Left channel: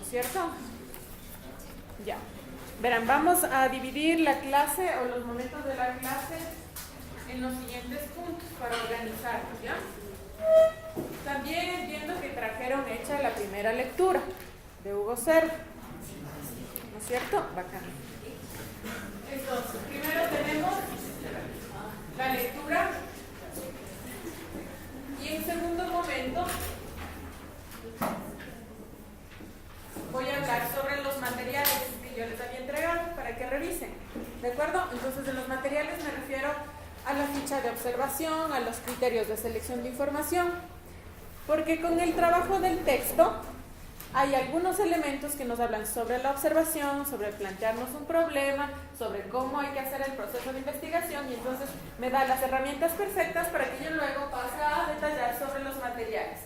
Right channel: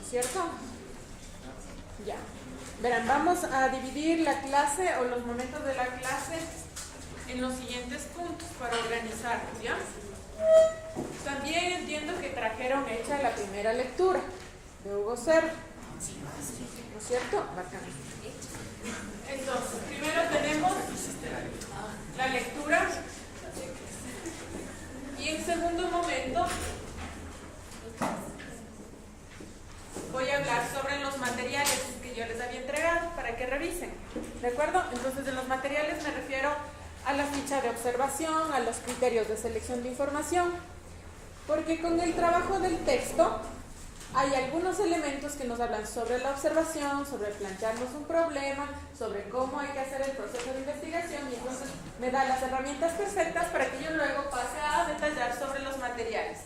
¿no es cierto? Ya. Verán, vamos a dividir la clase o los momentos de la clase en los siguientes puntos para organizarnos, ¿ya? También entiendo que trajeron hecha la primera lectura de Hugo Cervo, ¿no es cierto? Bacán. Entonces, primero tenemos la lectura y en segundo momento voy a hablar sobre los materiales que yo les había entregado para que revisen, ¿de acuerdo? Entonces, en los materiales me refiero a la ficha de observación, a los criterios de selección de información, porque con el trabajo del texto hay algunos elementos que nos hablan sobre la observación, sobre plantearnos un problema, sobre cómo hay que hacer el proceso de investigación, y entonces me da las herramientas perfectas para que yo luego pase a detallar sobre los materiales,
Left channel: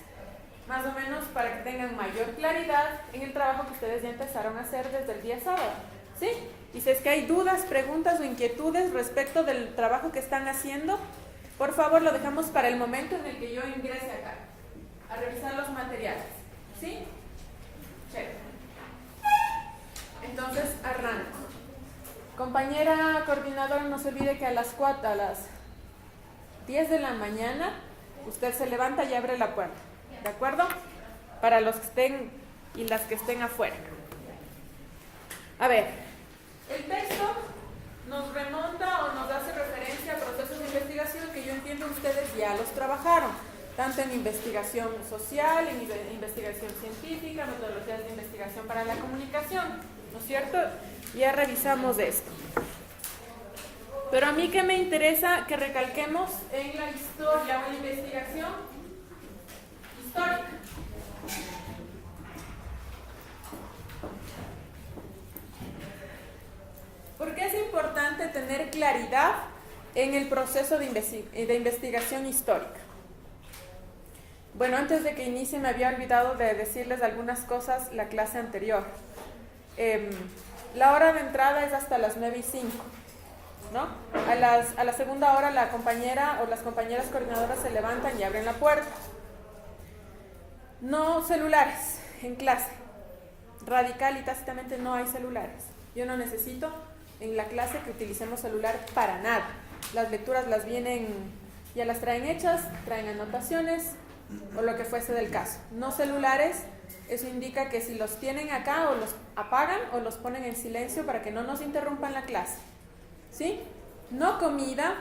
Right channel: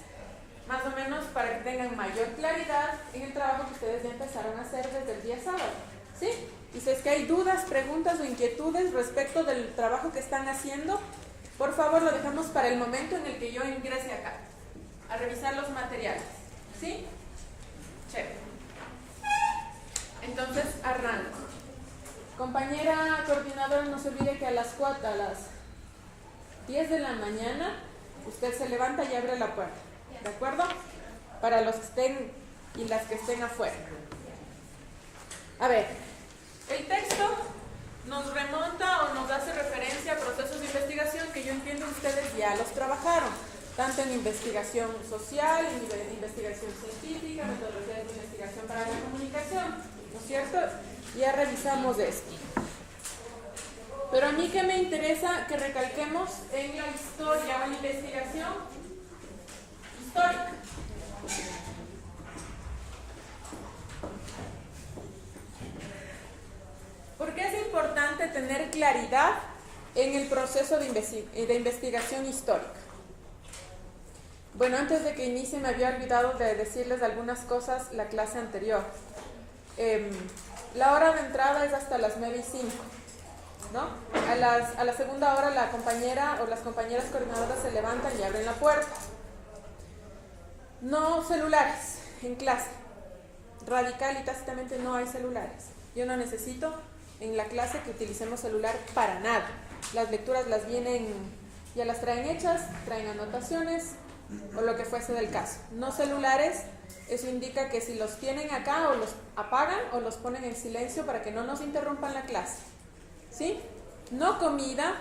más o menos para que tengan mayor claridad en el trabajo que ustedes ya empezaron a hacer desde el día sábado, ¿sí? Y si es que hay dudas, preguntas o inquietudes respecto del trabajo que están haciendo, por favor lo dejamos para el momento en el que yo ingrese acá a revisar los materiales, ¿sí? Check. Entonces arranco. Compañera coordinadora, no se olvide que a las 10 de la mañana usted se levanta y abre la puerta, ¿de acuerdo? Para los que estén y las que estén afuera. A ver, el texto nos remonta o nos hace referencia a procesos de investigación que yo entiendo ustedes ya los trabajaron, tanto en investigación social, en investigación científica, metodologías de investigación para la comunicación, ¿no es cierto? Ya revisamos esto. Pero a mí que me interesa que recalquemos en la historia o en la investigación histórica. ¿Por qué es importante tener claridad en el proceso de investigación histórica? Bueno, antes de que inicie me había olvidado de decirles algunas cosas la clase anterior. La hora de entrada es hasta las 9:05, ¿no? A la segunda hora la compañera o las compañeras coordinadoras se levantan y abren la puerta. No celulares en clase. Radical y tácitamente no hay celulares. Yo no necesito en la clase que utilicemos celular para nada. Las lecturas ya las traen hechas, traen anotaciones o lo que fuese del caso. No celulares, eso indica que si los tienen acá o los apagan o los ponen en silencio para que no nos interrumpan la clase, ¿sí? No comida,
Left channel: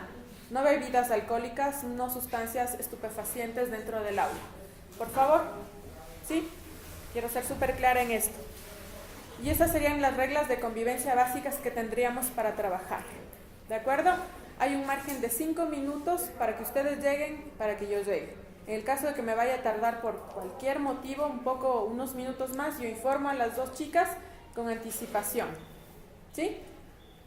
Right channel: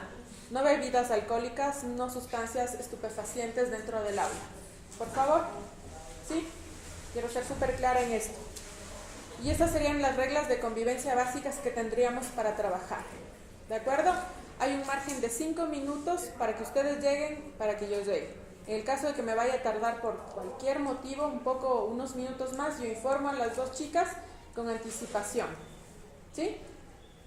no bebidas alcohólicas, no sustancias estupefacientes dentro del aula, por favor, ¿sí? Quiero ser súper clara en esto. Y esas serían las reglas de convivencia básicas que tendríamos para trabajar, ¿de acuerdo? Hay un margen de 5 minutos para que ustedes lleguen, para que yo llegue. En el caso de que me vaya a tardar por cualquier motivo, unos minutos más, yo informo a las dos chicas con anticipación, ¿sí?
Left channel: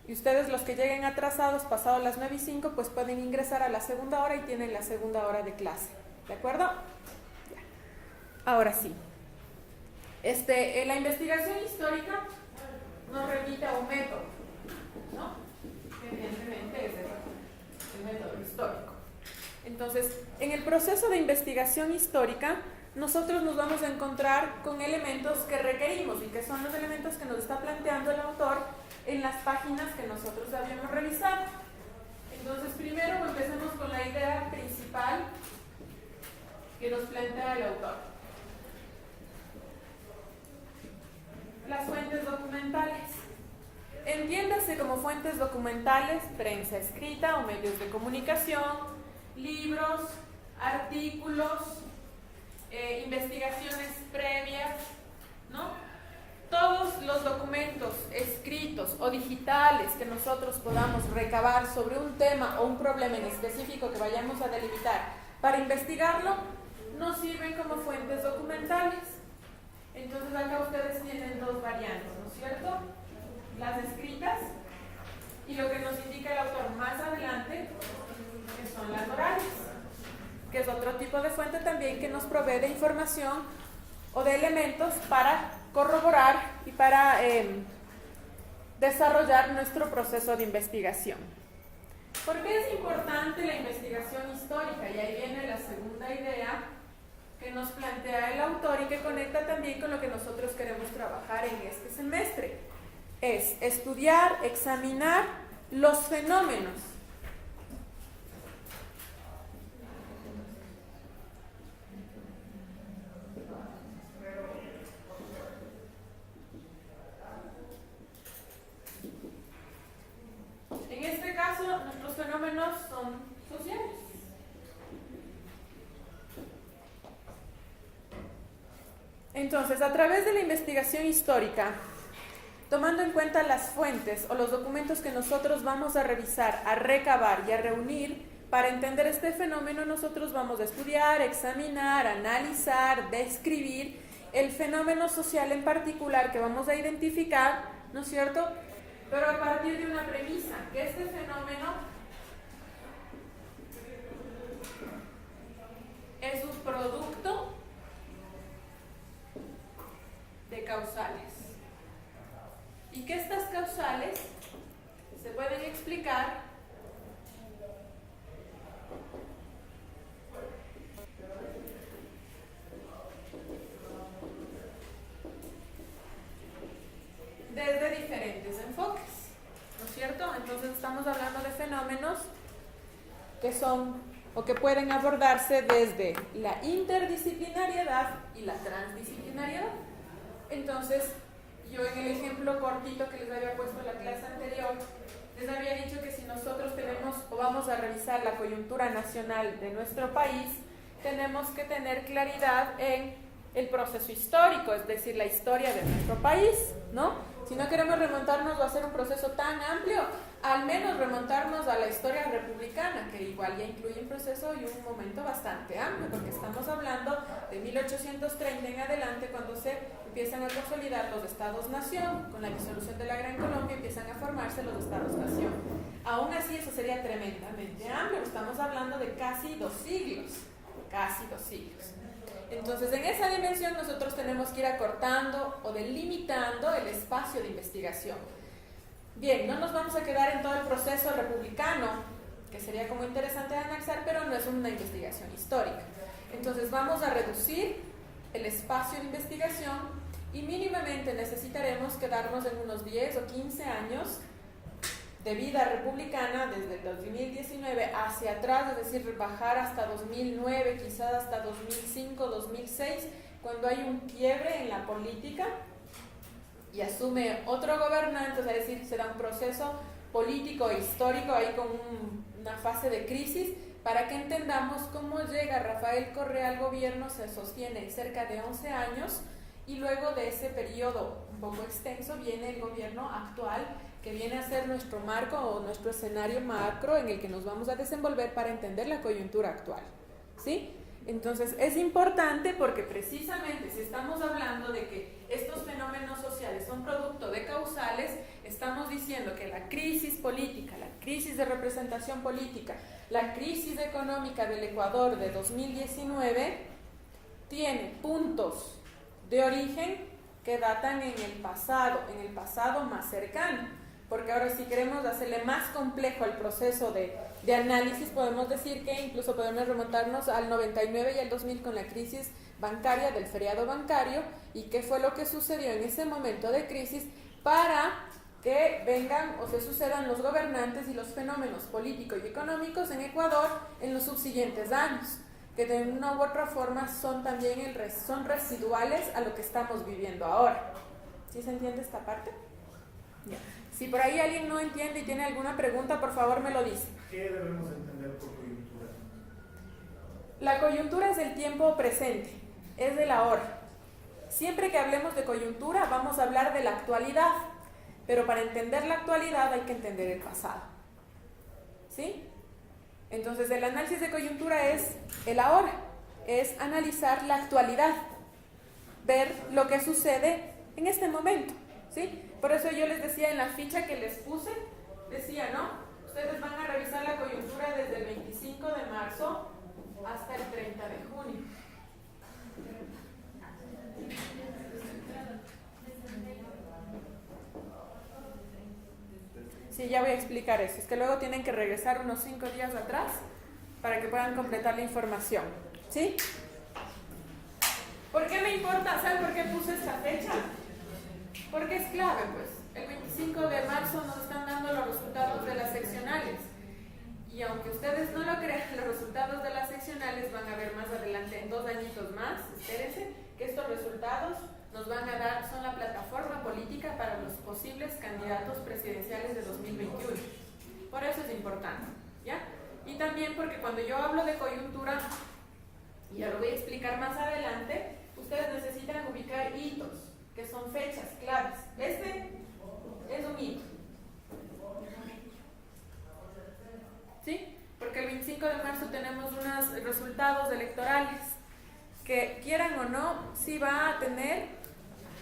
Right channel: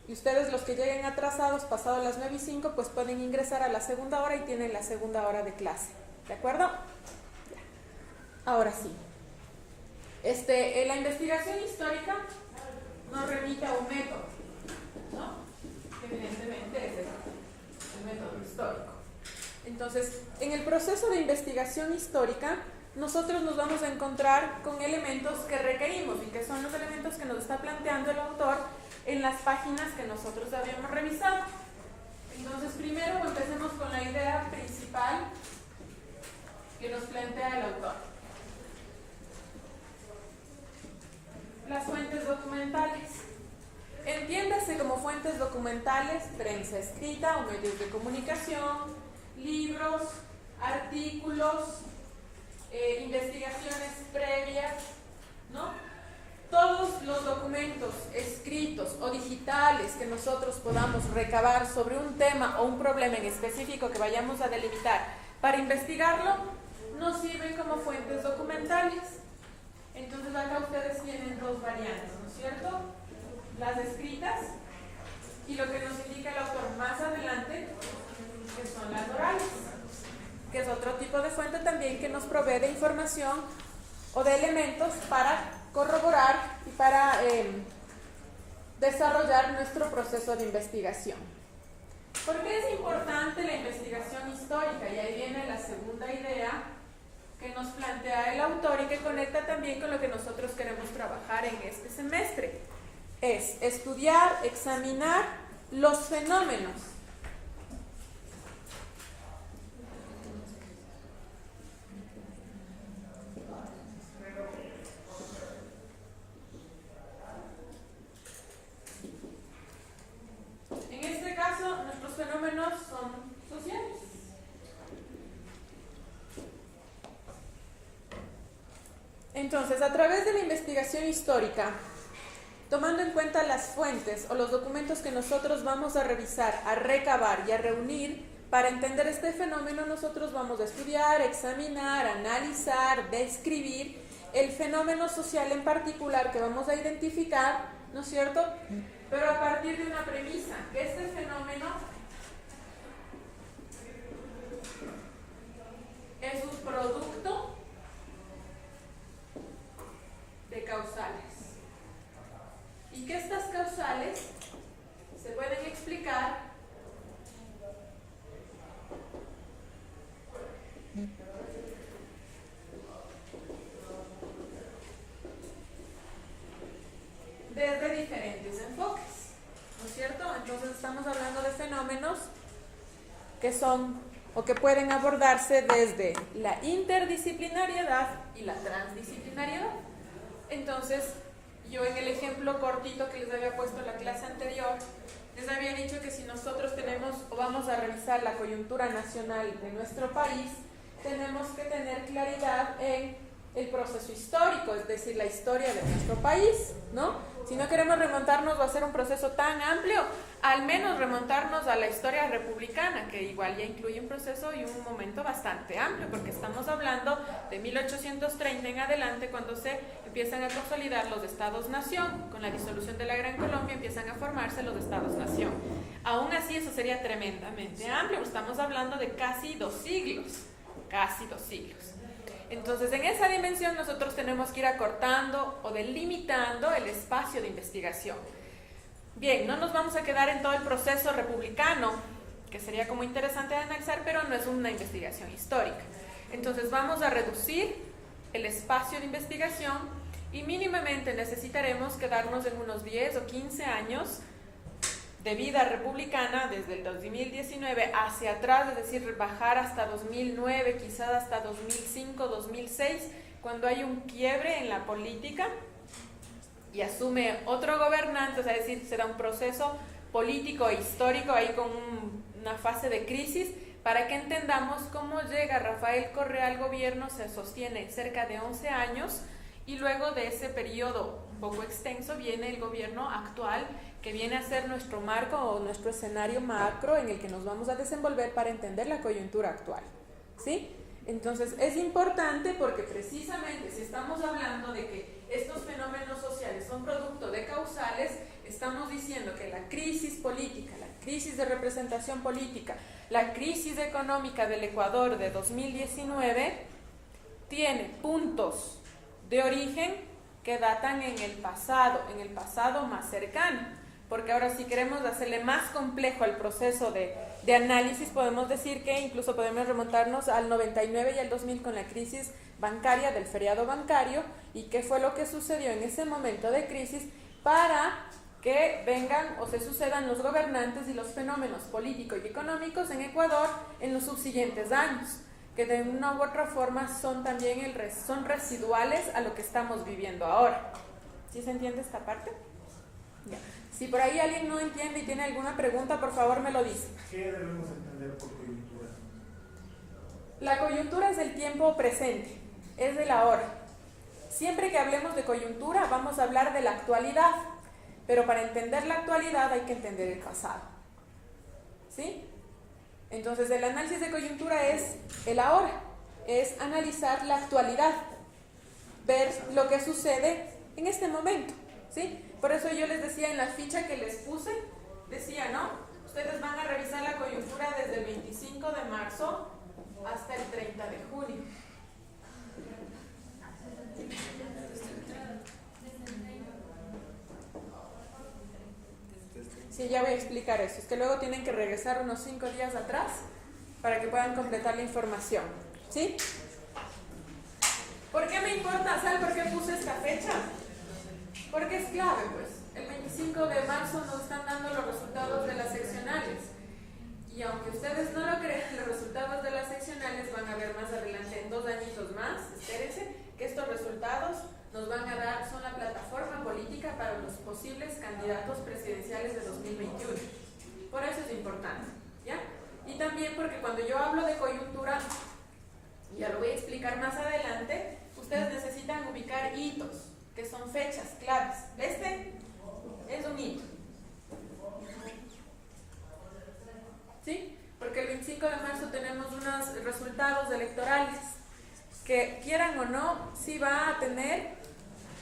Y ustedes, los que lleguen atrasados, pasado las 9:05, pues pueden ingresar a la segunda hora y tienen la segunda hora de clase, ¿de acuerdo? Ya. Ahora sí. La investigación histórica nos remite a un método, ¿no? Que evidentemente es el método histórico. Entonces, en el proceso de investigación histórica, nosotros nos vamos a encontrar con elementos que requerimos y que son los elementos que nos está planteando el autor en las páginas que nosotros habíamos revisado. Entonces, primero empecemos con la idea principal que nos plantea el autor. Las fuentes documentales. Entiéndase como fuentes documentales, prensa escrita o medios de comunicación, libros, artículos, investigaciones previas, ¿no? Todos los documentos escritos o digitales que nosotros podamos recabar sobre un tema o un problema en específico que vayamos a delimitar para investigarlo, nos sirven como fuentes documentales. Entonces acá ustedes tienen dos variantes, ¿no es cierto? Las escritas y lo que nos indica el autor más adelante, que son las orales, que es otro tipo de fuente también que nos provee de información o de elementos para corroborar y para desarrollar nuestro proceso de investigación. ¿Por qué es importante la investigación histórica? Y ahí viene la segunda idea que nos plantea el autor y que conecta también con lo que nosotros queremos trabajar trabajar en este semestre. Es estudiar, examinar los fenómenos. En este caso, nuestros fenómenos son sociales. Entonces, a través de la investigación histórica, tomando en cuenta las fuentes o los documentos que nosotros vamos a revisar, a recabar y a reunir, para entender este fenómeno nosotros vamos a estudiar, examinar, analizar, describir el fenómeno social en particular que vamos a identificar, ¿no es cierto? Pero a partir de una premisa, que este fenómeno es un producto de causales. Y que estas causales se pueden explicar desde diferentes enfoques, ¿no es cierto? Entonces estamos hablando de fenómenos que son o que pueden abordarse desde la interdisciplinariedad y la transdisciplinariedad. Entonces, yo en el ejemplo cortito que les había puesto en la clase anterior, les había dicho que si nosotros tenemos o vamos a revisar la coyuntura nacional de nuestro país, tenemos que tener claridad en el proceso histórico, es decir, la historia de nuestro país, ¿no? Si no queremos remontarnos o hacer un proceso tan amplio, al menos remontarnos a la historia republicana, que igual ya incluye un proceso y un momento bastante amplio, porque estamos hablando de 1830 en adelante, cuando se empiezan a consolidar los estados-nación. Con la disolución de la Gran Colombia empiezan a formarse los estados-nación. Aún así, eso sería tremendamente amplio, estamos hablando de casi 2 siglos, casi 2 siglos. Entonces, en esa dimensión nosotros tenemos que ir acortando o delimitando el espacio de investigación. Bien, no nos vamos a quedar en todo el proceso republicano, que sería como interesante de analizar, pero no es una investigación histórica. Entonces, vamos a reducir el espacio de investigación y mínimamente necesitaremos quedarnos en unos 10 o 15 años de vida republicana, desde el 2019 hacia atrás, es decir, bajar hasta 2009, quizás hasta 2005, 2006, cuando hay un quiebre en la política y asume otro gobernante, o sea, es decir, se da un proceso político e histórico ahí con una fase de crisis, para que entendamos cómo llega Rafael Correa al gobierno. Se sostiene cerca de 11 años y luego de ese periodo un poco extenso viene el gobierno actual, que viene a ser nuestro marco o nuestro escenario macro en el que nos vamos a desenvolver para entender la coyuntura actual, ¿sí? Entonces es importante porque precisamente si estamos hablando de que estos fenómenos sociales son producto de causales, estamos diciendo que la crisis política, la crisis de representación política, la crisis económica del Ecuador de 2019 tiene puntos de origen que datan en el pasado más cercano. Porque ahora, si queremos hacerle más complejo el proceso de análisis, podemos decir que incluso podemos remontarnos al 99 y al 2000 con la crisis bancaria, del feriado bancario, y qué fue lo que sucedió en ese momento de crisis para que vengan o se sucedan los gobernantes y los fenómenos políticos y económicos en Ecuador en los subsiguientes años, que de una u otra forma son también son residuales a lo que estamos viviendo ahora. ¿Sí se entiende esta parte? Ya. Si por ahí alguien no entiende y tiene alguna pregunta, por favor me lo dice. ¿Qué debemos entender por coyuntura? La coyuntura es el tiempo presente, es de la hora. Siempre que hablemos de coyuntura vamos a hablar de la actualidad, pero para entender la actualidad hay que entender el pasado, ¿sí? Entonces el análisis de coyuntura es el ahora, es analizar la actualidad, ver lo que sucede en este momento, ¿sí? Por eso yo les decía en la ficha que les puse, decía, ¿no? Ustedes van a revisar la coyuntura desde el 25 de marzo hasta el 30 de junio. Sí, ya voy a explicar eso. Es que luego tienen que regresar unos 5 días atrás para que puedan completar la información, ¿sí? ¿Por qué me importa? ¿Saben por qué puse esta fecha? Porque es clave, pues. El 25 de marzo nos están dando los resultados de las seccionales. Y aunque ustedes no lo crean, los resultados de las seccionales van a ver más adelante, en 2 añitos más, espérense, que estos resultados nos van a dar, son la plataforma política para los posibles candidatos presidenciales de 2021. Por eso es importante, ¿ya? Y también porque cuando yo hablo de coyuntura, y ya lo voy a explicar más adelante, ustedes necesitan ubicar hitos, que son fechas claves. Este es un hito, ¿sí? Porque el 25 de marzo tenemos unos resultados electorales que, quieran o no, sí va a tener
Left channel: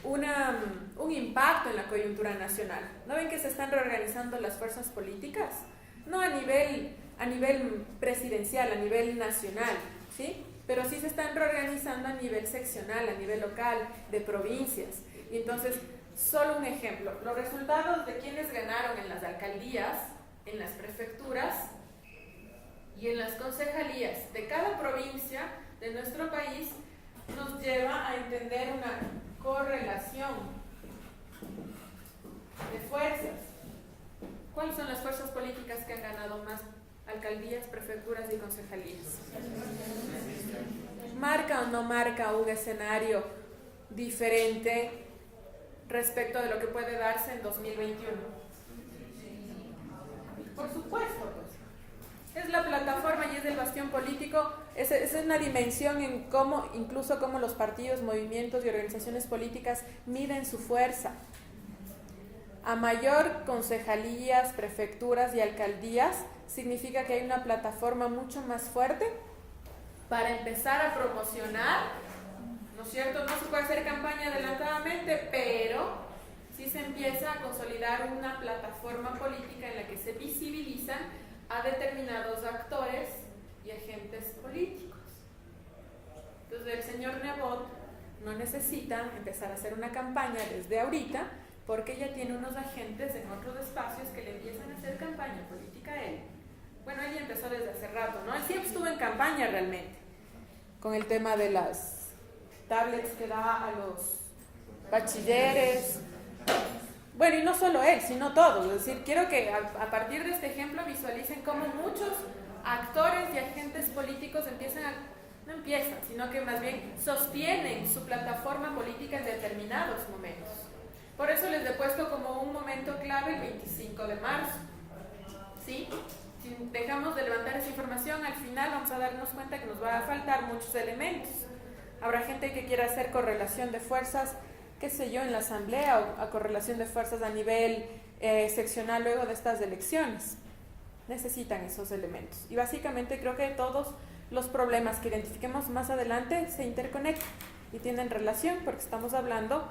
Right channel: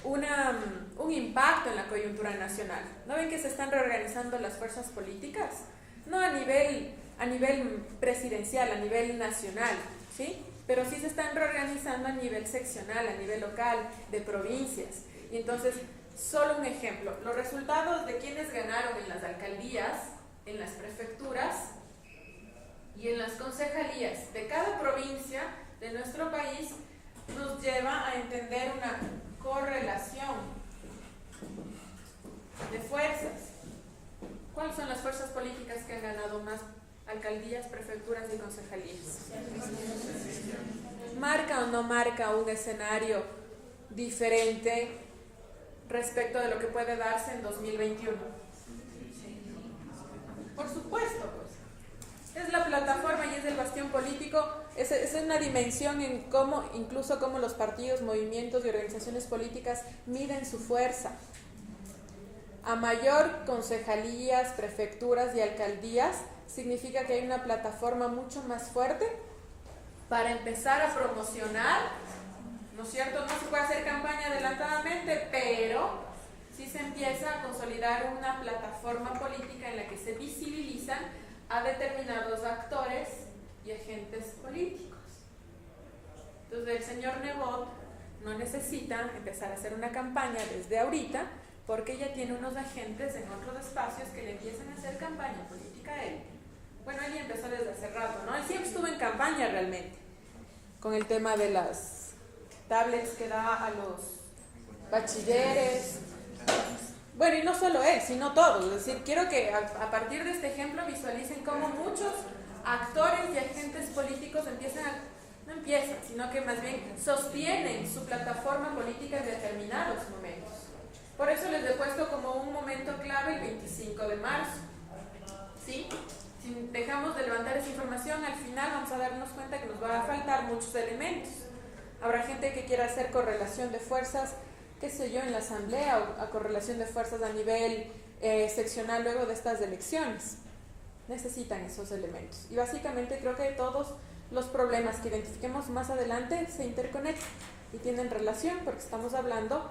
un impacto en la coyuntura nacional. ¿No ven que se están reorganizando las fuerzas políticas? No a nivel presidencial, a nivel nacional, ¿sí? Pero sí se están reorganizando a nivel seccional, a nivel local, de provincias. Y entonces, solo un ejemplo, los resultados de quienes ganaron en las alcaldías, en las prefecturas y en las concejalías de cada provincia de nuestro país nos lleva a entender una correlación de fuerzas. ¿Cuáles son las fuerzas políticas que han ganado más alcaldías, prefecturas y concejalías? ¿Marca o no marca un escenario diferente respecto de lo que puede darse en 2021? Por supuesto, pues. Es la plataforma y es el bastión político, es una dimensión en cómo, incluso cómo los partidos, movimientos y organizaciones políticas miden su fuerza. A mayor concejalías, prefecturas y alcaldías, significa que hay una plataforma mucho más fuerte para empezar a promocionar, ¿no es cierto? No se puede hacer campaña adelantadamente, pero sí se empieza a consolidar una plataforma política en la que se visibilizan a determinados actores y agentes políticos. Entonces el señor Nebot no necesita empezar a hacer una campaña desde ahorita, porque ya tiene unos agentes en otros espacios que le empiezan a hacer campaña política a él. Bueno, él ya empezó desde hace rato, ¿no? Él siempre estuvo en campaña realmente, con el tema de las tablets que da a los bachilleres. Bueno, y no solo él, sino todos. Es decir, quiero que a partir de este ejemplo visualicen cómo muchos actores y agentes políticos no empiezan, sino que más bien sostienen su plataforma política en determinados momentos. Por eso les he puesto como un momento clave el 25 de marzo. ¿Sí? Si dejamos de levantar esa información, al final vamos a darnos cuenta que nos va a faltar muchos elementos. Habrá gente que quiera hacer correlación de fuerzas, qué sé yo, en la asamblea, o a correlación de fuerzas a nivel seccional luego de estas elecciones. Necesitan esos elementos. Y básicamente creo que todos los problemas que identifiquemos más adelante se interconectan y tienen relación, porque estamos hablando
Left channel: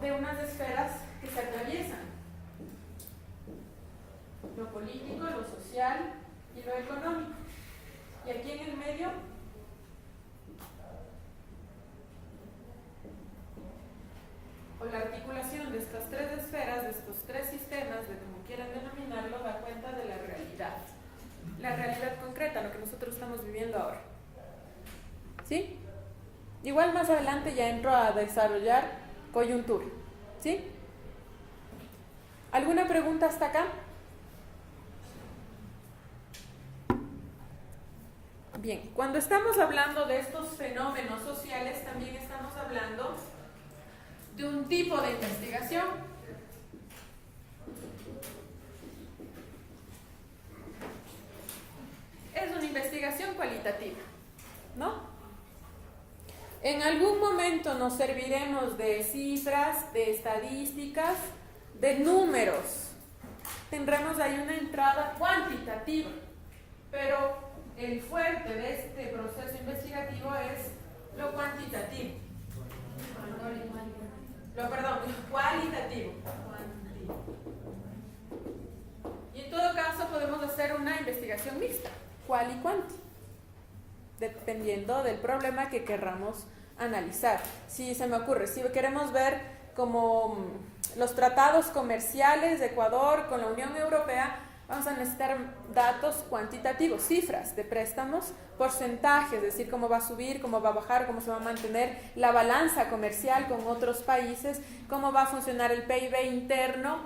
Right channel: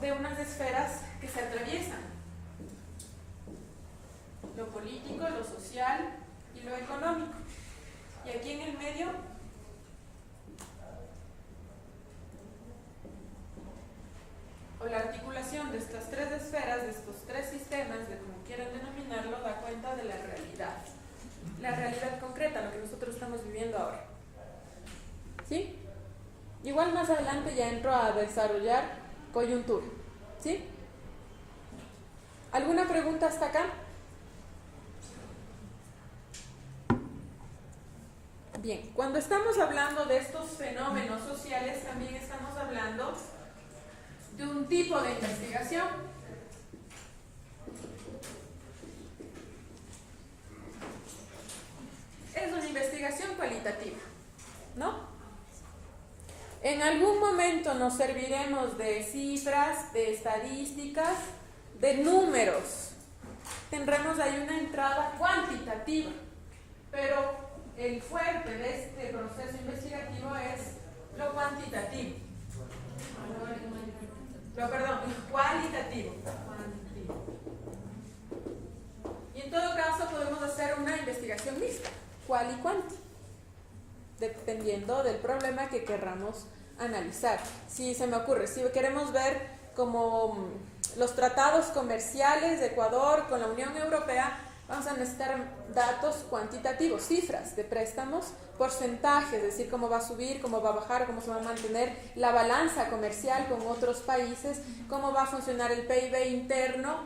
de unas esferas que se atraviesan: lo político, lo social y lo económico. Y aquí en el medio, o la articulación de estas tres esferas, de estos tres sistemas, de como quieran denominarlo, da cuenta de la realidad concreta, lo que nosotros estamos viviendo ahora. ¿Sí? Igual más adelante ya entro a desarrollar coyuntura. ¿Sí? ¿Alguna pregunta hasta acá? Bien, cuando estamos hablando de estos fenómenos sociales, también estamos hablando de un tipo de investigación. Es una investigación cualitativa, ¿no? En algún momento nos serviremos de cifras, de estadísticas, de números. Tendremos ahí una entrada cuantitativa, pero el fuerte de este proceso investigativo es lo cuantitativo. Lo cualitativo. Y en todo caso podemos hacer una investigación mixta, cual y cuanti, dependiendo del problema que querramos analizar. Si se me ocurre, si queremos ver como los tratados comerciales de Ecuador con la Unión Europea, Vamos a necesitar datos cuantitativos, cifras de préstamos, porcentajes, es decir, cómo va a subir, cómo va a bajar, cómo se va a mantener la balanza comercial con otros países, cómo va a funcionar el PIB interno.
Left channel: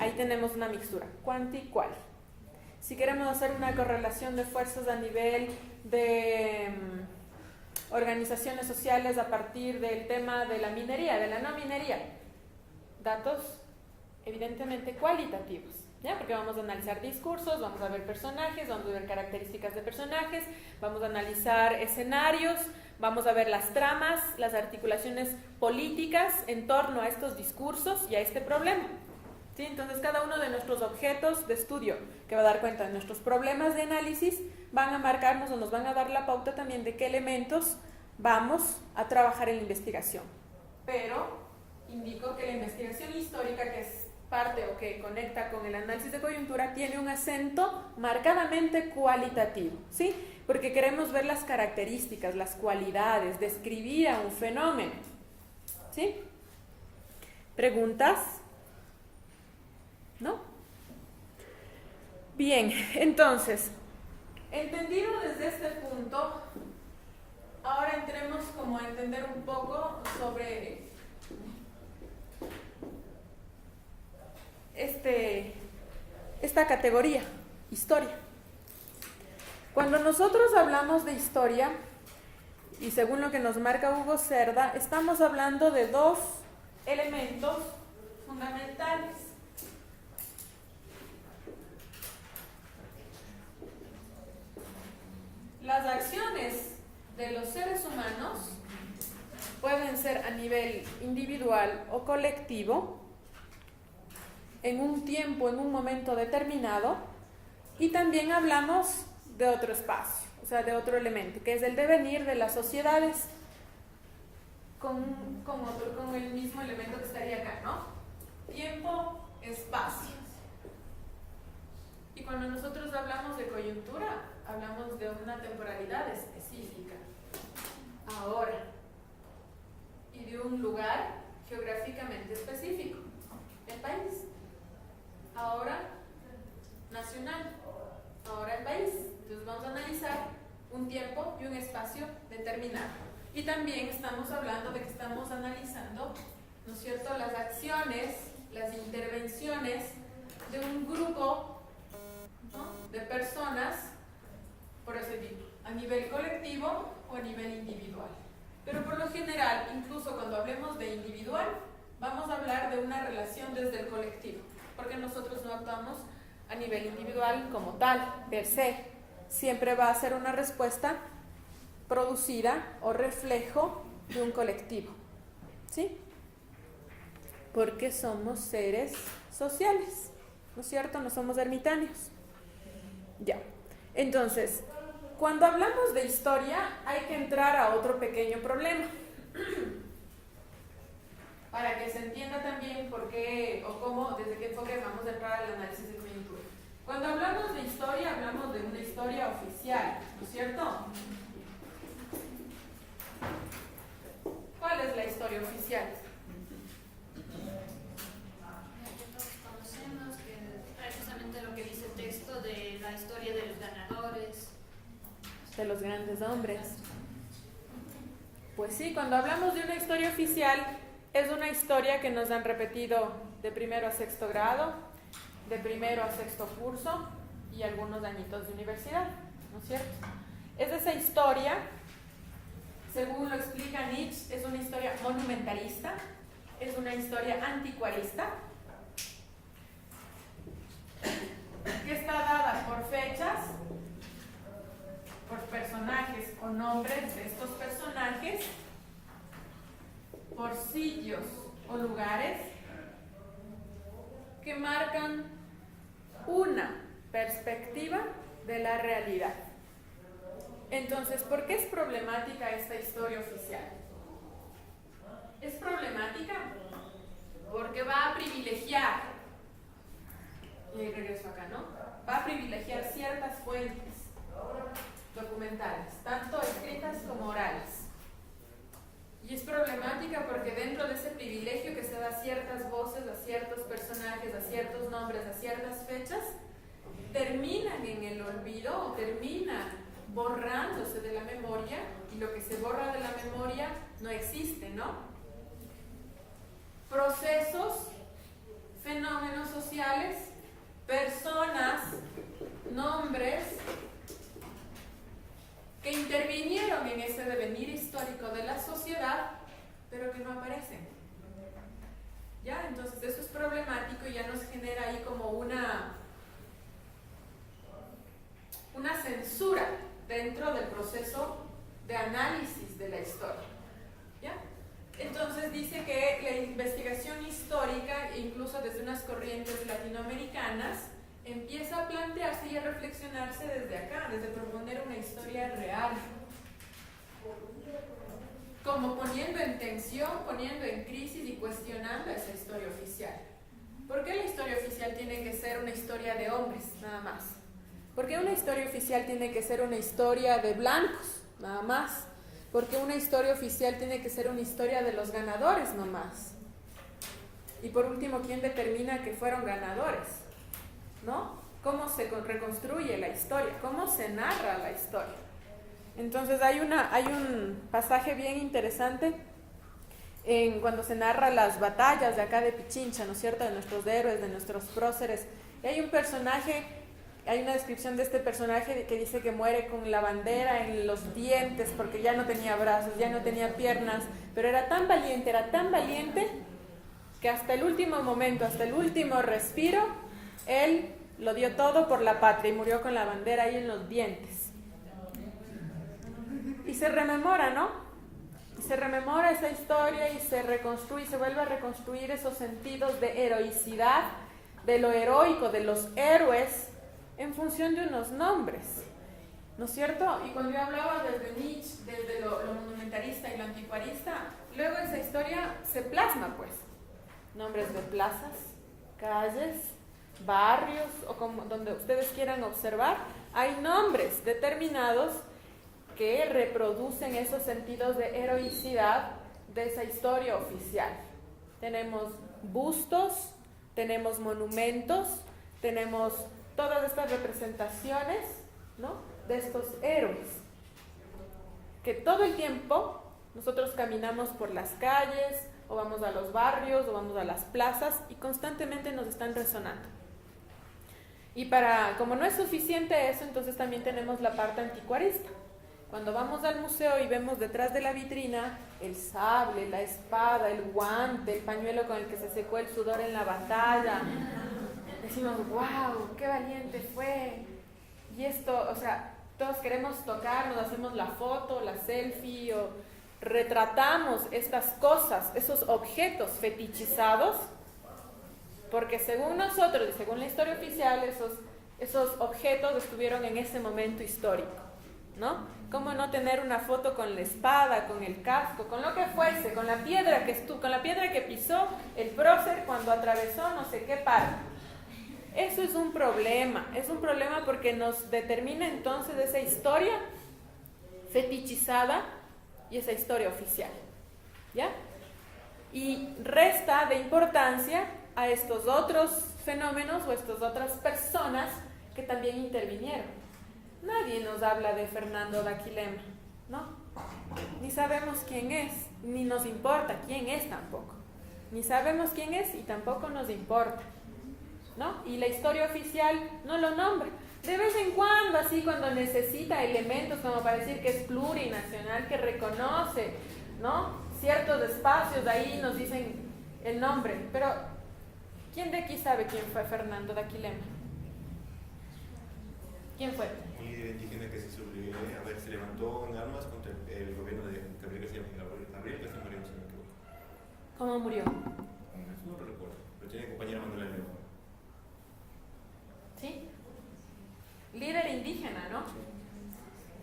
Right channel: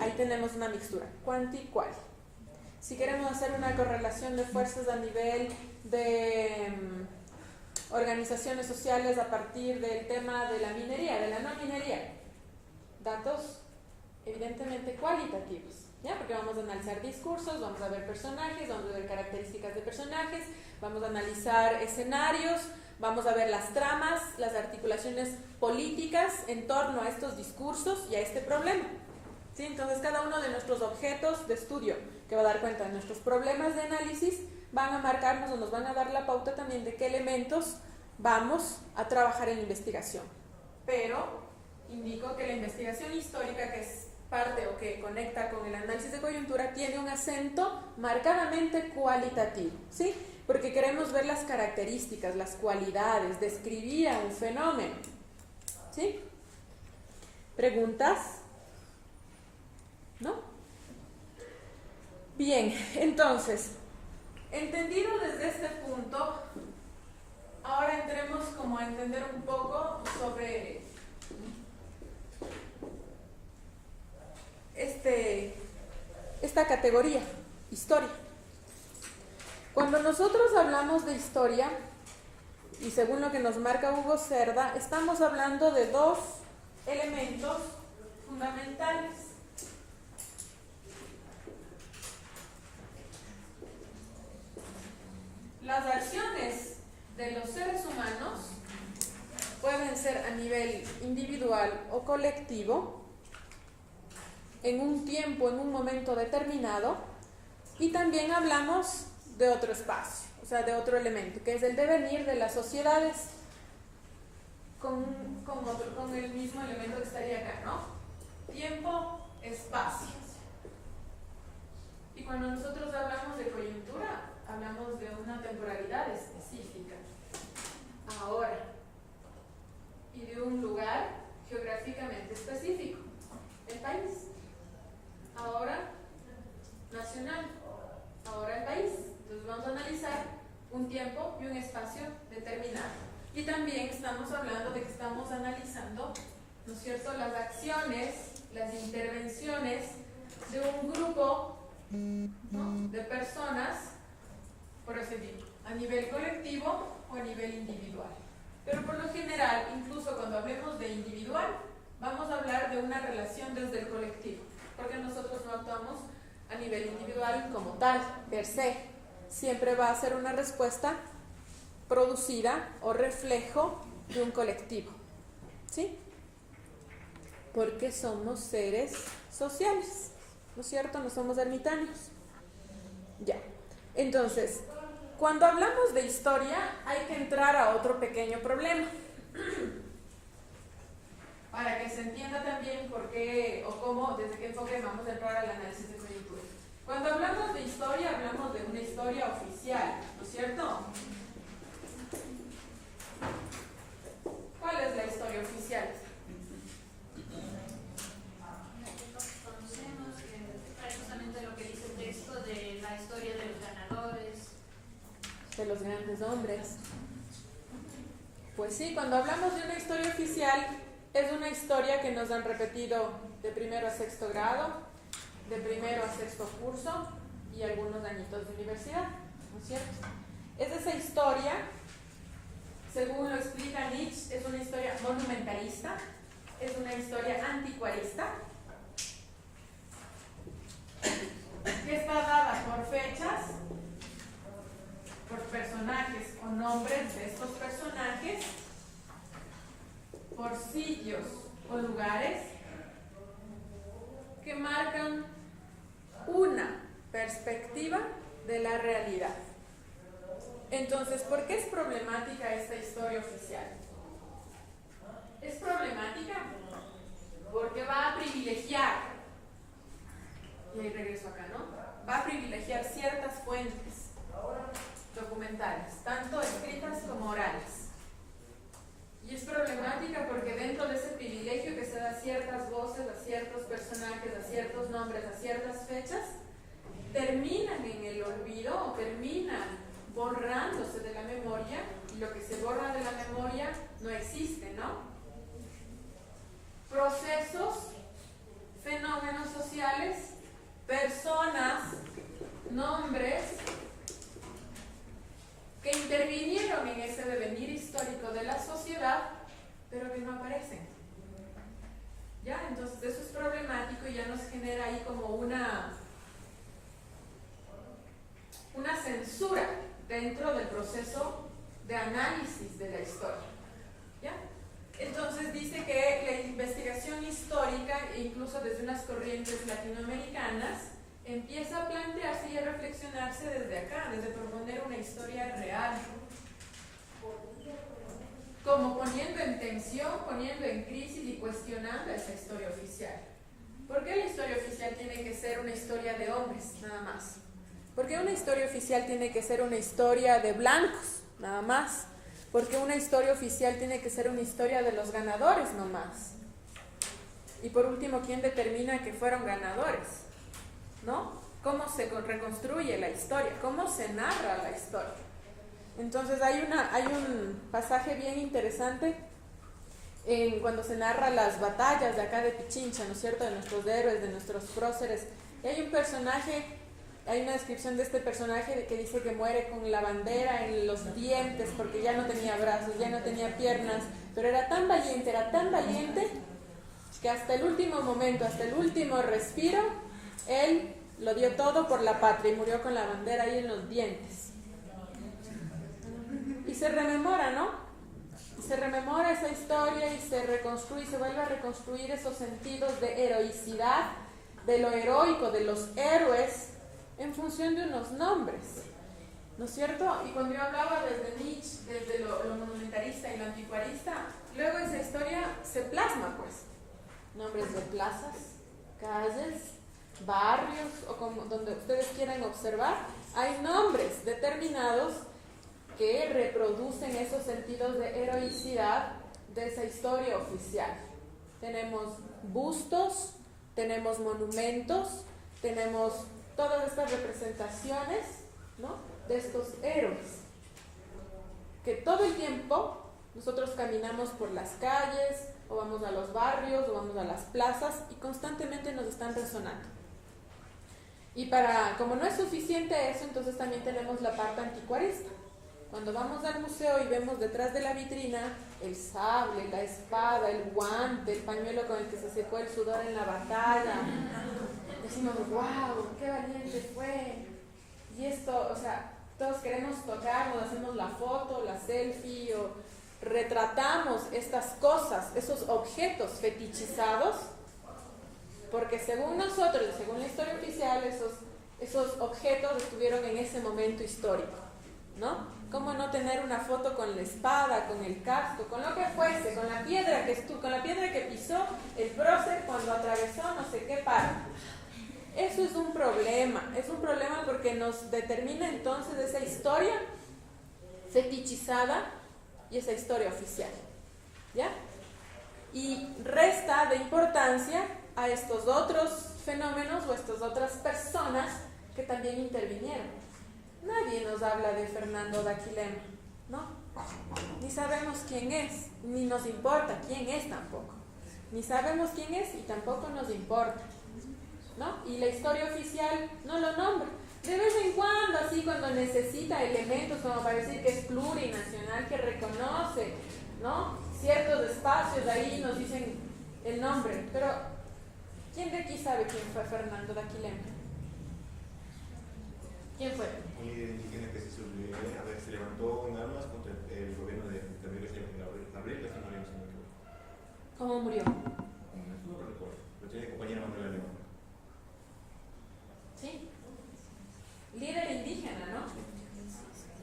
Ahí tenemos una mixtura, cuanti-cual. Si queremos hacer una correlación de fuerzas a nivel de organizaciones sociales a partir del tema de la minería, de la no minería, datos evidentemente cualitativos, ¿ya? Porque vamos a analizar discursos, vamos a ver personajes, vamos a ver características de personajes, vamos a analizar escenarios, vamos a ver las tramas, las articulaciones políticas en torno a estos discursos y a este problema, ¿sí? Entonces cada uno de nuestros objetos de estudio que va a dar cuenta de nuestros problemas de análisis van a marcarnos o nos van a dar la pauta también de qué elementos vamos a trabajar en la investigación. Pero indico que la investigación histórica, que es parte o que conecta con el análisis de coyuntura, tiene un acento marcadamente cualitativo, ¿sí? Porque queremos ver las características, las cualidades, describir a un fenómeno, ¿sí? ¿Preguntas? ¿No? Bien, entonces, entendido desde este punto, ahora entremos como a entender un poco sobre esta categoría, historia. Cuando nosotros hablamos de historia, y según lo que nos marca Hugo Cerda, estamos hablando de dos elementos fundamentales. Las acciones de los seres humanos pueden ser a nivel individual o colectivo, en un tiempo, en un momento determinado, y también hablamos de otro espacio, o sea, de otro elemento, que es el devenir de las sociedades con el mismo elemento que estaría acá, ¿no? Tiempo, espacio. Y cuando nosotros hablamos de coyuntura, hablamos de una temporalidad específica, ahora, y de un lugar geográficamente específico, el país. Ahora nacional, ahora el país. Entonces vamos a analizar un tiempo y un espacio determinado. Y también estamos hablando de que estamos analizando, ¿no es cierto?, las acciones, las intervenciones de un grupo, ¿no?, de personas, por así decirlo, a nivel colectivo o a nivel individual. Pero por lo general, incluso cuando hablemos de individual, vamos a hablar de una relación desde el colectivo, porque nosotros no actuamos a nivel individual como tal, per se. Siempre va a ser una respuesta producida o reflejo de un colectivo, ¿sí? Porque somos seres sociales, ¿no es cierto? No somos ermitaños. Ya. Entonces, cuando hablamos de historia, hay que entrar a otro pequeño problema. Para que se entienda también por qué o cómo, desde qué enfoque vamos a entrar al análisis de coyuntura. Cuando hablamos de historia, hablamos de una historia oficial, ¿no es cierto? ¿Cuál es la historia oficial? La que todos conocemos, que es justamente lo que dice el texto de la historia de los ganadores, De los grandes hombres. Pues sí, cuando hablamos de una historia oficial, es una historia que nos han repetido de primero a sexto grado, de primero a sexto curso y algunos añitos de universidad, ¿no es cierto? Es esa historia, según lo explica Nietzsche, es una historia monumentalista, es una historia anticuarista, que está dada por fechas, por personajes o nombres de estos personajes, por sitios o lugares que marcan una perspectiva de la realidad. Entonces, ¿por qué es problemática esta historia oficial? Es problemática porque va a privilegiar, y ahí regreso acá, ¿no? Va a privilegiar ciertas fuentes documentales, tanto escritas como orales. Y es problemática porque dentro de ese privilegio que se da a ciertas voces, a ciertos personajes, a ciertos nombres, a ciertas fechas, terminan en el olvido o terminan borrándose de la memoria, y lo que se borra de la memoria no existe, ¿no? Procesos, fenómenos sociales, personas, nombres que intervinieron en ese devenir histórico de la sociedad, pero que no aparecen. ¿Ya? Entonces eso es problemático y ya nos genera ahí como una censura dentro del proceso de análisis de la historia. ¿Ya? Entonces dice que la investigación histórica, incluso desde unas corrientes latinoamericanas, empieza a plantearse y a reflexionarse desde acá, desde proponer una historia real, como poniendo en tensión, poniendo en crisis y cuestionando esa historia oficial. ¿Por qué la historia oficial tiene que ser una historia de hombres, nada más? ¿Por qué una historia oficial tiene que ser una historia de blancos, nada más? ¿Por qué una historia oficial tiene que ser una historia de los ganadores, no más? Y por último, ¿quién determina que fueron ganadores? ¿No? ¿Cómo se reconstruye la historia? ¿Cómo se narra la historia? Entonces hay un pasaje bien interesante cuando se narra las batallas de acá de Pichincha, ¿no es cierto? De nuestros héroes, de nuestros próceres. Y hay un personaje, hay una descripción de este personaje que dice que muere con la bandera en los dientes porque ya no tenía brazos, ya no tenía piernas, pero era tan valiente que hasta el último momento, hasta el último respiro, él lo dio todo por la patria y murió con la bandera ahí en los dientes. Y se rememora, ¿no? Se rememora esa historia y se reconstruye, se vuelve a reconstruir esos sentidos de heroicidad, de lo heroico, de los héroes, en función de unos nombres, ¿no es cierto? Y cuando yo hablaba desde Nietzsche, desde lo monumentalista y lo anticuarista, luego esa historia se plasma, pues. Nombres de plazas, calles, barrios, o como donde ustedes quieran observar, hay nombres determinados que reproducen esos sentidos de heroicidad de esa historia oficial. Tenemos bustos, tenemos monumentos, tenemos todas estas representaciones, ¿no?, de estos héroes, que todo el tiempo nosotros caminamos por las calles, o vamos a los barrios, o vamos a las plazas, y constantemente nos están resonando. Y como no es suficiente eso, entonces también tenemos la parte anticuarista. Cuando vamos al museo y vemos detrás de la vitrina el sable, la espada, el guante, el pañuelo con el que se secó el sudor en la batalla, decimos, wow, qué valiente fue. Y esto, o sea, todos queremos tocarlo, hacemos la foto, la selfie, o retratamos estas cosas, esos objetos fetichizados, porque según nosotros, según la historia oficial, esos objetos estuvieron en ese momento histórico, ¿no? ¿Cómo no tener una foto con la espada, con el casco, con lo que fuese, con la piedra que pisó el prócer cuando atravesó no sé qué parte? Eso es un problema porque nos determina entonces esa historia fetichizada y esa historia oficial, ¿ya? Y resta de importancia a estos otros fenómenos o estas otras personas que también intervinieron. Nadie nos habla de Fernando Daquilema, ¿no? Ni sabemos quién es, ni nos importa quién es tampoco. Ni sabemos quién es y tampoco nos importa, ¿no? Y la historia oficial no lo nombra. De vez en cuando, así cuando necesita elementos como para decir que es plurinacional, que reconoce, ¿no?, ciertos espacios, ahí nos dicen el nombre. Pero, ¿quién de aquí sabe quién fue Fernando Daquilema? ¿Quién fue? Un líder indígena que se levantó en armas contra el gobierno de Gabriel García Moreno, si no me equivoco. ¿Cómo murió? No lo recuerdo, pero tenía compañera Manuela León. ¿Sí? Líder indígena, ¿no?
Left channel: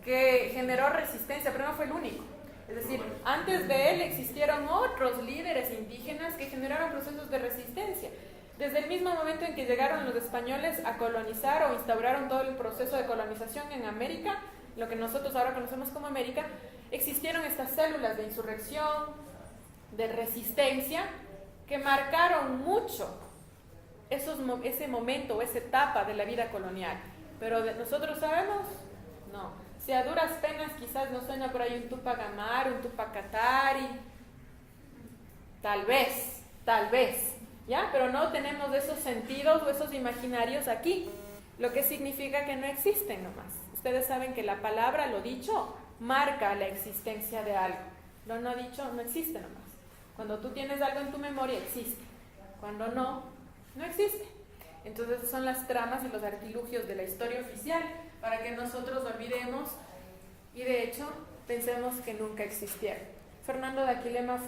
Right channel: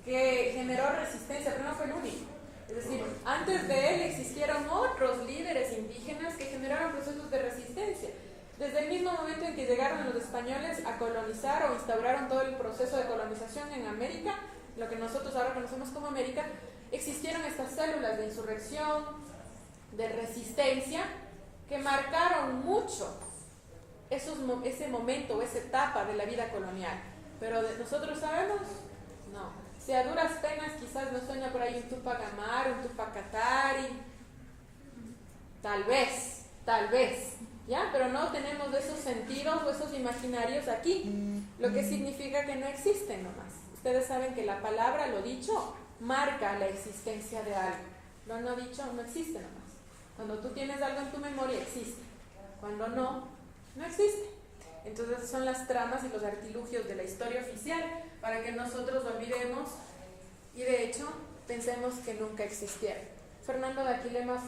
Que generó resistencia, pero no fue el único. Es decir, antes de él existieron otros líderes indígenas que generaron procesos de resistencia. Desde el mismo momento en que llegaron los españoles a colonizar o instauraron todo el proceso de colonización en América, lo que nosotros ahora conocemos como América, existieron estas células de insurrección, de resistencia, que marcaron mucho ese momento, esa etapa de la vida colonial. Pero nosotros sabemos, no. Si a duras penas quizás nos suena por ahí un Tupac Amaru, un Tupac Katari, tal vez, ¿ya? Pero no tenemos esos sentidos o esos imaginarios aquí, lo que significa que no existen nomás. Ustedes saben que la palabra, lo dicho, marca la existencia de algo. Lo no dicho no existe nomás. Cuando tú tienes algo en tu memoria, existe. Cuando no, no existe. Entonces son las tramas y los artilugios de la historia oficial para que nosotros olvidemos y de hecho pensemos que nunca existieron. Fernando de Aquilema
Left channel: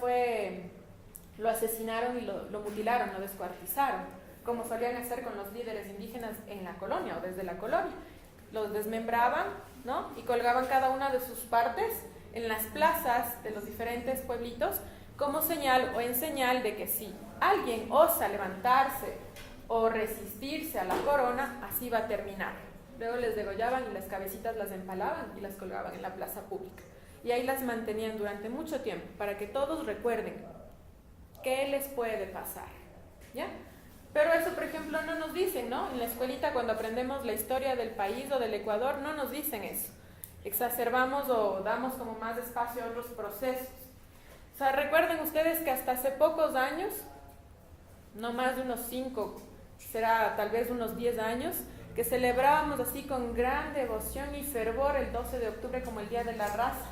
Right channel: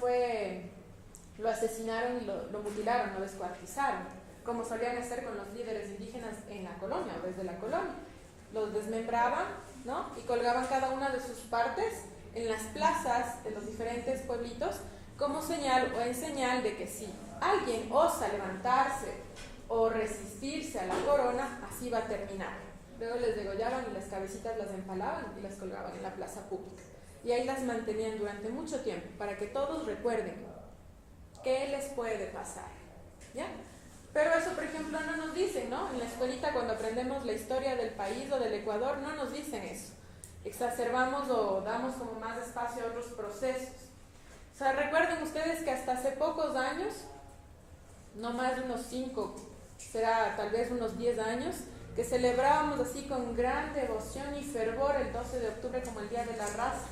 lo asesinaron y lo mutilaron, lo descuartizaron, como solían hacer con los líderes indígenas en la colonia o desde la colonia. Los desmembraban, ¿no? Y colgaban cada una de sus partes en las plazas de los diferentes pueblitos como señal o en señal de que si alguien osa levantarse o resistirse a la corona, así va a terminar. Luego les degollaban y las cabecitas las empalaban y las colgaban en la plaza pública. Y ahí las mantenían durante mucho tiempo para que todos recuerden qué les puede pasar, ¿ya? Pero eso, por ejemplo, no nos dicen, ¿no? En la escuelita cuando aprendemos la historia del país o del Ecuador, no nos dicen eso. Exacerbamos o damos como más espacio a otros procesos. O sea, recuerden ustedes que hasta hace pocos años, no más de unos 5, será tal vez unos 10 años, que celebrábamos así con gran devoción y fervor el 12 de octubre como el Día de la Raza.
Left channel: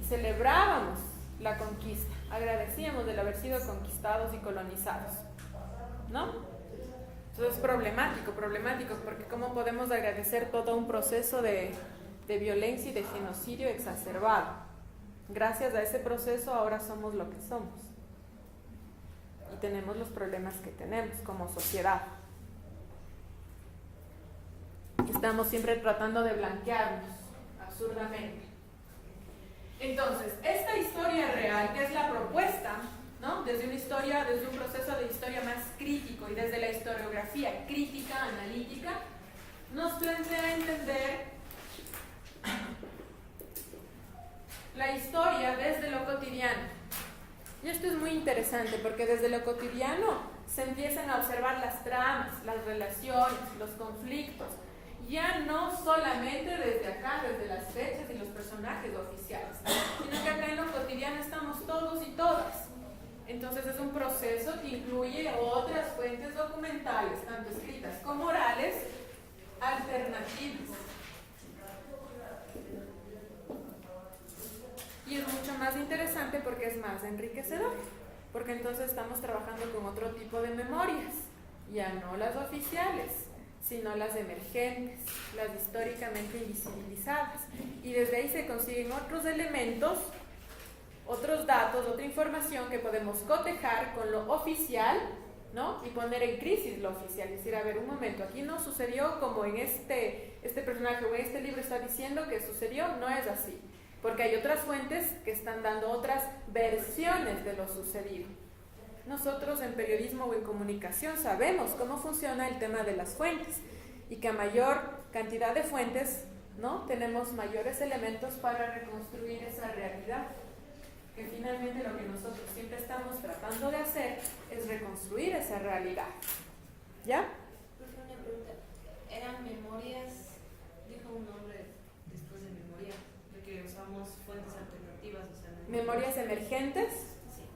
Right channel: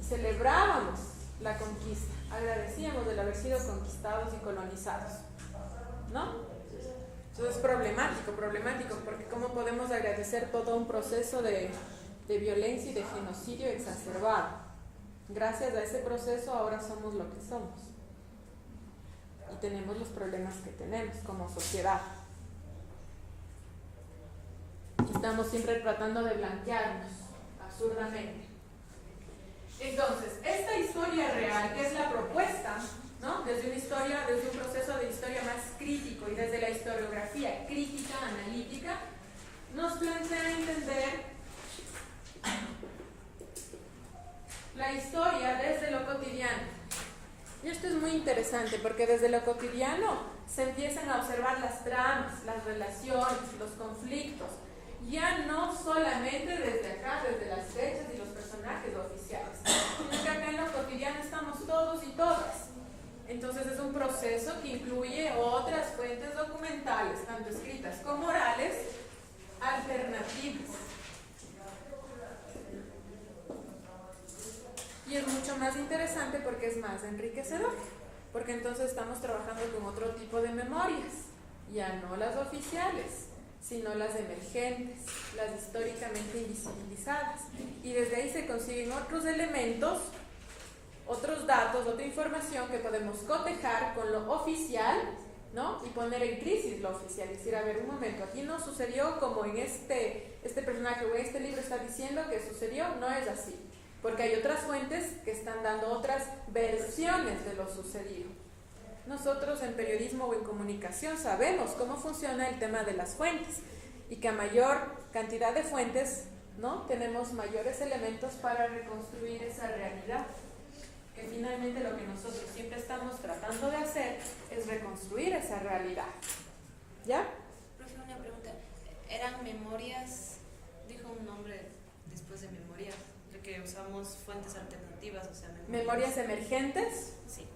Y celebrábamos la conquista, agradecíamos de haber sido conquistados y colonizados, ¿no? Entonces es problemático, porque ¿cómo podemos agradecer todo un proceso de violencia y de genocidio exacerbado? Gracias a ese proceso ahora somos lo que somos y tenemos los problemas que tenemos como sociedad. Estamos siempre tratando de blanquearnos absurdamente. Entonces, esta historia real, que es la propuesta, ¿no? Desde un proceso de historia más crítico y desde la historiografía crítica, analítica, nos plantea entender la historia desde lo cotidiano. Y esto es muy interesante porque desde lo cotidiano se empiezan a observar las tramas, las relaciones, los conflictos, ya no solamente desde acá, desde las fechas y los personajes oficiales, sino que acá en lo cotidiano estamos todos y todas. Entonces es un proceso que incluye otras fuentes documentales, tanto escritas como orales, alternativas. Y es mucho más interesante porque es más enriquecedor, porque entonces estamos trabajando con otro tipo de memorias, ya no las oficiales, sino las emergentes, las históricamente invisibilizadas. Y desde ahí se consiguen otros elementos, otros datos, otra información que podemos cotejar con lo oficial, ¿no? Y poner en crisis lo oficial, decir, a ver, un momento, aquí no sucedió como en este personaje o en este libro está diciendo que sucedió, no es así, porque hay otras fuentes que están dando otras versiones de lo sucedido. Nosotros en periodismo o en comunicación sabemos cómo funciona el tema de las fuentes y que a mayor cantidad de fuentes, ¿no? Tenemos mayores elementos para reconstruir esa realidad. Que finalmente lo que nosotros siempre estamos tratando de hacer es reconstruir esa realidad. ¿Ya? Profesor, una pregunta. ¿Eran memorias? Dijo un nombre después de memorias, de que usamos fuentes alternativas, o sea, memorias emergentes. Sí.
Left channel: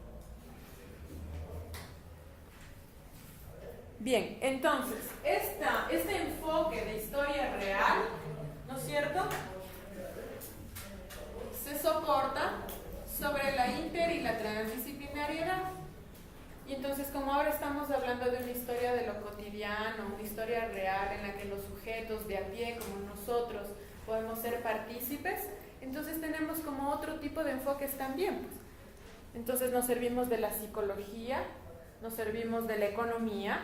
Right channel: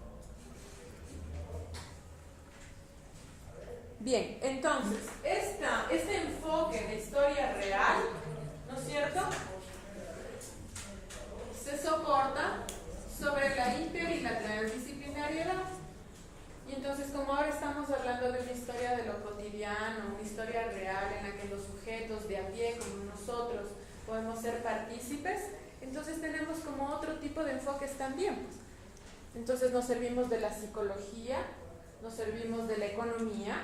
Bien, entonces, este enfoque de historia real, ¿no es cierto?, se soporta sobre la inter y la transdisciplinariedad. Y entonces, como ahora estamos hablando de una historia de lo cotidiano, una historia real en la que los sujetos de a pie, como nosotros, podemos ser partícipes, entonces tenemos como otro tipo de enfoques también. Entonces nos servimos de la psicología, nos servimos de la economía,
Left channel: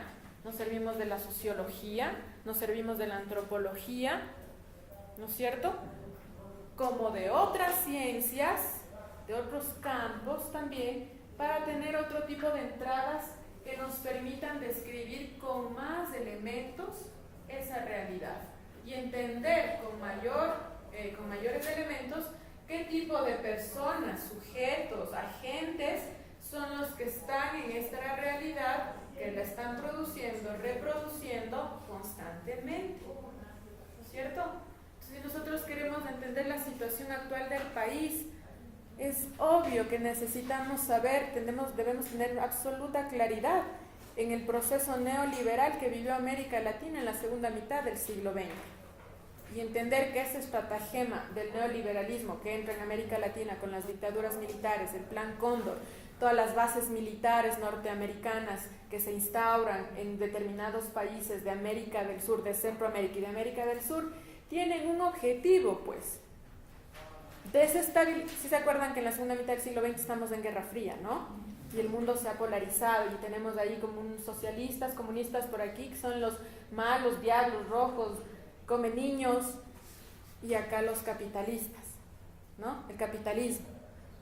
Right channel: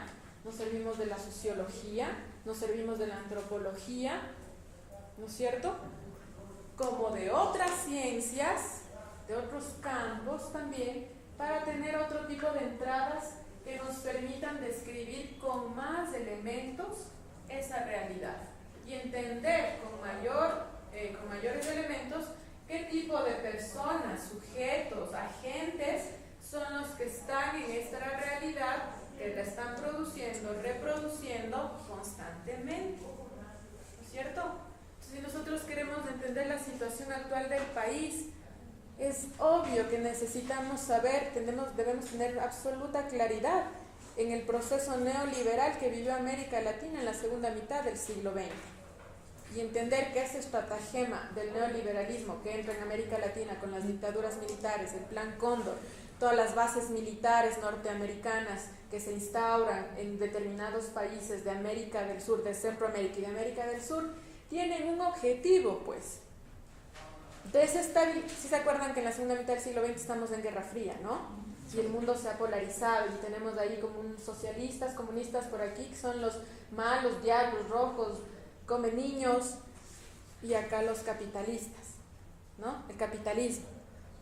nos servimos de la sociología, nos servimos de la antropología, ¿no es cierto?, como de otras ciencias, de otros campos también, para tener otro tipo de entradas que nos permitan describir con más elementos esa realidad y entender con mayores elementos qué tipo de personas, sujetos, agentes son los que están en esta realidad que que la están produciendo, reproduciendo constantemente, ¿no es cierto? Entonces, si nosotros queremos entender la situación actual del país, es obvio que necesitamos saber, debemos tener absoluta claridad en el proceso neoliberal que vivió América Latina en la segunda mitad del siglo XX y entender que ese estratagema del neoliberalismo que entra en América Latina con las dictaduras militares, el Plan Cóndor, todas las bases militares norteamericanas que se instauran en determinados países de América del Sur, de Centroamérica y de América del Sur, tienen un objetivo, pues, desestabilizar. Si se acuerdan que en la segunda mitad del siglo XX estamos en Guerra Fría, ¿no? Y el mundo se ha polarizado y tenemos ahí como un socialistas, comunistas por aquí, que son los malos, diablos rojos, come niños, y acá los capitalistas, ¿no? El capitalismo,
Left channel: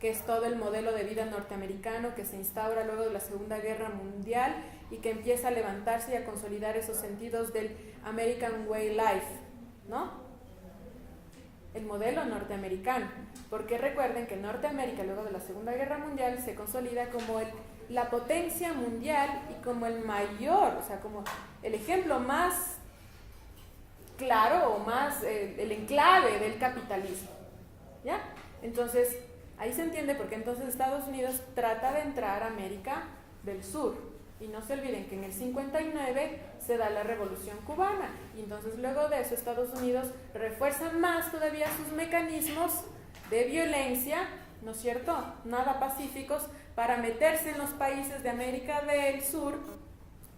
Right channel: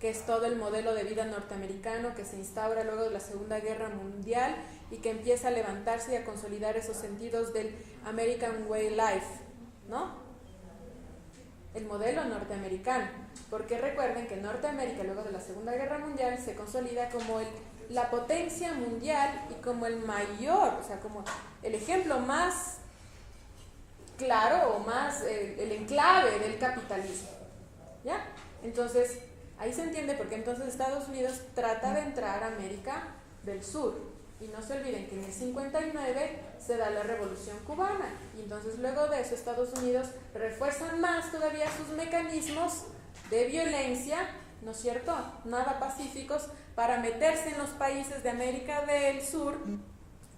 que es todo el modelo de vida norteamericano que se instaura luego de la Segunda Guerra Mundial y que empieza a levantarse y a consolidar esos sentidos del American Way Life, ¿no? El modelo norteamericano, porque recuerden que Norteamérica luego de la Segunda Guerra Mundial se consolida como la potencia mundial y como el mayor, o sea, como el ejemplo más claro o más el enclave del capitalismo, ¿ya? Entonces, ahí se entiende por qué entonces Estados Unidos trata de entrar a América del Sur. Y no se olviden que en el 59 se da la Revolución Cubana y entonces luego de eso Estados Unidos refuerza más todavía sus mecanismos de violencia, ¿no es cierto?, nada pacíficos, para meterse en los países de América del Sur,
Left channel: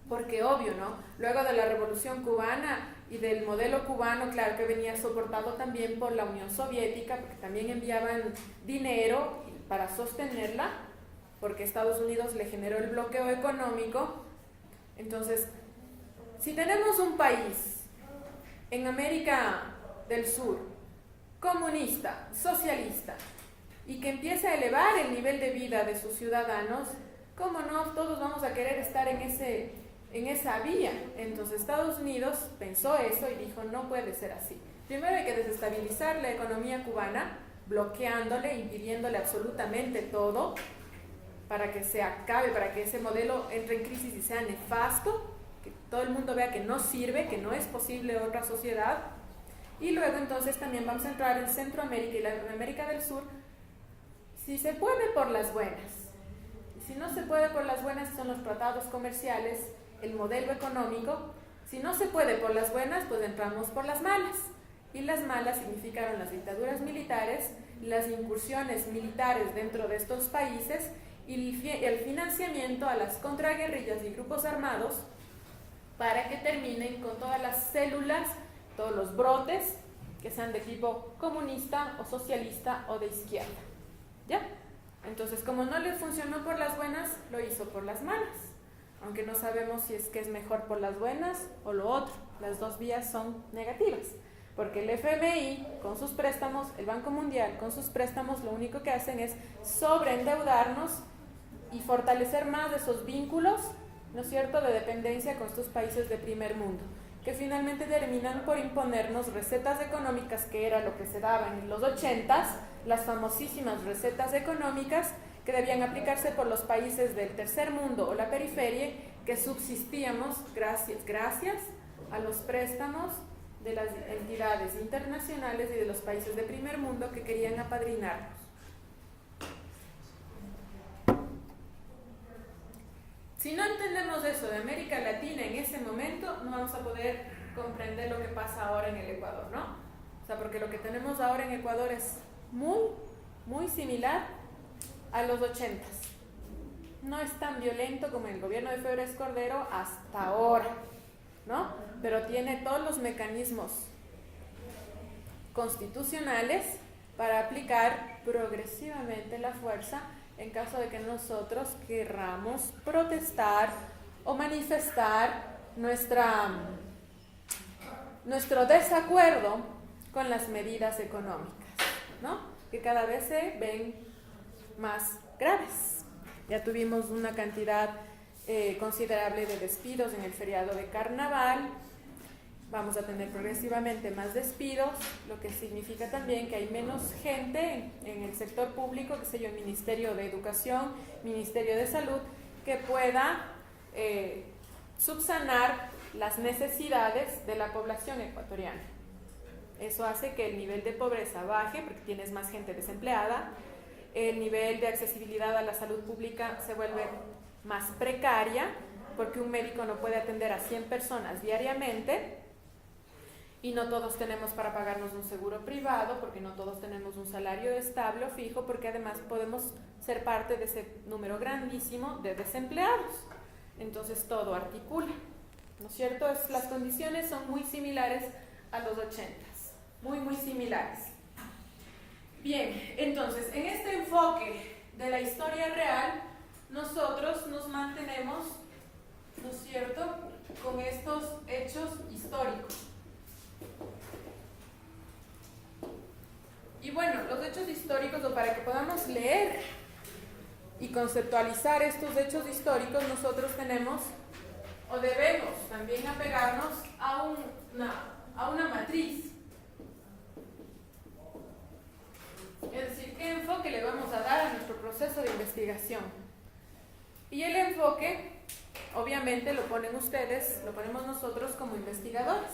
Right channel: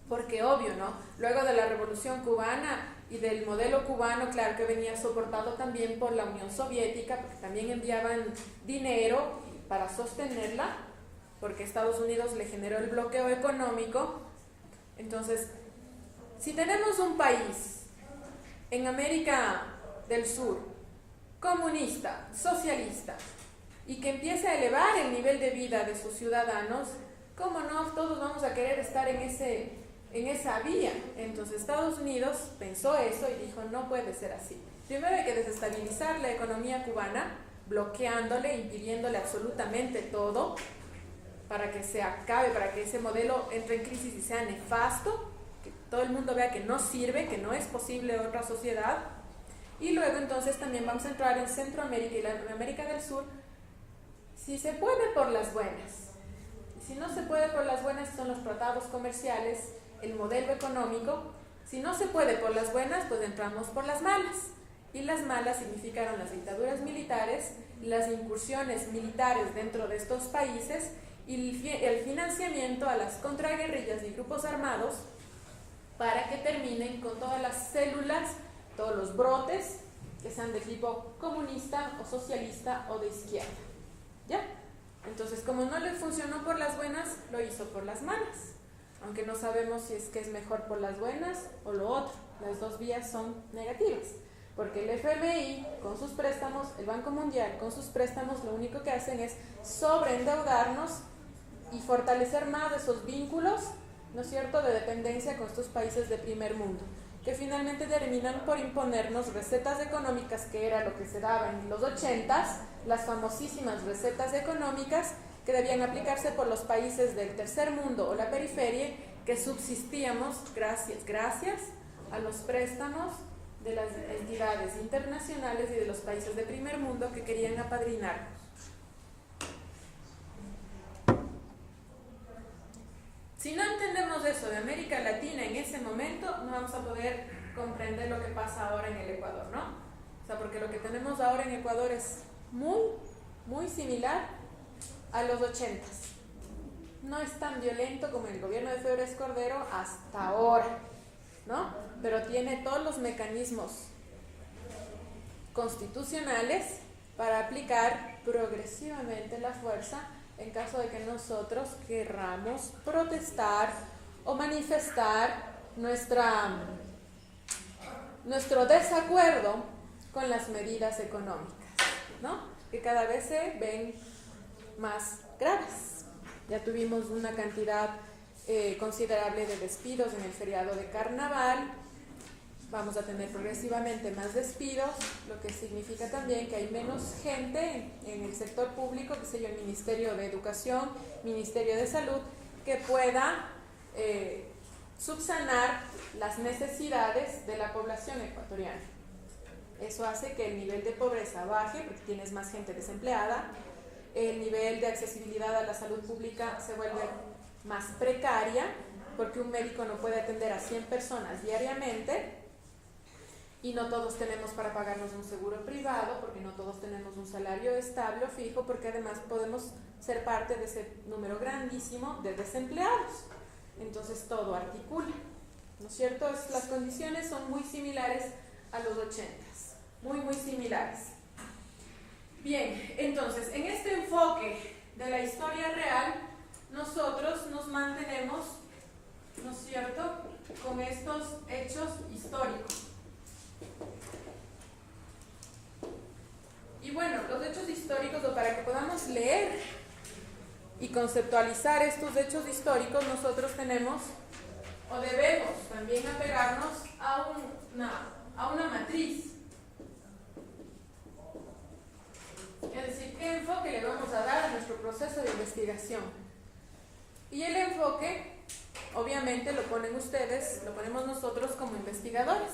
porque obvio, ¿no?, luego de la Revolución Cubana y del modelo cubano, claro que venía soportado también por la Unión Soviética, porque también enviaban dinero para sostenerla, porque Estados Unidos le generó el bloqueo económico. Entonces, si tenemos un país en América del Sur, comunista, socialista, y que empiece a elevar el nivel de vida de sus ciudadanos, ¿cómo no? Todos vamos a querer estar en esa vía. Entonces Estados Unidos pensó eso y dijo, no puede ser así. Primero hay que desestabilizar la economía cubana, bloqueándole, impidiéndole absolutamente todo, para que se acabe, para que ese modelo entre en crisis y sea nefasto, que todo el mundo vea que no sirve, que no es posible otra sociedad. Y luego entonces también vamos a entrar en Centroamérica y la América del Sur, si se puede por las buenas. Y si no se puede por las buenas, son los tratados comerciales, el modelo económico. Si no se puede por las buenas, pues entramos por las malas. Y las malas significaron las dictaduras militares, las incursiones militares dentro de estos países, y el financiamiento a las contraguerrillas y grupos armados para que terminen con todas las células, todos los brotes que sean de tipo comunista o socialista o de izquierda, ¿ya? Entonces, como no le funcionó por las buenas, lo hizo por las malas, aunque no sabemos si es que es mejor por las buenas o lo otro. Las dos vías son negativas, porque el FMI con sus préstamos, el Banco Mundial con sus préstamos, lo único que hacen es sobreendeudarnos y fortalecer más esos vínculos, ¿no es cierto?, de dependencia con estos países de primer mundo, que finalmente terminan por imponernos recetas económicas, que era lo que se daba en los 80s, las famosísimas recetas económicas que debían aplicarse por los países del tercer mundo o la periferia, que subsistíamos gracias a los préstamos de las entidades internacionales y de los países de primer mundo que querían apadrinarnos. Si no entendemos eso de América Latina en ese momento, no vamos a poder comprender lo que pasa ahora en el Ecuador, ¿no? O sea, porque lo que tenemos ahora en Ecuador es muy similar a los 80s. No es tan violento como el gobierno de Febres Cordero hasta ahora, ¿no? Pero tiene todos los mecanismos constitucionales para aplicar progresivamente la fuerza en caso de que nosotros querramos protestar o manifestar nuestro desacuerdo con las medidas económicas, ¿no?, que cada vez se ven más graves. Ya tuvimos una cantidad considerable de despidos en el feriado de Carnaval. Vamos a tener progresivamente más despidos, lo que significa también que hay menos gente en el sector público, qué sé yo, Ministerio de Educación, Ministerio de Salud, que pueda subsanar las necesidades de la población ecuatoriana. Eso hace que el nivel de pobreza baje porque tienes más gente desempleada, el nivel de accesibilidad a la salud pública se vuelve más precaria porque un médico no puede atender a 100 personas diariamente y no todos tenemos para pagarnos un seguro privado porque no todos tenemos un salario estable o fijo porque además podemos ser parte de ese número grandísimo de desempleados. Entonces todo articula, ¿no es cierto? Las condiciones son muy similares a los 80s, muy similares. Bien, entonces en este enfoque de la historia real nosotros nos mantenemos, ¿no es cierto?, con estos hechos históricos. Y bueno, los hechos históricos, o para que podamos leer y conceptualizar estos hechos históricos, nosotros tenemos o debemos también apegarnos a una matriz. Es decir, ¿qué enfoque le vamos a dar a nuestro proceso de investigación? Y el enfoque, obviamente, lo ponen ustedes, lo ponemos nosotros como investigadores.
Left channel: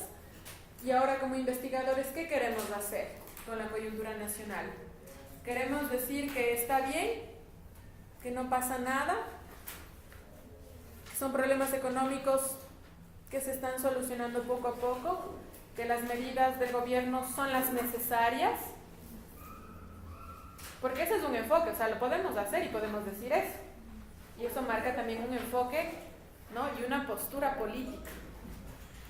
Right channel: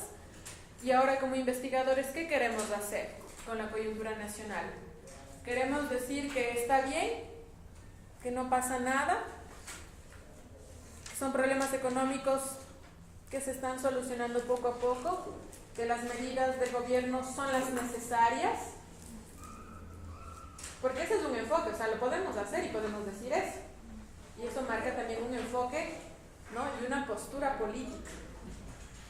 Y ahora como investigadores, ¿qué queremos hacer con la coyuntura nacional? Queremos decir que está bien, que no pasa nada, que son problemas económicos que se están solucionando poco a poco, que las medidas del gobierno son las necesarias, porque ese es un enfoque, o sea, lo podemos hacer y podemos decir eso. Y eso marca también un enfoque, ¿no?, y una postura política.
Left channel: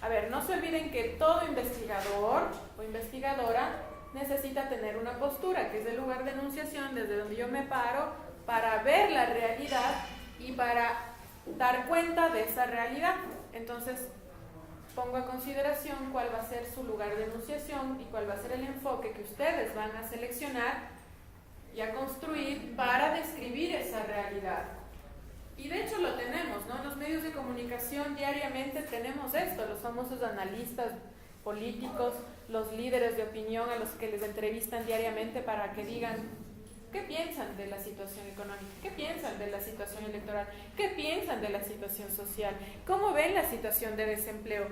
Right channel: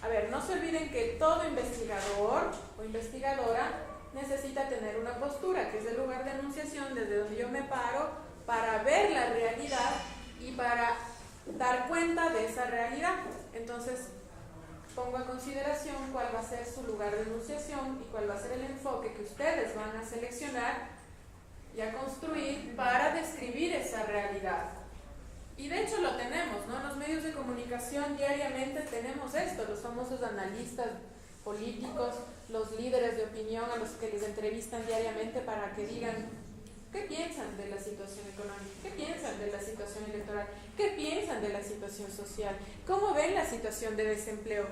A ver, no se olviden que todo investigador o investigadora necesita tener una postura, que es el lugar de enunciación desde donde yo me paro para ver la realidad y para dar cuenta de esa realidad. Entonces, pongo a consideración cuál va a ser su lugar de enunciación y cuál va a ser el enfoque que ustedes van a seleccionar y a construir para describir esa realidad. Y de hecho lo tenemos, ¿no? En los medios de comunicación diariamente tenemos esto, los famosos analistas políticos, los líderes de opinión a los que les entrevistan diariamente para que digan qué piensan de la situación económica, qué piensan de la situación electoral, qué piensan de la situación social, cómo ven la situación de desempleo.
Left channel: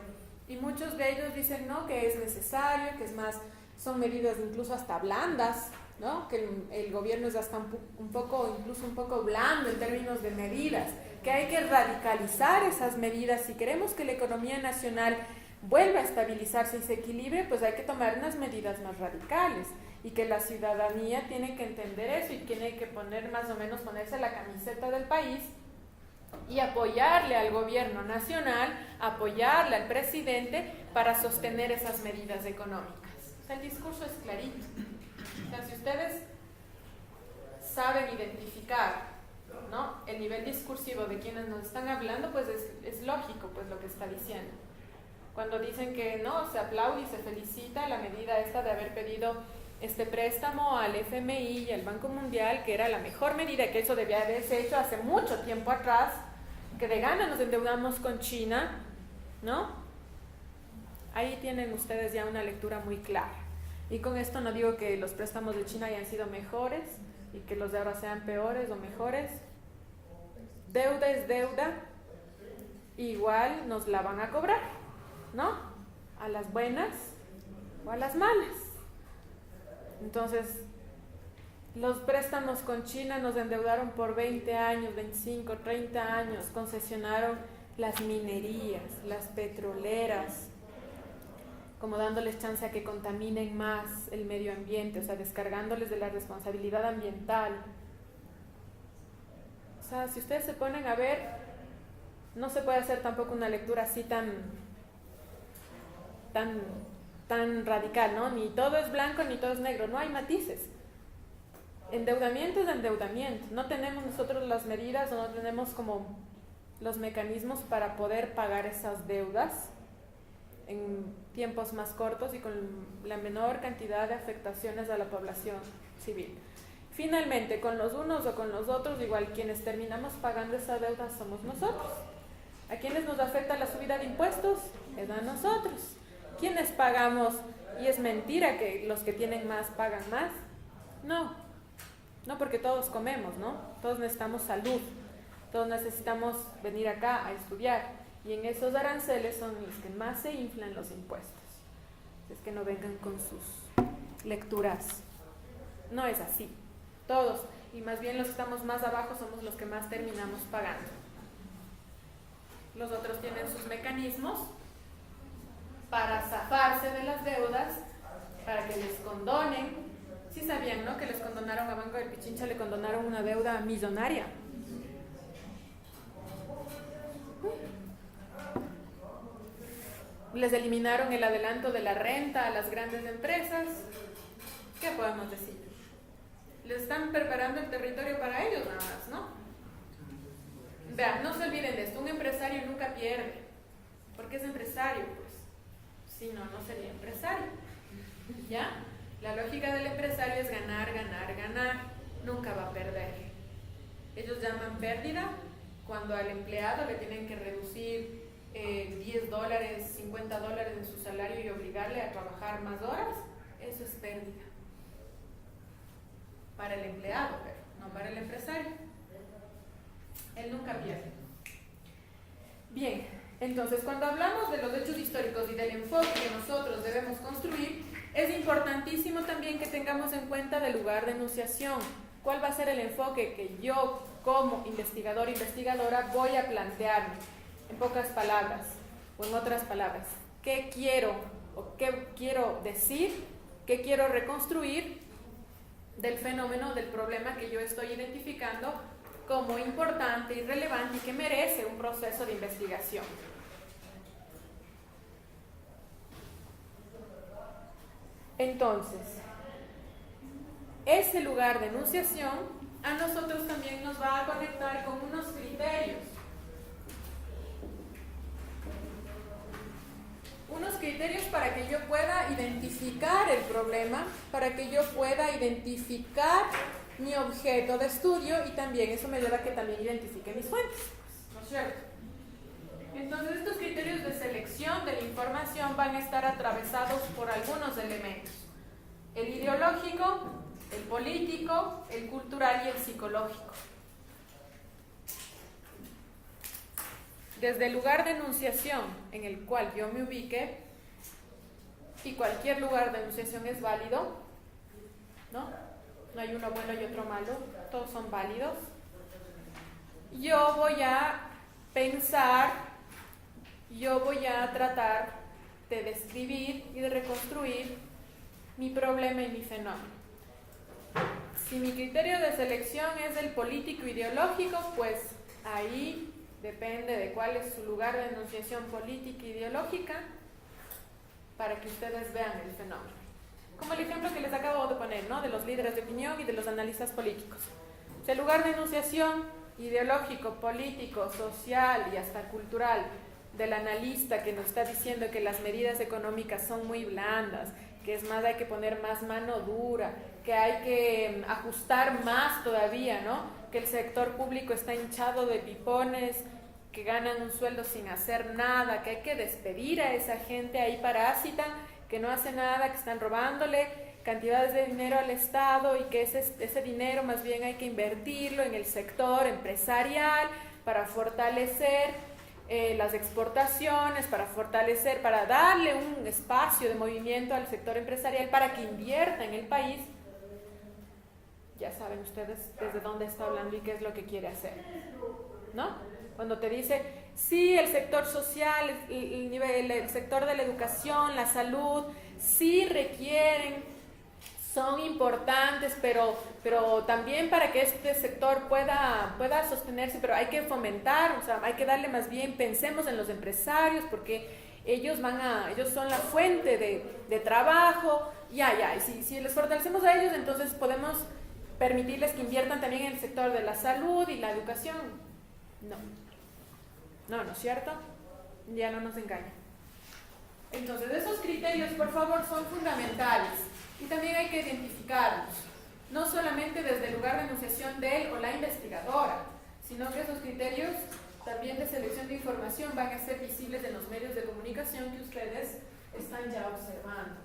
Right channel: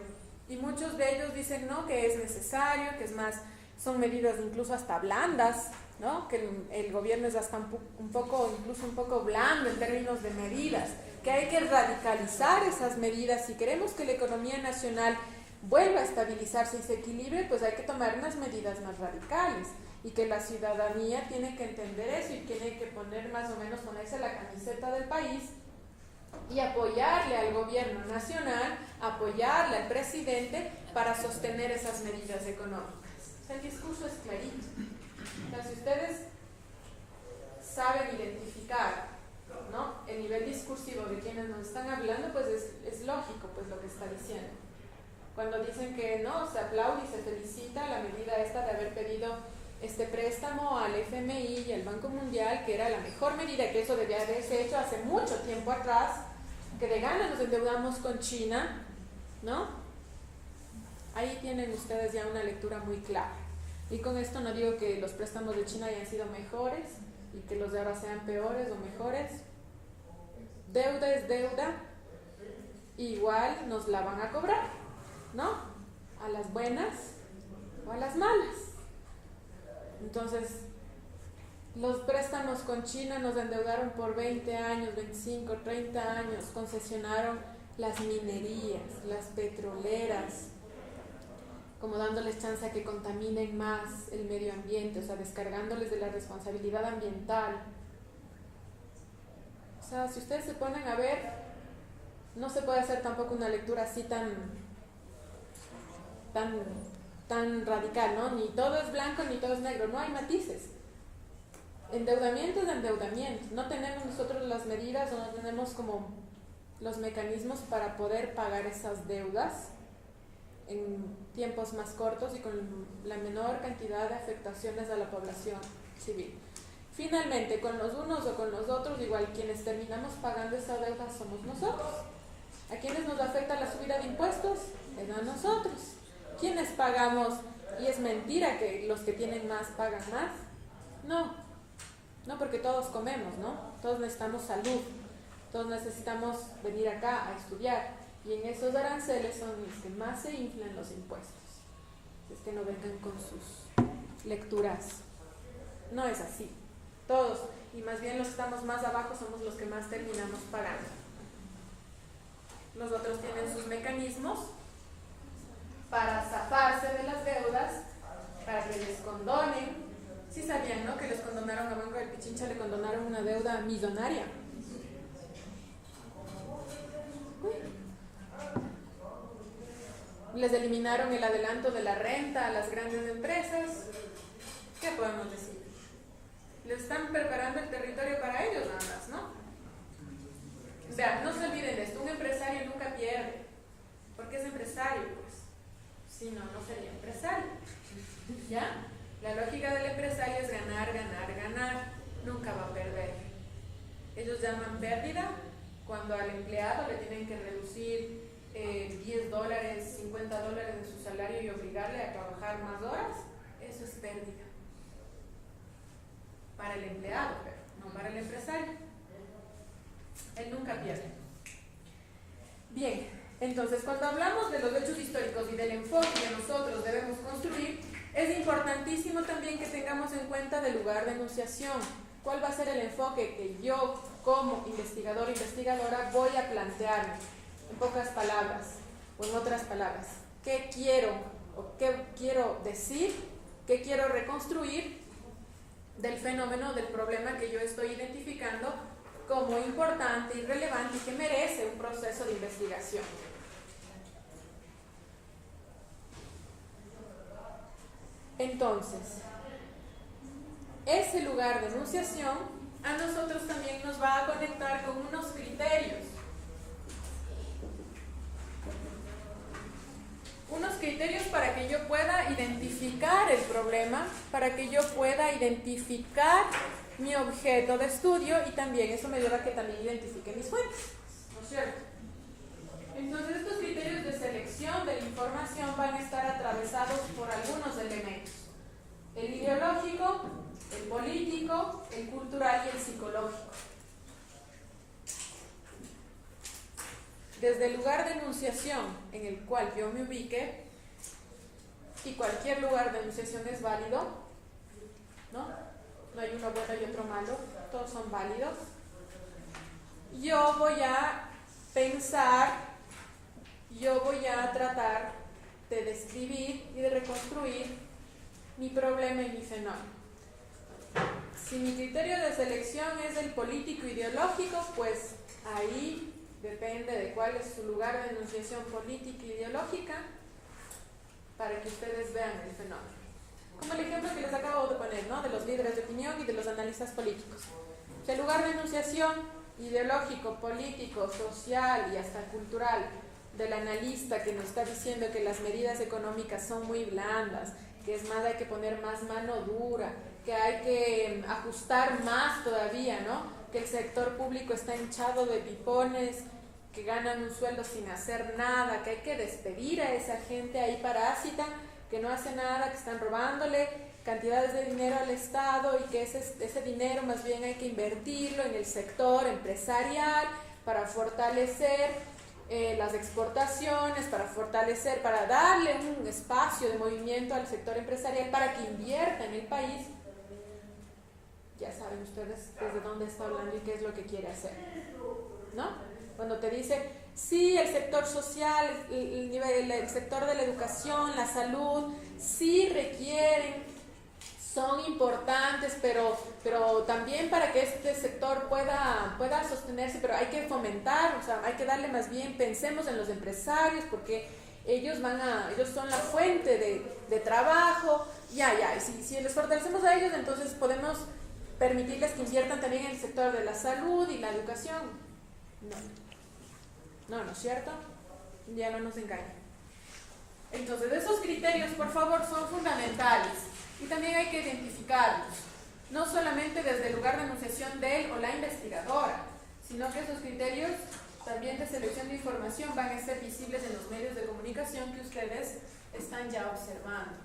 Y muchos de ellos dicen, no, que es necesario, que es más, son medidas incluso hasta blandas, ¿no?, que el gobierno es hasta incluso un poco blando en términos de medidas, que hay que radicalizar esas medidas. Si queremos que la economía nacional vuelva a estabilizarse y se equilibre, pues hay que tomar unas medidas más radicales y que la ciudadanía tiene que entender eso y tiene que ponerse la camiseta del país y apoyarle al gobierno nacional, apoyarle al presidente para sostener esas medidas económicas. O sea, el discurso es clarito. Si ustedes saben identificar, ¿no?, el nivel discursivo de quienes nos están hablando, pues es lógico pues lo que está diciendo. Cuando dicen que no, se aplaude y se felicita la medida esta de haber pedido este préstamo al FMI y al Banco Mundial, que era la mejor medida, que eso debía haberse hecho hace mucho tiempo atrás, que de gana nos endeudamos con China, ¿no? Ahí tienen ustedes ya una lectura muy clara. Y con esto no digo que los préstamos de China hayan sido mejores y que los de ahora sean peores o mejores. Deuda es deuda, igual nos la van a cobrar, ¿no? A las buenas o a las malas. Entonces, los préstamos con China nos endeudaron por 20 años, 25, 30 años, concesionaron las minerías, las petroleras, como dándoles chance a que contaminen más el medio ambiente, o sea, descargándoles de la responsabilidad ambiental. O sea, si ustedes se ponen a ver, no se puede hacer tampoco una lectura así tan radical, ¿no? Ni todo es blanco ni todo es negro, no hay matices. Endeudamiento es endeudamiento. No tenemos nosotros las medidas o no tenemos como los mecanismos para poder pagar esas deudas en tiempos más cortos y con la menor cantidad de afectaciones a la población civil. Finalmente, con los unos o con los otros, igual quienes terminamos pagando esa deuda somos nosotros. ¿A quienes nos afecta la subida de impuestos? Es a nosotros. ¿Quiénes pagamos? Y es mentira que los que tienen más pagan más. No, porque todos comemos, ¿no? Todos necesitamos salud, todos necesitamos venir acá a estudiar. Y en esos aranceles son los que más se inflan los impuestos. Es que no vengan con sus lecturas. No es así. Todos, y más bien los que estamos más abajo somos los que más terminamos pagando. Los otros tienen sus mecanismos para zafarse de las deudas, para que les condonen. Sí sabían, ¿no? Que les condonaron a Banco de Pichincha, le condonaron una deuda millonaria. Les eliminaron el adelanto de la renta a las grandes empresas. ¿Qué podemos decir? Les están preparando el territorio para ellos nada más, ¿no? O sea, no se olviden de esto, un empresario nunca pierde. ¿Por qué es empresario? Pues, si no, no sería empresario. ¿Ya? La lógica del empresario es ganar, ganar, ganar. Nunca va a perder. Ellos llaman pérdida cuando al empleado le tienen que reducir $10, $50 en su salario y obligarle a trabajar más horas. Eso es pérdida. Para el empleado, pero no para el empresario. Él nunca pierde. Bien, entonces cuando hablamos de los hechos históricos y del enfoque que nosotros debemos construir, es importantísimo también que tengamos en cuenta el lugar de enunciación. ¿Cuál va a ser el enfoque que yo como investigador o investigadora voy a plantearme? En pocas palabras, o en otras palabras, ¿qué quiero o qué quiero decir, qué quiero reconstruir del fenómeno, del problema que yo estoy identificando como importante y relevante y que merece un proceso de investigación? Entonces, ese lugar de enunciación a nosotros también nos va a conectar con unos criterios. Unos criterios para que yo pueda identificar el problema, para que yo pueda identificar mi objeto de estudio y también eso me lleva a que también identifique mis fuentes, ¿no es cierto? Entonces estos criterios de selección de la información van a estar atravesados por algunos elementos: el ideológico, el político, el cultural y el psicológico. Desde el lugar de enunciación en el cual yo me ubique, y cualquier lugar de enunciación es válido, ¿no? No hay uno bueno y otro malo, todos son válidos. Yo voy a pensar, yo voy a tratar de describir y de reconstruir mi problema y mi fenómeno. Si mi criterio de selección es el político ideológico, pues ahí depende de cuál es su lugar de enunciación política e ideológica para que ustedes vean el fenómeno. Como el ejemplo que les acabo de poner, ¿no? De los líderes de opinión y de los analistas políticos. O sea, el lugar de enunciación ideológico, político, social y hasta cultural del analista que nos está diciendo que las medidas económicas son muy blandas, que es más, hay que poner más mano dura, que hay que ajustar más todavía, ¿no? Que el sector público está hinchado de pipones, que ganan un sueldo sin hacer nada, que hay que despedir a esa gente ahí parásita, que no hace nada, que están robándole cantidades de dinero al Estado y que ese dinero más bien hay que invertirlo en el sector empresarial para fortalecer las exportaciones, para darle un espacio de movimiento al sector empresarial para que invierta en el país. Ya saben ustedes desde dónde está hablando y qué es lo que quiere hacer, ¿no? Cuando te dice, sí, el sector social, el sector de la educación, la salud, sí requieren, son importantes, pero también para que este sector pueda sostenerse, pero hay que fomentar, o sea, hay que darle más bien, pensemos en los empresarios, porque ellos son la fuente de trabajo, y si les fortalecemos a ellos, entonces podemos permitirles que inviertan también en el sector de la salud y la educación. No es cierto, ya no nos engañen. Entonces esos criterios, por favor, son fundamentales y también hay que identificarlos, no solamente desde el lugar de enunciación de él o la investigadora, sino que esos criterios también de selección de información van a ser visibles en los medios de comunicación que ustedes están ya observando.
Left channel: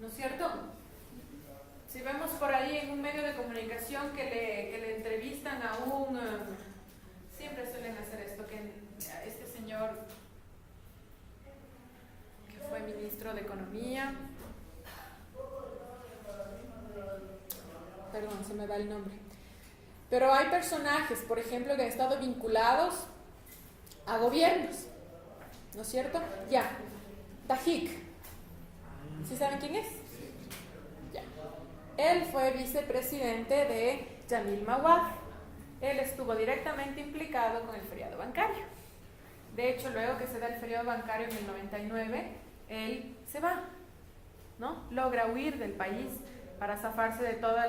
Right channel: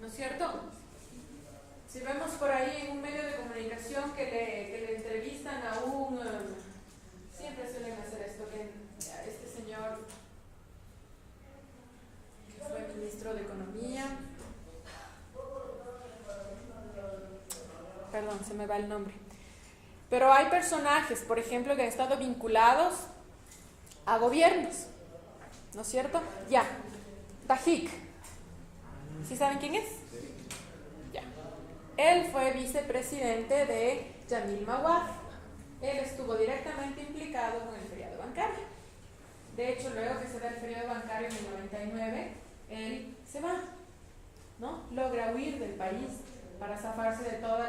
¿No es cierto? Si vemos por ahí en un medio de comunicación que le entrevistan a un el nombre. Pero hay personajes, por ejemplo, que han estado vinculados a gobiernos, ¿no es cierto? Ya, Tajik, ¿sí saben quién es? Ya. Él fue vicepresidente de Jamil Mawad. Él estuvo directamente implicado con el feriado bancario. De hecho, luego que se da el feriado bancario en el 99, él se va, ¿no? Logra huir del país para zafarse de todos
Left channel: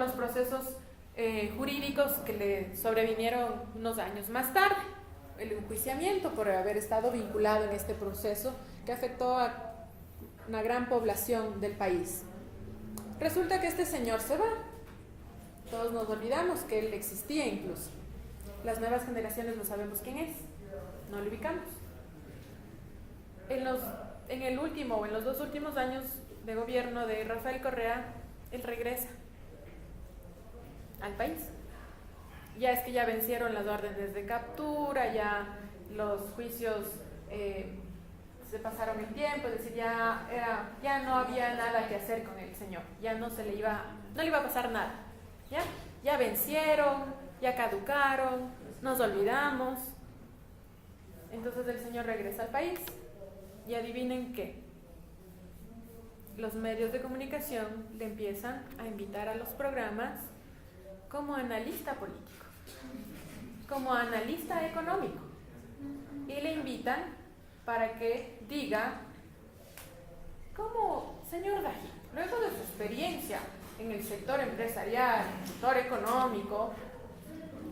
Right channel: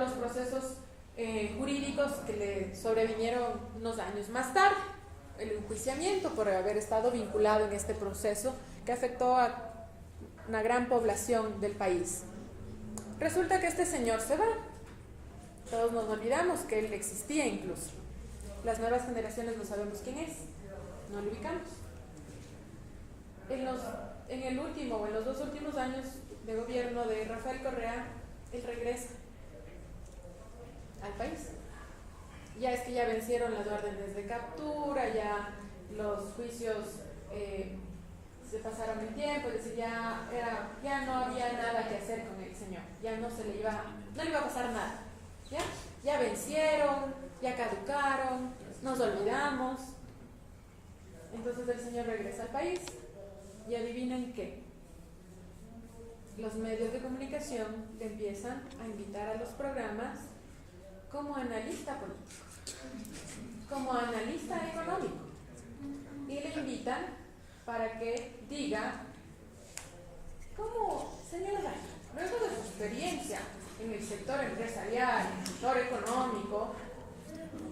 los procesos jurídicos que le sobrevinieron unos años más tarde. El enjuiciamiento por haber estado vinculado en este proceso que afectó a una gran población del país. Resulta que este señor se va. Todos nos olvidamos que él existía incluso. Las nuevas generaciones no sabemos quién es, no lo ubicamos. En los 2 últimos años de gobierno de Rafael Correa, él regresa al país. Ya es que ya vencieron las órdenes de captura, ya los juicios se pasaron el tiempo, es decir, ya no había nada que hacer con el señor, ya no le iba a pasar nada. Ya vencieron, ya caducaron, nos olvidamos. Entonces el señor regresa al país y adivinen qué. Los medios de comunicación le empiezan a invitar a los programas como analista político, como analista económico, y le invitan para que diga cómo, señor Darío, luego de su experiencia en el sector empresarial, en el sector económico,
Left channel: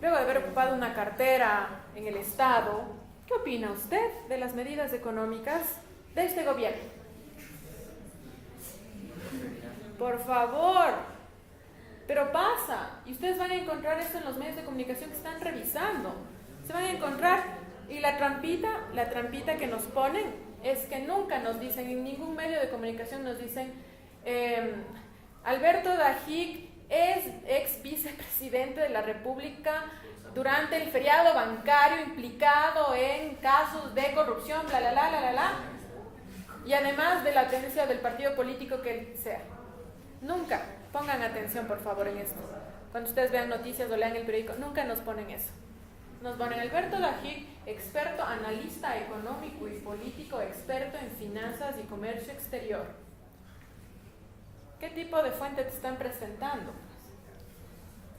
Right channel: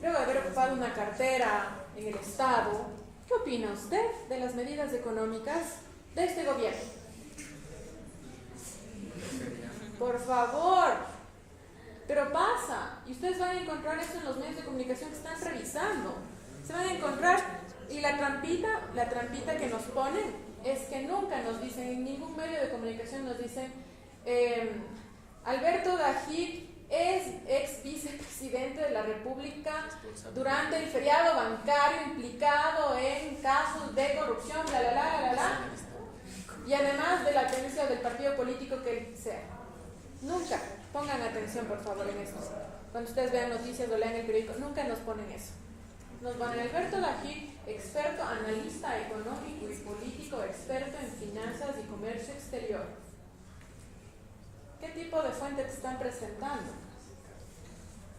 luego de haber ocupado una cartera en el Estado, ¿qué opina usted de las medidas económicas de este gobierno? Por favor, pero pasa, y ustedes van a encontrar esto en los medios de comunicación que están revisando, se van a encontrar, y la trampita que nos ponen es que nunca nos dicen, en ningún medio de comunicación nos dicen, Alberto Tajik es ex vicepresidente de la República durante el feriado bancario implicado en casos de corrupción, bla, bla, bla, bla, bla, y además de la tendencia del partido político que él sea. Nunca pongan atención, por favor, en esto. Cuando ustedes vean noticias o lean el periódico, nunca nos ponen eso. Nos ponen Alberto Tajik, experto, analista económico y político, experto en finanzas y comercio exterior. ¿Qué tipo de fuente te están presentando?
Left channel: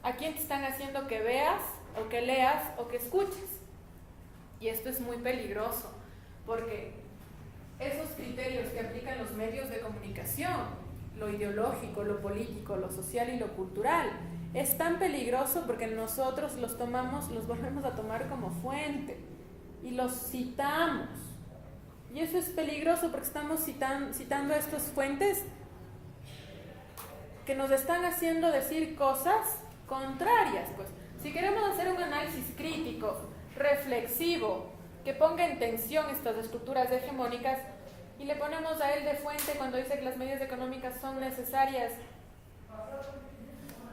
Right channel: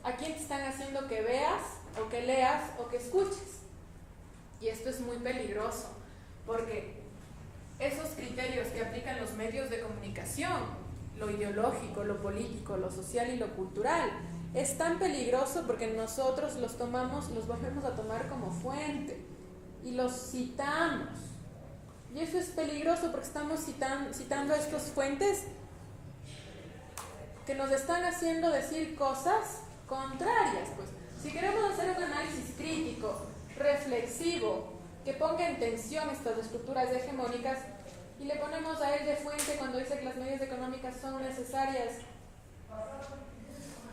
¿A quién te están haciendo que veas, o que leas, o que escuches? Y esto es muy peligroso, porque esos criterios que aplican los medios de comunicación, lo ideológico, lo político, lo social y lo cultural, es tan peligroso porque nosotros los volvemos a tomar como fuente y los citamos. Y eso es peligroso porque estamos citando a estas fuentes que nos están haciendo decir cosas contrarias. Pues, si queremos hacer un análisis crítico, reflexivo, que ponga en tensión estas estructuras hegemónicas, y le ponemos a él de fuente cuando dice que las medidas económicas son necesarias,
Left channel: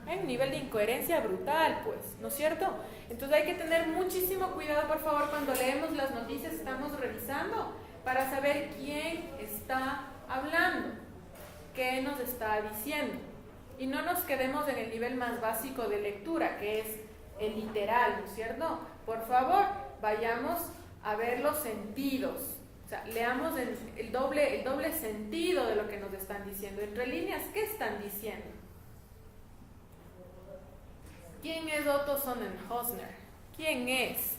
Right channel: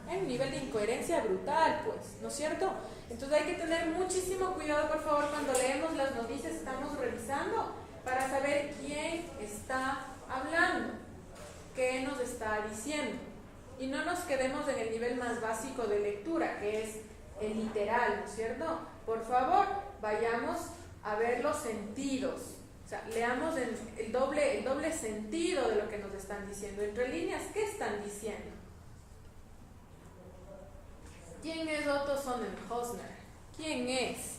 hay un nivel de incoherencia brutal, pues, ¿no es cierto? Entonces hay que tener muchísimo cuidado, por favor, cuando leemos las noticias, estamos revisando para saber quién está hablando, qué nos está diciendo. Y no nos quedemos en el nivel más básico de lectura, que es el literal, ¿no es cierto? Por favor, vayamos a ver los sentidos. O sea, leamos el doble sentido de lo que nos están diciendo. Entre líneas, ¿qué están diciendo? ¿Quién es Otto Sonnenhösner? ¿Quién es?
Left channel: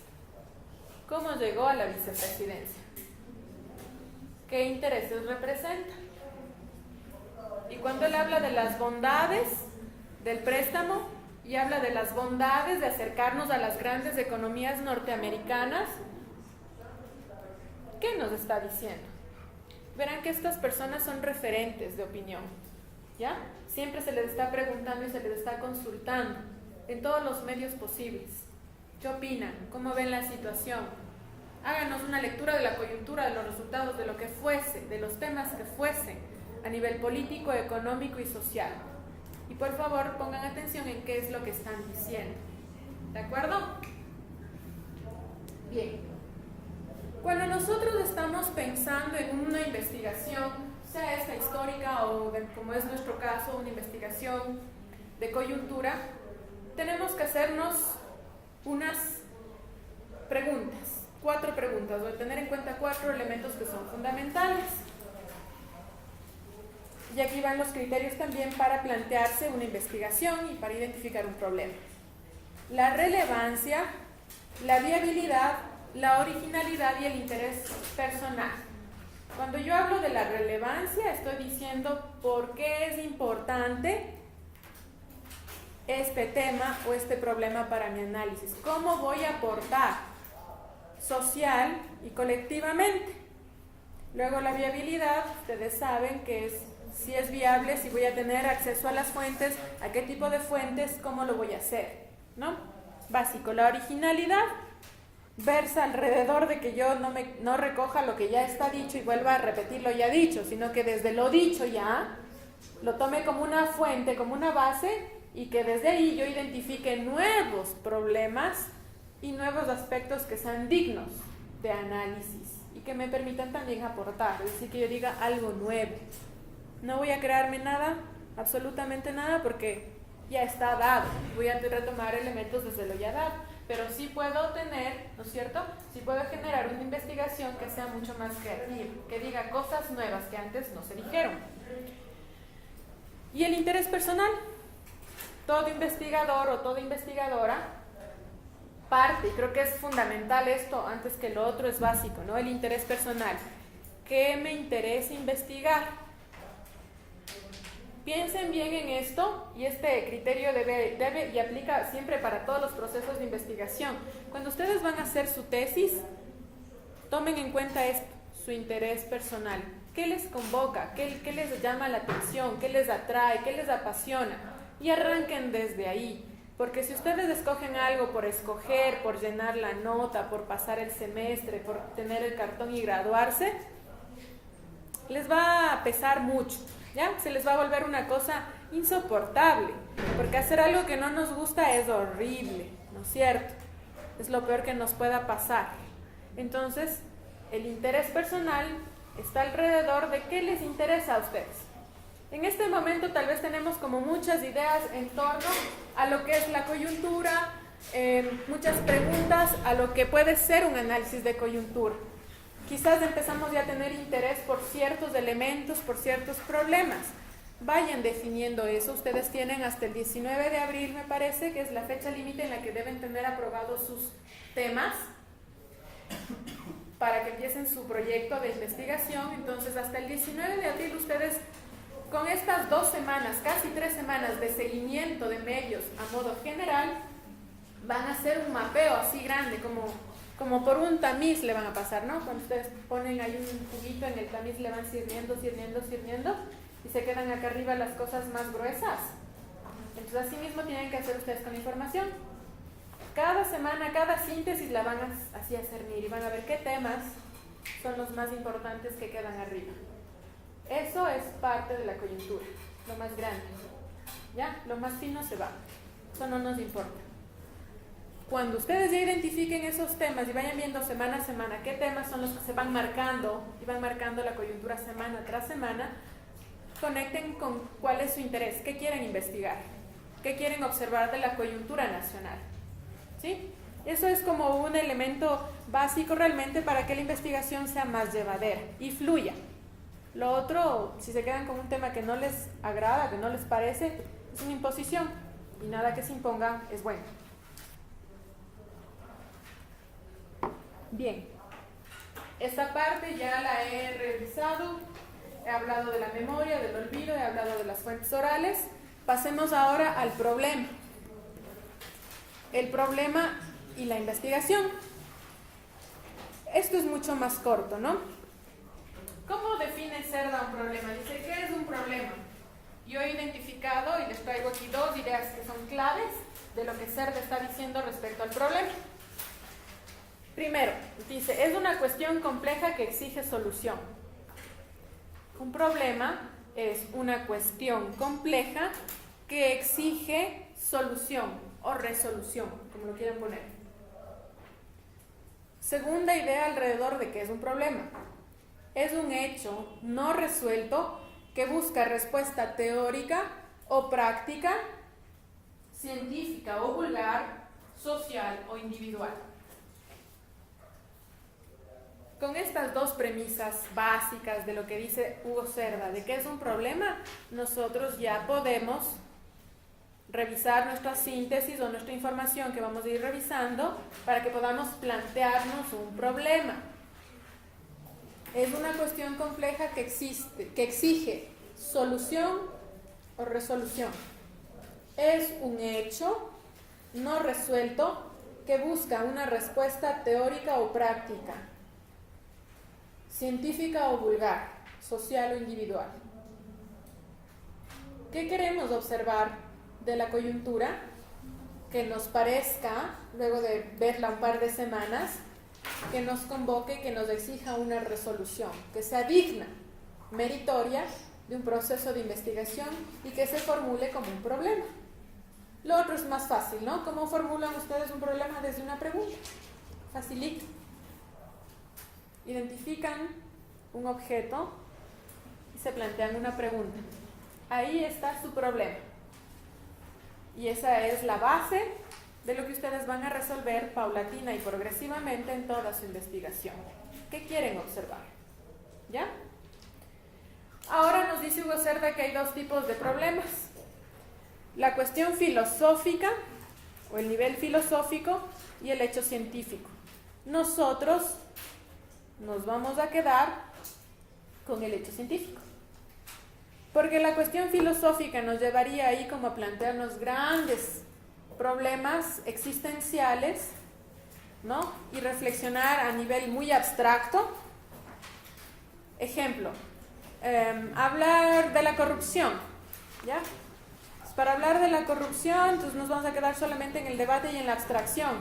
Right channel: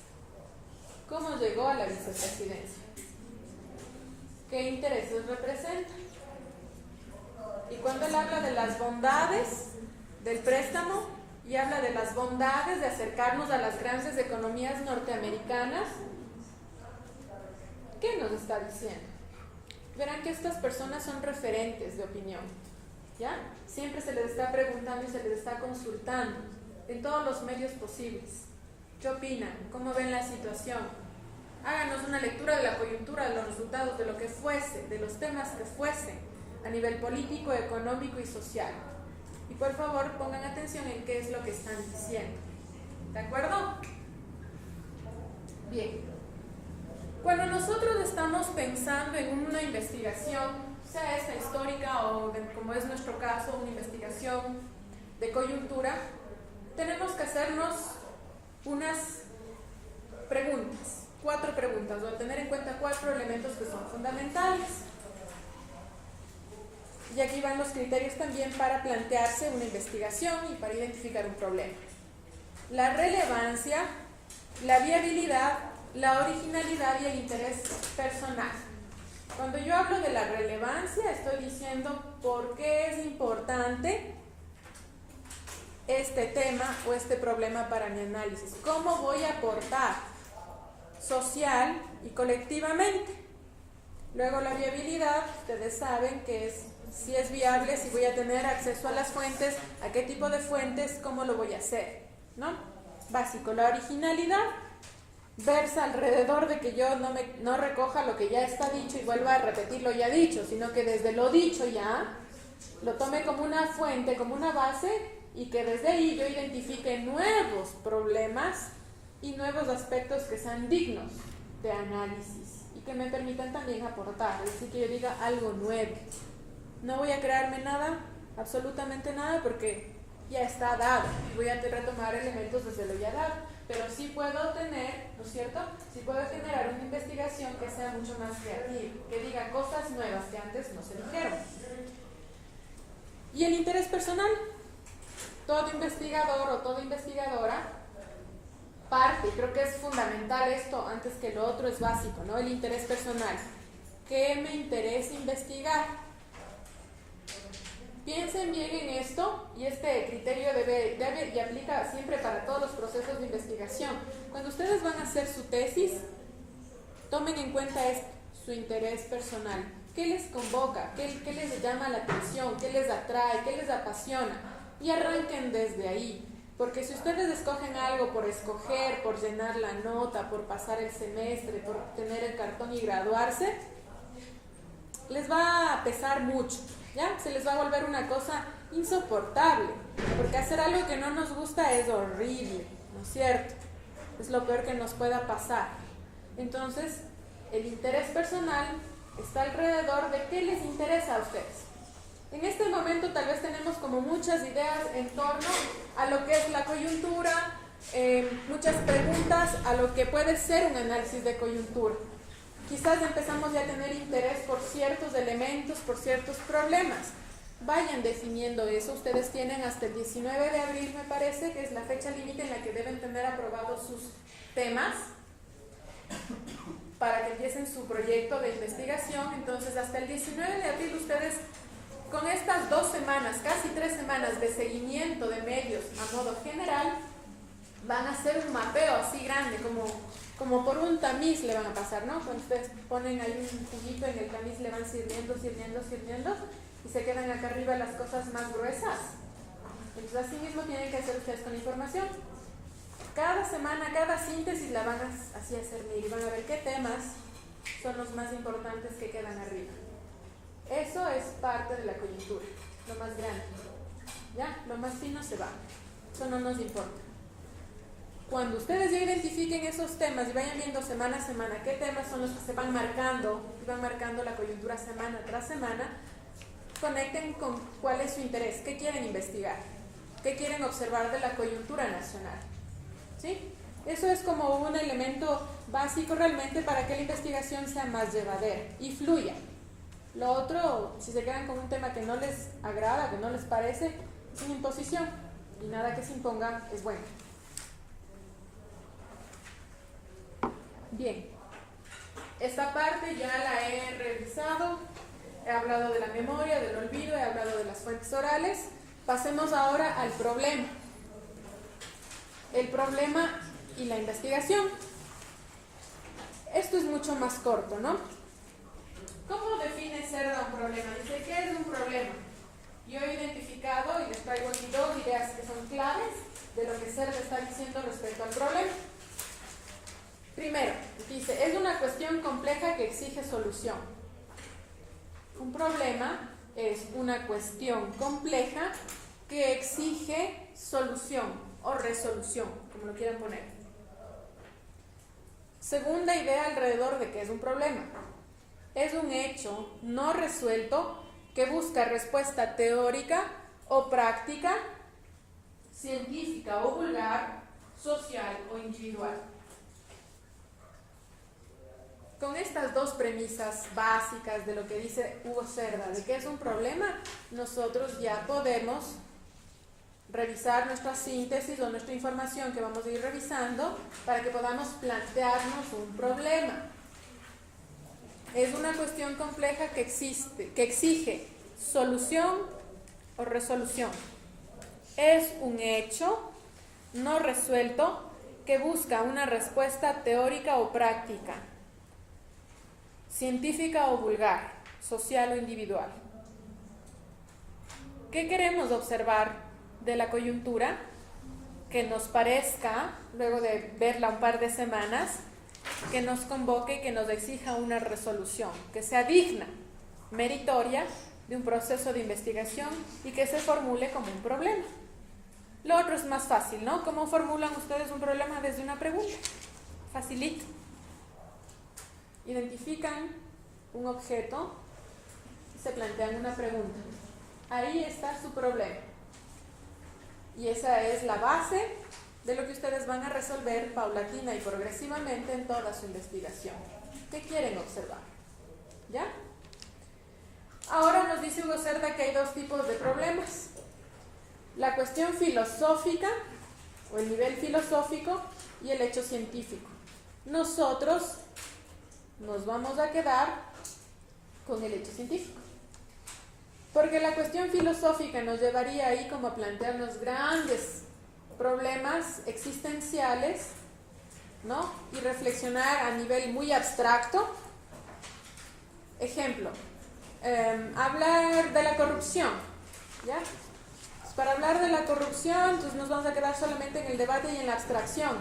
¿Cómo llegó a la vicepresidencia? ¿Qué intereses representa? Y cuando él habla de las bondades del préstamo y habla de las bondades de acercarnos a las grandes economías norteamericanas, ¿qué nos está diciendo? Verán que estas personas son referentes de opinión, ¿ya? Siempre se les está preguntando y se les está consultando en todos los medios posibles. ¿Qué opinan? ¿Cómo ven la situación? Háganos una lectura de la coyuntura, de los resultados, de lo que fuese, de los temas que fuesen, a nivel político, económico y social. Y por favor pongan atención en qué es lo que están diciendo. ¿De acuerdo? Bien. Cuando nosotros estamos pensando en una investigación, sea esta histórica o como es nuestro caso, una investigación de coyuntura, tenemos que hacernos unas preguntas, 4 preguntas. Voy a tener en cuenta 4 elementos que son fundamentales. Y aquí van los criterios también para plantearse una investigación y para identificar un problema. La relevancia, la viabilidad, la originalidad y el interés personal. Cuando yo hablo de la relevancia, estoy diciendo por qué es importante este tema o este problema para mi análisis. ¿Cómo voy a aportar social y colectivamente? Luego la viabilidad, ustedes saben que es si es viable, si voy a tener acceso a las fuentes, a qué tipo de fuentes, cómo lo voy a hacer, ¿no? Básico. La originalidad versa alrededor de que yo no recoja lo que ya está dicho y vuelva a repetir lo ya dicho, sino que desde lo dicho ya lo tome como una fuente, como una base, y que desde ahí yo identifique nuevos problemas y nuevos aspectos que sean dignos de análisis y que me permitan también aportar, es decir, que yo diga algo nuevo. No voy a crearme nada, absolutamente nada, porque ya está dado y voy a retomar elementos desde lo ya dado, pero sí puedo tener, ¿no es cierto? Sí puedo generar una investigación que sea mucho más creativa, que diga cosas nuevas que antes no se dijeron. Y el interés personal. Todo investigador o toda investigadora parte, creo que es fundamental esto, antes que lo otro es básico, ¿no? El interés personal. ¿Qué me interesa investigar? Piensen bien en esto, y este criterio debe y aplica siempre para todos los procesos de investigación. Cuando ustedes van a hacer su tesis, tomen en cuenta esto, su interés personal. ¿Qué les convoca? ¿Qué les llama la atención? ¿Qué les atrae? ¿Qué les apasiona? Y arranquen desde ahí, porque si ustedes escogen algo por escoger, por llenar la nota, por pasar el semestre, por tener el cartón y graduarse, les va a pesar mucho, ¿ya? Se les va a volver una cosa insoportable, porque hacer algo que no nos gusta es horrible, ¿no es cierto? Es lo peor que nos pueda pasar. Entonces, el interés personal está alrededor de qué les interesa a ustedes. En este momento tal vez tenemos como muchas ideas en torno a lo que es la coyuntura, muchas preguntas a lo que puede ser un análisis de coyuntura. Quizás empezamos ya a tener interés por ciertos elementos, por ciertos problemas. Vayan definiendo eso. Ustedes tienen hasta el 19 de abril, me parece, que es la fecha límite en la que deben tener aprobados sus temas para que empiecen su proyecto de investigación. Entonces, hasta el 19 de abril ustedes, con estas 2 semanas, casi 3 semanas de seguimiento de medios a modo general, van a hacer un mapeo así grande, como por un tamiz le van a pasar, ¿no? Cuando ustedes ponen ahí un juguito en el tamiz, le van sirviendo, y se quedan acá arriba las cosas más gruesas. Entonces, así mismo tienen que hacer ustedes con información. Cada semana, cada síntesis la van a así a cernir y van a ver qué temas son los más importantes que quedan arriba. Eso es parte de la coyuntura, lo más grande, ¿ya? Lo más fino se va, eso no nos importa. Cuando ustedes ya identifiquen esos temas y vayan viendo semana a semana qué temas son los que se van marcando, y van marcando la coyuntura semana tras semana, conecten con cuál es su interés, qué quieren investigar, qué quieren observar de la coyuntura nacional, ¿sí? Eso es como un elemento básico realmente para que la investigación sea más llevadera y fluya. Lo otro, si se quedan con un tema que no les agrada, que no les parece, es una imposición, y nada que se imponga es bueno. Bien, esta parte ya la he revisado, he hablado de la memoria, del olvido, he hablado de las fuentes orales. Pasemos ahora al problema. El problema y la investigación. Esto es mucho más corto, ¿no? ¿Cómo define Cerda un problema? Dice, ¿qué es un problema? Yo he identificado y les traigo aquí 2 ideas que son claves de lo que Cerda está diciendo respecto al problema. Primero, dice, es una cuestión compleja que exige solución. Un problema es una cuestión compleja que exige solución o resolución, como lo quieran poner. Segunda idea alrededor de qué es un problema. Es un hecho no resuelto que busca respuesta teórica o práctica científica o vulgar, social o individual. Con estas dos premisas básicas de lo que dice Hugo Cerda, de que es un problema, nosotros ya podemos revisar nuestra síntesis o nuestra información que vamos a ir revisando para que podamos plantearnos un problema. Es una cuestión compleja que exige solución o resolución. Es un hecho no resuelto que busca una respuesta teórica o práctica, científica o vulgar, social o individual. ¿Qué queremos observar de la coyuntura? Que nos parezca, luego de verla un par de semanas, que nos convoque, que nos exija una resolución, que sea digna, meritoria de un proceso de investigación y que se formule como un problema. Lo otro es más fácil, ¿no? ¿Cómo formulan ustedes un problema desde una pregunta? Facilito. Identifican un objeto y se plantean una pregunta. Ahí está su problema. Y esa es la base de lo que ustedes van a resolver paulatina y progresivamente en toda su investigación. ¿Qué quieren observar? ¿Ya? Ahora nos dice Hugo Cerda que hay dos tipos de problemas. La cuestión filosófica o el nivel filosófico y el hecho científico. Nosotros nos vamos a quedar con el hecho científico. Porque la cuestión filosófica nos llevaría ahí como a plantearnos grandes problemas existenciales, ¿no? Y reflexionar a nivel muy abstracto. Ejemplo, hablar de la corrupción, ¿ya? Para hablar de la corrupción, entonces nos vamos a quedar solamente en el debate y en la abstracción,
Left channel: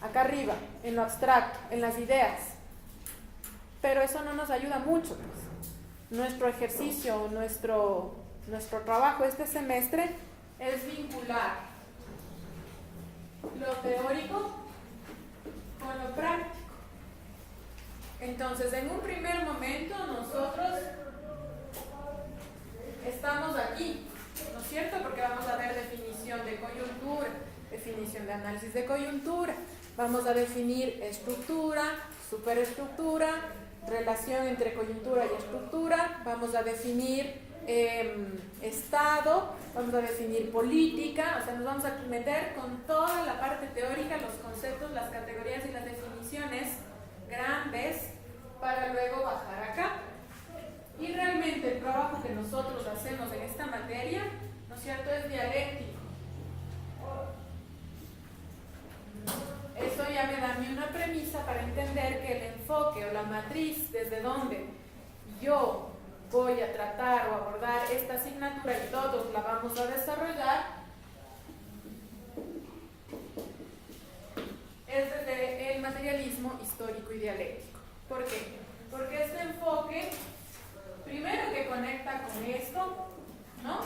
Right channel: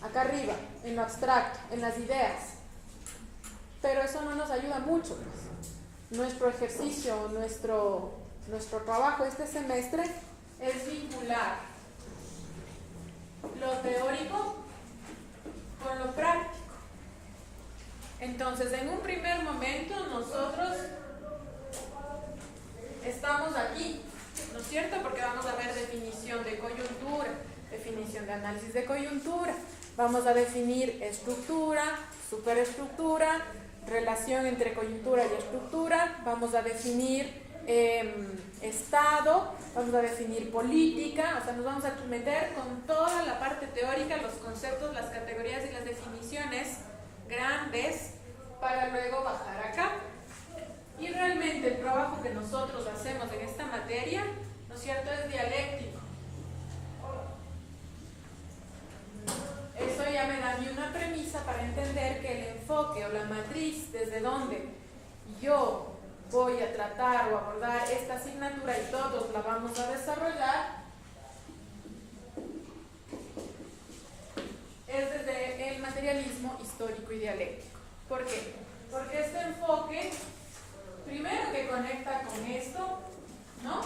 acá arriba, en lo abstracto, en las ideas. Pero eso no nos ayuda mucho, pues. Nuestro ejercicio, nuestro trabajo este semestre es vincular lo teórico con lo práctico. Entonces, en un primer momento nosotros estamos aquí, ¿no es cierto? Porque vamos a ver definición de coyuntura, definición de análisis de coyuntura, vamos a definir estructura, superestructura, relación entre coyuntura y estructura, vamos a definir estado, vamos a definir política, o sea, nos vamos a meter con toda la parte teórica, los conceptos, las categorías y las definiciones grandes para luego bajar acá. Y realmente el trabajo que nosotros hacemos en esta materia, ¿no es cierto?, es dialéctico. Eso ya me da a mí una premisa para entender que el enfoque o la matriz desde donde yo voy a tratar o abordar esta asignatura y todos la vamos a desarrollar es desde el materialismo histórico y dialéctico. ¿Por qué? Porque este enfoque, primero que conecta con esto, ¿no?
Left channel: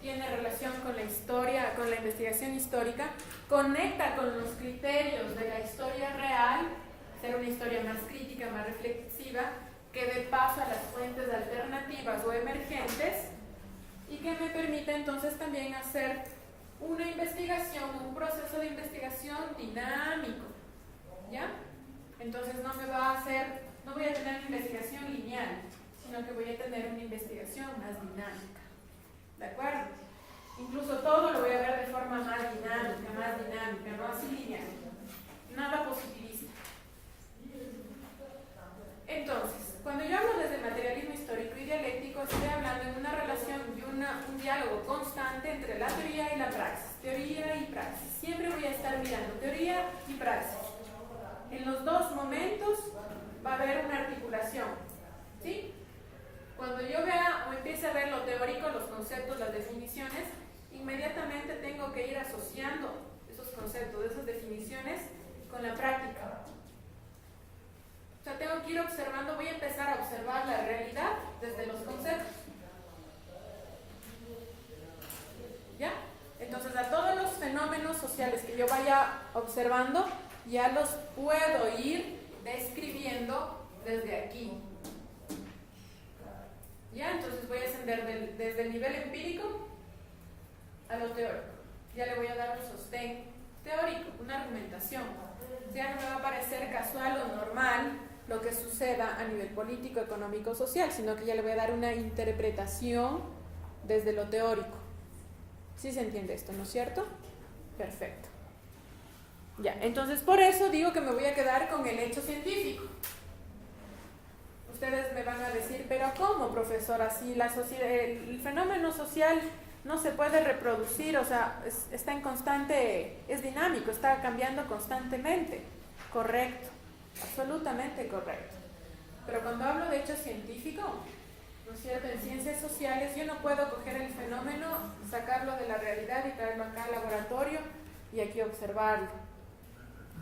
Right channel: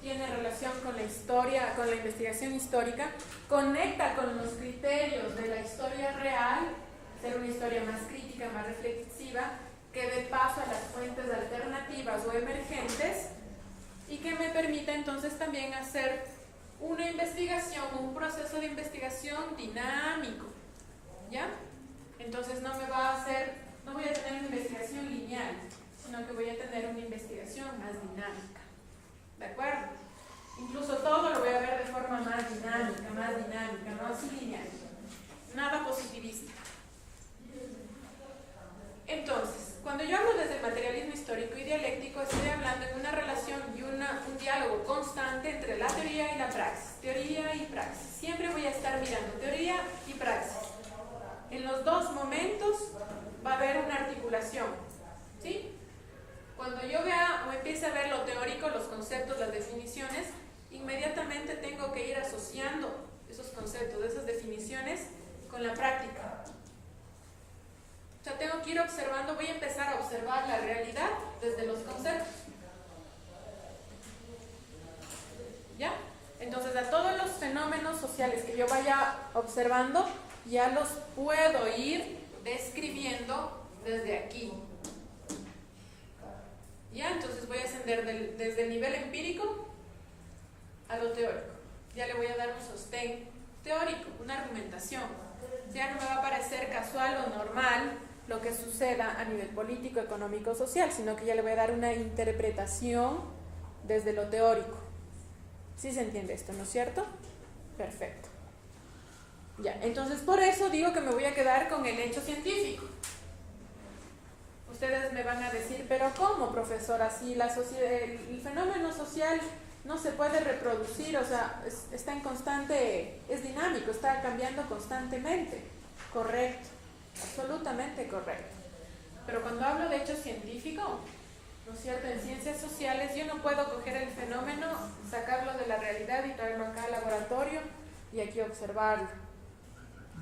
Tiene relación con la historia, con la investigación histórica, conecta con los criterios de la historia real, ser una historia más crítica, más reflexiva, que dé paso a las fuentes alternativas o emergentes y que me permita entonces también hacer una investigación, un proceso de investigación dinámico, ¿ya? Entonces no voy a tener una investigación lineal, sino que voy a tener una investigación más dinámica, ¿de acuerdo? Incluso todo lo voy a ver de forma más dinámica, no así lineal, nada positivista. Entonces, cuando yo hablo desde materialismo histórico y dialéctico, estoy hablando en una relación y un diálogo constante entre la teoría y la praxis, teoría y praxis. Siempre voy a estar mirando teoría y praxis. En los dos momentos va a haber una articulación, ¿sí? Cuando yo vea o empiece a ver lo teórico, los conceptos, las definiciones, inmediatamente tengo que ir asociando esos conceptos, esas definiciones con la práctica. O sea, tengo que ir observando, voy a empezar a observar la realidad desde los conceptos. ¿Ya? Entonces, a todos los fenómenos sociales que yo vaya observando, ya los puedo ir describiendo desde aquí. ¿Ya? Entonces voy a ascender desde el nivel empírico a lo teórico. Ya le voy a dar un sostén teórico, una argumentación. Ya no me va a parecer casual o normal lo que suceda a nivel político, económico, social, sino que ya le voy a dar una interpretación desde lo teórico. ¿Sí se entiende esto, no es cierto? Perfecto. Ya, entonces por eso digo que me voy a quedar con el hecho científico. Ustedes me van a decir, pero ¿cómo, profesora? Si la sociedad, el fenómeno social no se puede reproducir, o sea, está en constante, es dinámico, está cambiando constantemente. Correcto, absolutamente correcto. Pero cuando hablo de hecho científico, ¿no es cierto? En ciencias sociales yo no puedo coger el fenómeno, sacarlo de la realidad y traerlo acá al laboratorio y aquí observarlo.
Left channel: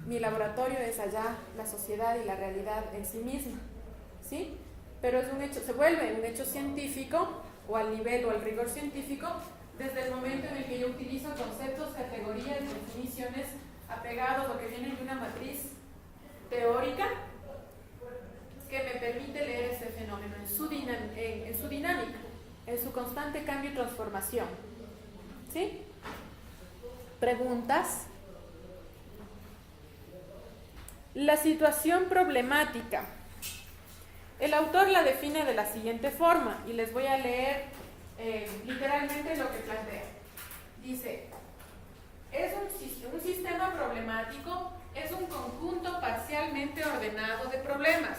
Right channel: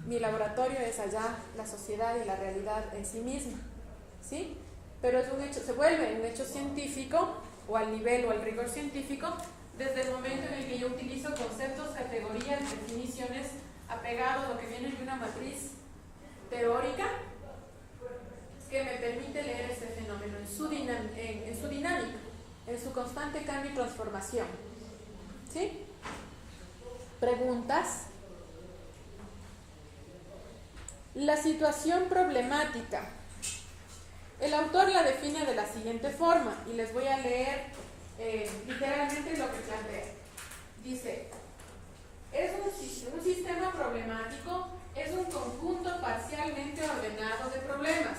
Mi laboratorio es allá, la sociedad y la realidad en sí misma, ¿sí? Pero es un hecho, se vuelve un hecho científico o al nivel o al rigor científico desde el momento en el que yo utilizo conceptos, categorías, definiciones apegados a lo que vienen de una matriz teórica que me permite leer ese fenómeno en su dinámica, en su constante cambio y transformación. ¿Sí? ¿Preguntas? La situación problemática. El autor la define de la siguiente forma y les voy a leer literalmente lo que plantea. Dice, un sistema problemático es un conjunto parcialmente ordenado de problemas.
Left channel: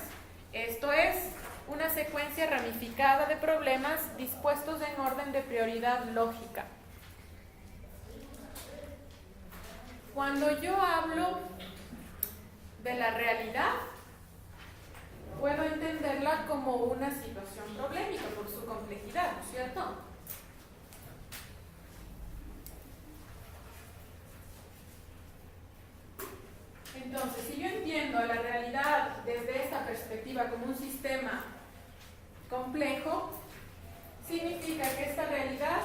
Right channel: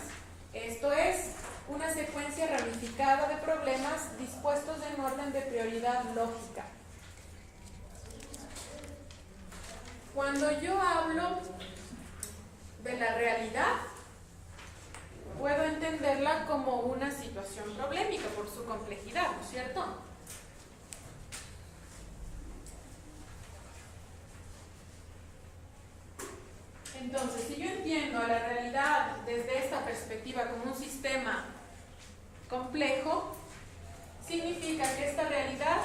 Esto es, una secuencia ramificada de problemas dispuestos en orden de prioridad lógica. Cuando yo hablo de la realidad, puedo entenderla como una situación problemática por su complejidad, ¿no es cierto? Entonces, si yo entiendo a la realidad desde esta perspectiva como un sistema complejo, significa que esta realidad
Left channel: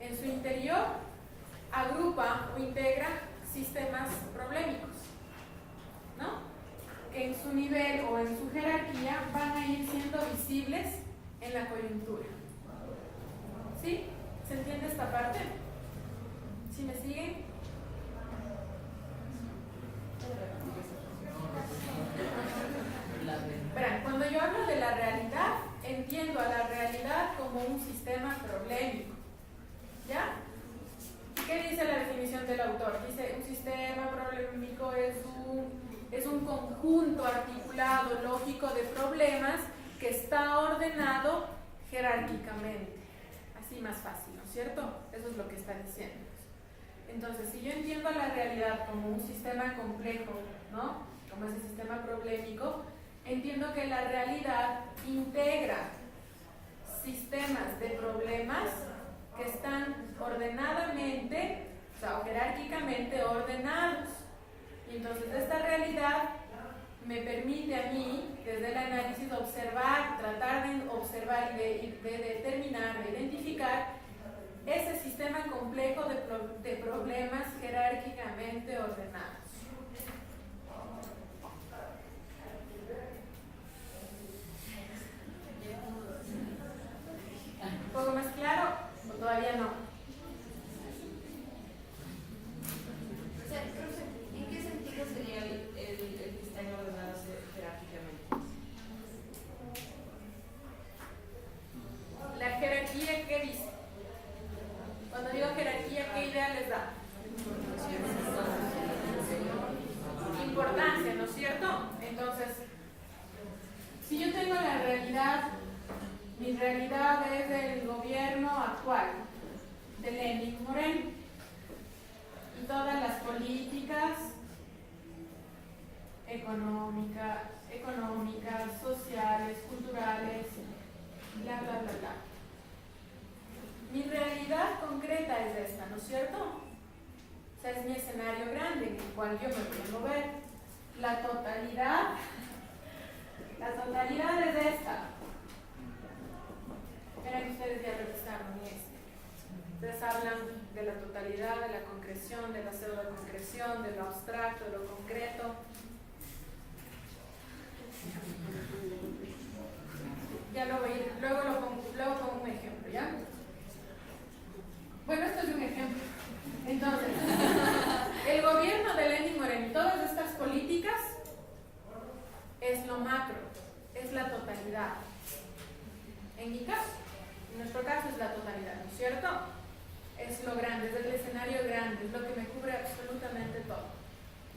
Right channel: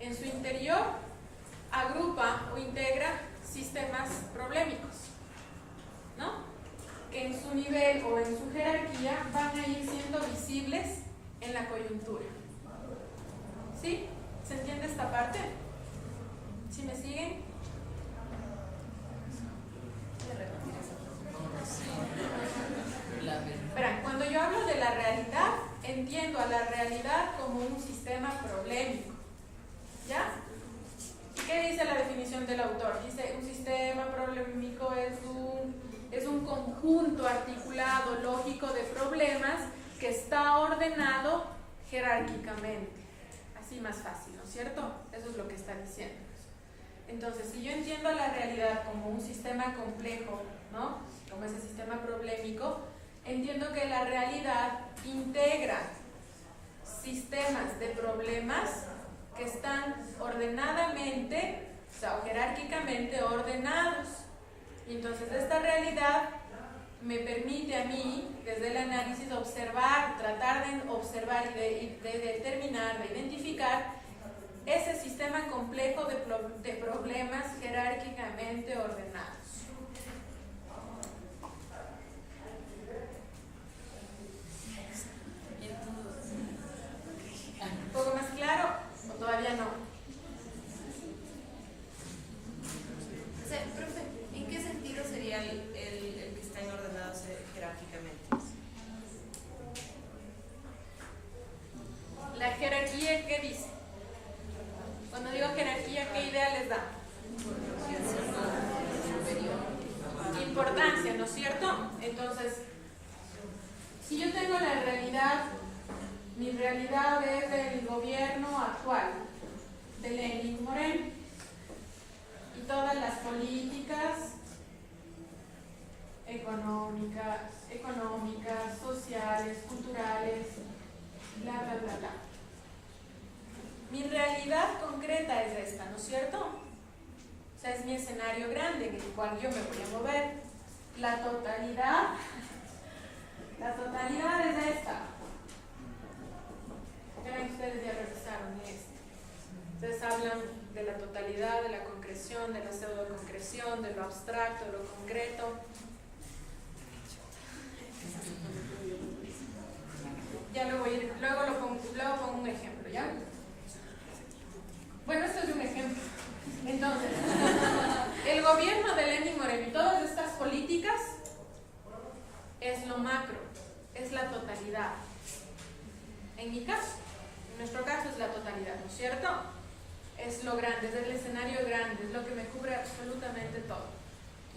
en su interior agrupa o integra sistemas problemáticos, ¿no? Que en su nivel o en su jerarquía van a ir siendo visibles en la coyuntura. ¿Sí? ¿Se entiende esta parte? ¿Sí me siguen? Verán, cuando yo hablo de la realidad, entiendo a la realidad como un sistema problemático. ¿Ya? ¿Qué dice la definición del autor? Dice, un sistema problemático es un conjunto articulado, lógico de problemas que está ordenado jerárquicamente. Así más fácil, ¿no es cierto? Eso es lo que está diciendo. Entonces, si yo entiendo la realidad como un sistema complejo, ¿no? Como ese sistema problemático, entiendo que la realidad integra sistemas de problemas que están ordenadamente, o sea, o jerárquicamente ordenados. Y entonces esta realidad me permite a mí, desde el análisis, observar, tratar de observar y de determinar, de identificar ese sistema complejo de problemas jerárquicamente ordenados. ¿Un poco más claro o todavía no? O sea, profe, ¿en qué sentido sería el que están ordenados jerárquicamente? La jerarquía, ¿qué dice? Cuando digo jerarquía, ¿qué idea les da? Importancia, ¿no es cierto? Entonces, si yo tengo la realidad, mi realidad es el gobierno actual de Lenin Moreno y todas las políticas económicas, sociales, culturales, bla, bla, bla, bla. Mi realidad concreta es esta, ¿no es cierto? O sea, es mi escenario grande en el cual yo me voy a mover. La totalidad es esta. Verán, ustedes ya revisaron esto. Ustedes hablan de la totalidad, de la concreción, de la pseudo-concreción, de lo abstracto, de lo concreto. Ya luego pongo un ejemplo, ¿ya? Bueno, esto es un ejemplo. Entonces, el gobierno de Lenín Moreno y todas estas políticas es lo macro, es la totalidad. En mi caso, en nuestro caso es la totalidad, ¿no es cierto? Es lo grande, es el escenario grande, es lo que me cubre absolutamente todo.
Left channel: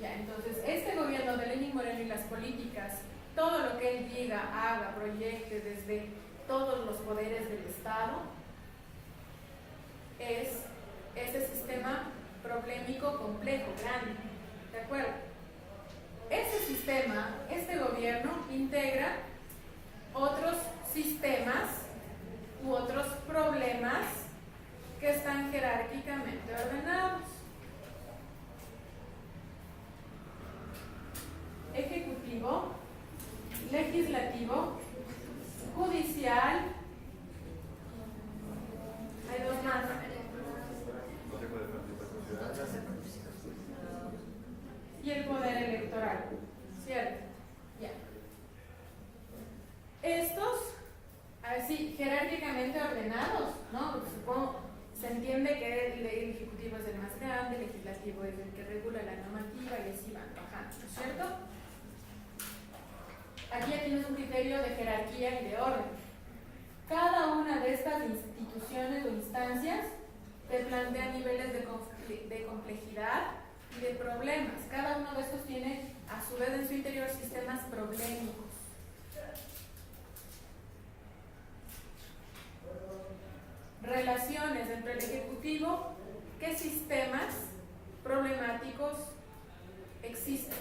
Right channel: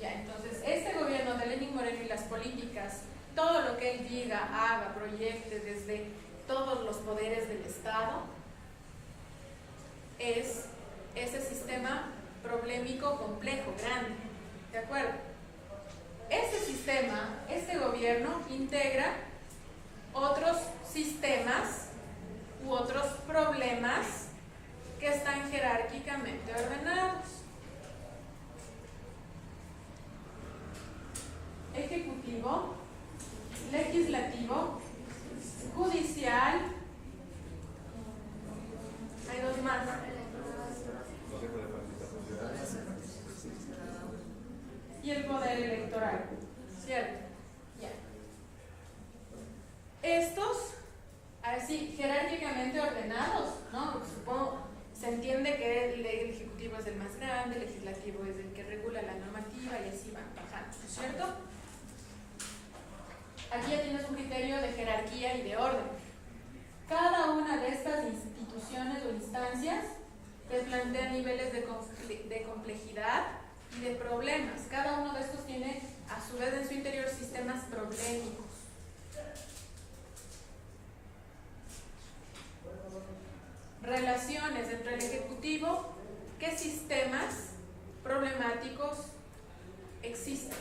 Ya, entonces, este gobierno de Lenín Moreno y las políticas, todo lo que él diga, haga, proyecte desde todos los poderes del Estado, es ese sistema problemático, complejo, grande. ¿De acuerdo? Ese sistema, este gobierno, integra otros sistemas u otros problemas que están jerárquicamente ordenados. Ejecutivo, legislativo, judicial, hay dos más. Y el poder electoral, ¿cierto? Ya. Estos, así, jerárquicamente ordenados, ¿no? Supongo, se entiende que el ejecutivo es el más grande, el legislativo es el que regula la normativa y así van bajando, ¿no es cierto? Aquí ya tienes un criterio de jerarquía y de orden. Cada una de estas instituciones o instancias te plantea niveles de complejidad y de problemas. Cada uno de estos tiene a su vez en su interior sistemas problemáticos. Relaciones entre el ejecutivo, ¿qué sistemas problemáticos existen?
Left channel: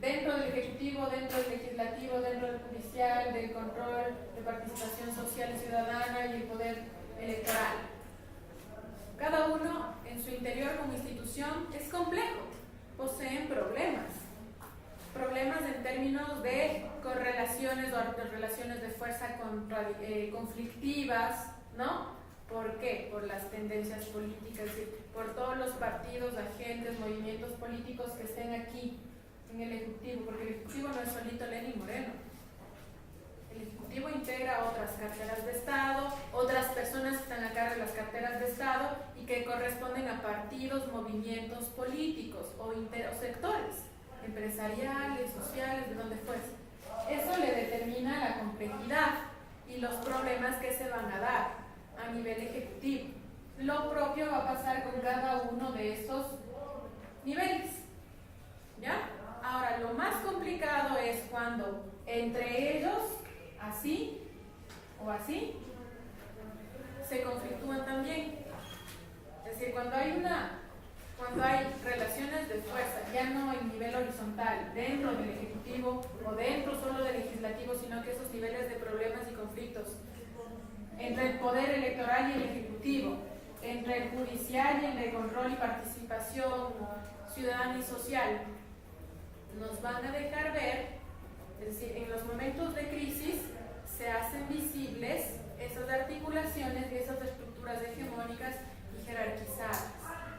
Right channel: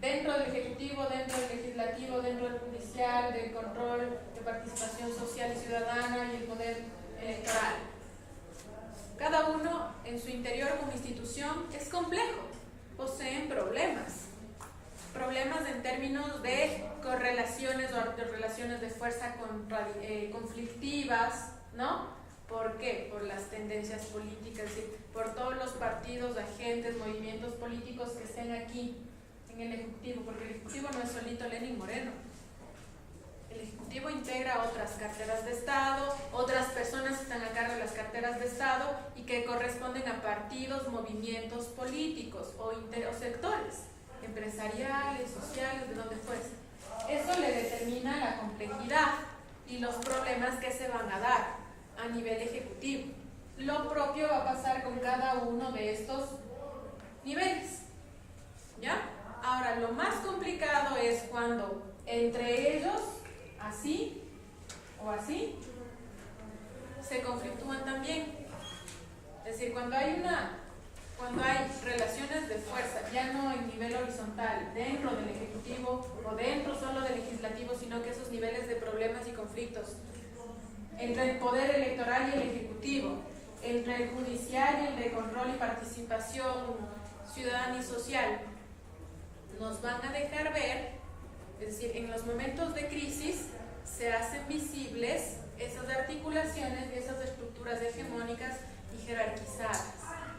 Dentro del ejecutivo, dentro del legislativo, dentro del judicial, del control de participación social y ciudadana y el poder electoral. Cada uno en su interior como institución es complejo, poseen problemas en términos de correlaciones o relaciones de fuerza conflictivas, ¿no? ¿Por qué? Por las tendencias políticas, por todos los partidos, agentes, movimientos políticos que estén aquí en el Ejecutivo, porque el Ejecutivo no es solito Lenín Moreno. El Ejecutivo integra otras carteras de Estado, otras personas que están a cargo de las carteras de Estado y que corresponden a partidos, movimientos políticos o sectores empresariales, sociales, de donde fuese. Eso le determina la complejidad y los problemas que se van a dar a nivel ejecutivo. Lo propio va a pasar con cada uno de estos niveles. ¿Ya? Ahora, lo más complicado es cuando entre ellos, así o así, se conflictúan también. Es decir, cuando hay relaciones de fuerza, ya no en nivel horizontal, dentro del Ejecutivo o dentro solo del Legislativo, sino que esos niveles de problemas y conflictos entre el poder electoral y el Ejecutivo, entre el judicial y el de control y participación ciudadana y social, nos van a dejar ver, es decir, en los momentos de crisis se hacen visibles esas articulaciones y esas estructuras hegemónicas y jerarquizadas,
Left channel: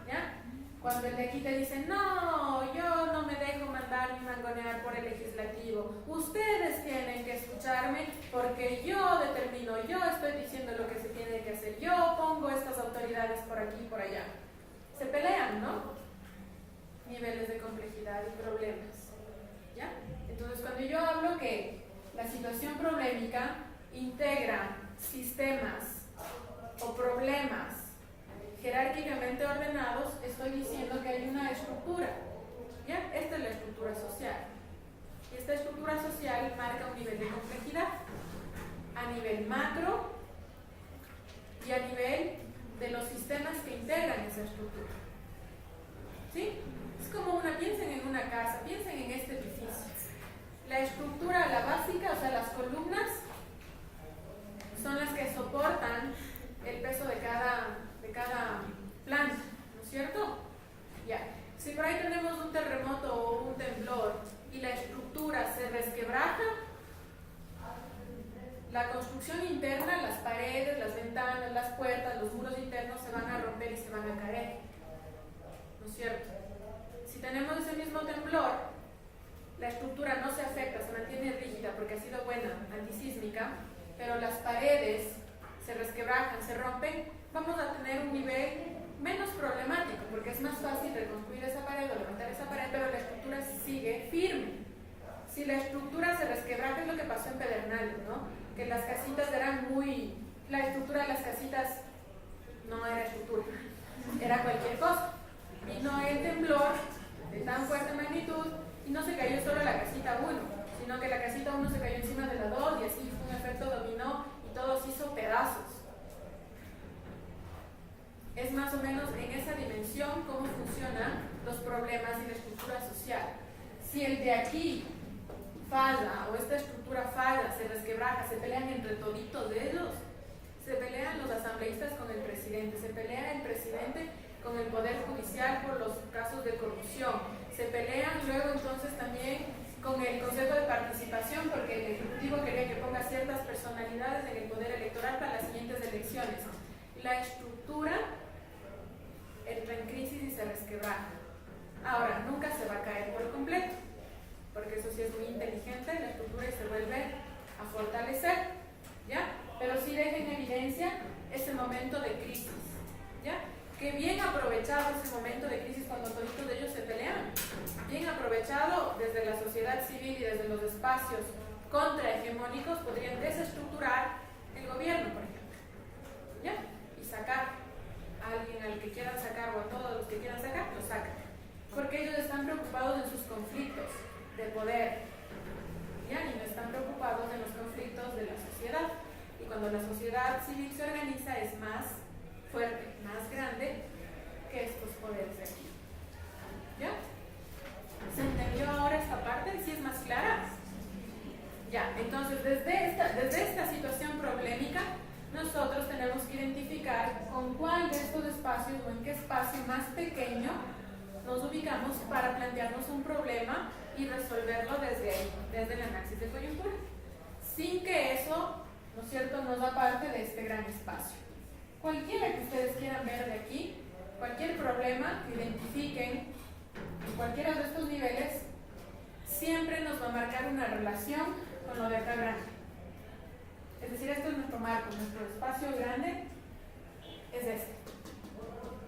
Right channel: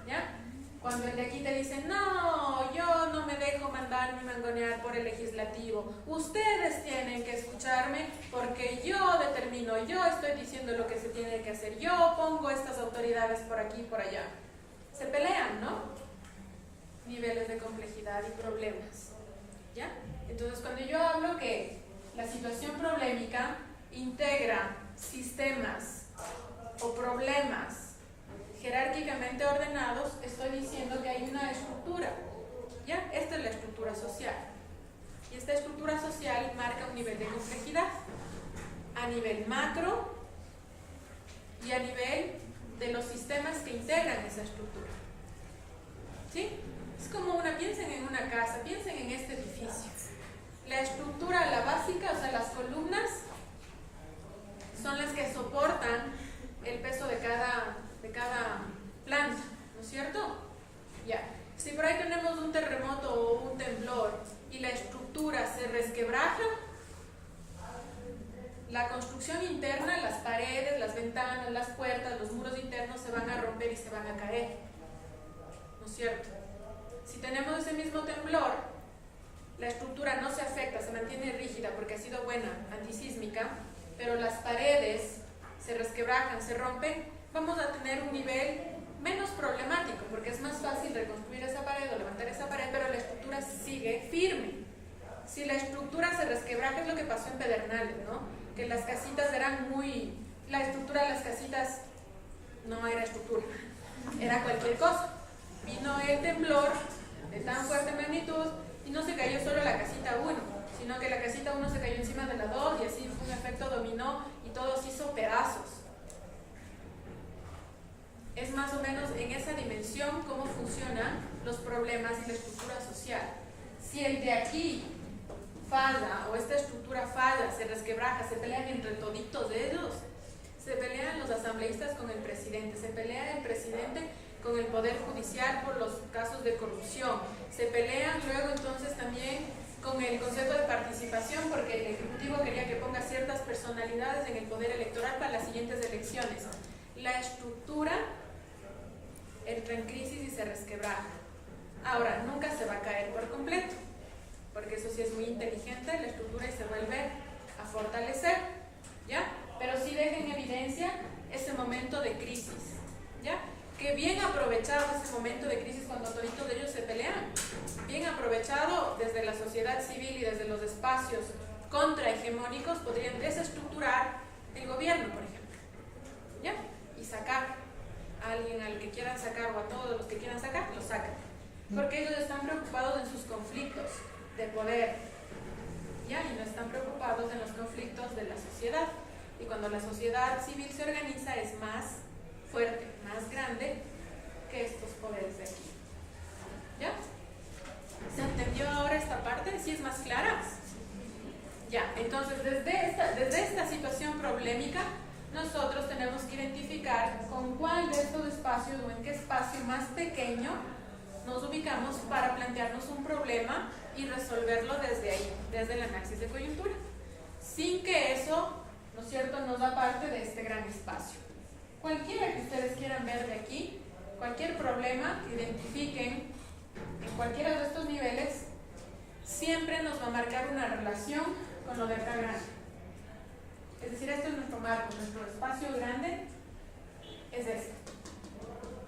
¿ya? Cuando el de aquí te dice, no, yo no me dejo mandar ni mangonear por el legislativo, ustedes tienen que escucharme porque yo determino, yo estoy diciendo lo que se tiene que hacer, yo pongo estas autoridades por aquí y por allá. Se pelean, ¿no? Niveles de complejidad y problemas, ¿ya? Entonces, cuando yo hablo que la situación problemática integra sistemas o problemas jerárquicamente ordenados, estoy diciendo que hay una estructura, ¿ya? Esta es la estructura social. Y esta estructura social marca un nivel de complejidad a nivel macro y a nivel de los sistemas que integran esa estructura. ¿Sí? Es como piensen en una casa, piensen en este edificio. La estructura, la básica, o sea, las columnas, son las que soportan el peso de cada planta, ¿no es cierto? Ya. Si por ahí tenemos un terremoto o un temblor y la estructura se resquebraja, la construcción interna, las paredes, las ventanas, las puertas, los muros internos se van a romper y se van a caer, ¿no es cierto? Si tenemos ese mismo temblor, la estructura no se afecta, se mantiene rígida porque ha sido buena, antisísmica, pero las paredes se resquebrajan, se rompen, vamos a tener un nivel menos problemático, porque es más fácil reconstruir esa pared o levantar esa pared, pero la estructura sigue firme. Si la estructura se resquebraja, es lo que pasó en Pedernales, ¿no? Que las casitas eran muy... La estructura de las casitas no era estructura, era cualquier cosa. Vino el temblor de tan fuerte magnitud y no se cayó solo la casita 1, sino que la casita 1 se cayó encima de la 2 y así fue un efecto dominó y todo se hizo pedazos. Es más o menos en esa dimensión cómo funcionan los problemas en la estructura social. Si el de aquí falla o esta estructura falla, se resquebraja, se pelean entre toditos de ellos, se pelean los asambleístas con el presidente, se pelea el presidente con el Poder Judicial por los casos de corrupción, se pelean luego entonces también con el Consejo de Participación porque el Ejecutivo quería que ponga ciertas personalidades en el Poder Electoral para las siguientes elecciones. La estructura entra en crisis y se resquebraja. Ahora, nunca se va a caer por completo, porque eso sí es muy inteligente, la estructura y se vuelve a fortalecer, ¿ya? Pero sí deja en evidencia ese momento de crisis, ¿ya? Que bien aprovechado ese momento de crisis cuando toditos de ellos se pelean, bien aprovechado desde la sociedad civil y desde los espacios contrahegemónicos podrían desestructurar el gobierno, por ejemplo, ¿ya? Y sacar a alguien al que quieran sacar o a todos los que quieran sacar, lo sacan, porque ellos están preocupados en sus conflictos de poder, ¿ya? Y no están preocupados en los conflictos de la sociedad. Y cuando la sociedad civil se organiza es más fuerte, más grande que estos poderes de aquí. ¿Ya? ¿Se entendió ahora esta parte? ¿Sí es más clara? Ya, entonces desde esta situación problemática nosotros tenemos que identificar con cuál de estos espacios o en qué espacio más pequeño nos ubicamos para plantearnos un problema y resolverlo desde ahí, desde el análisis de coyuntura, sin que eso, ¿no es cierto?, nos da parte de este gran espacio. Cualquiera que ustedes quieran ver de aquí, cualquier problema que identifiquen en cualquiera de estos niveles, siempre nos va a marcar una relación con lo de acá grande. Es decir, este es nuestro marco, nuestro espacio grande es este.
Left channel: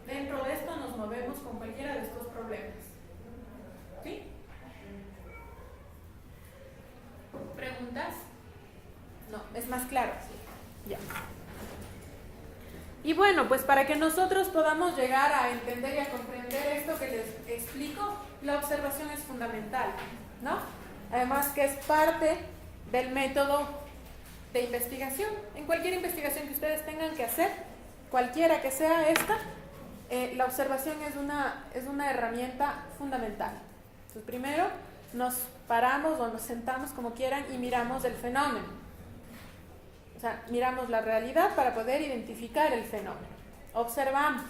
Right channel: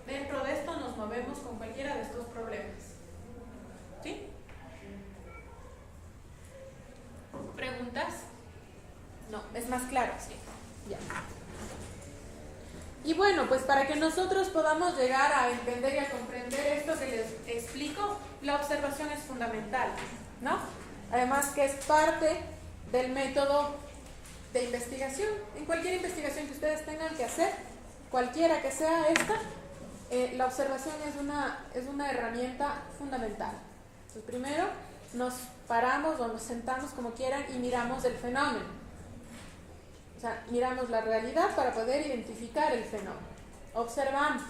Dentro de esto nos movemos con cualquiera de estos problemas. ¿Sí? ¿Preguntas? No, es más claro. Sí. Ya. Y bueno, pues para que nosotros podamos llegar a entender y a comprender esto que les explico, la observación es fundamental, ¿no? Además que es parte del método de investigación. En cualquier investigación que ustedes tengan que hacer, cualquiera que sea esta, la observación es una herramienta fundamental. Entonces, primero nos paramos o nos sentamos como quieran y miramos el fenómeno. O sea, miramos la realidad para poder identificar el fenómeno. Observamos.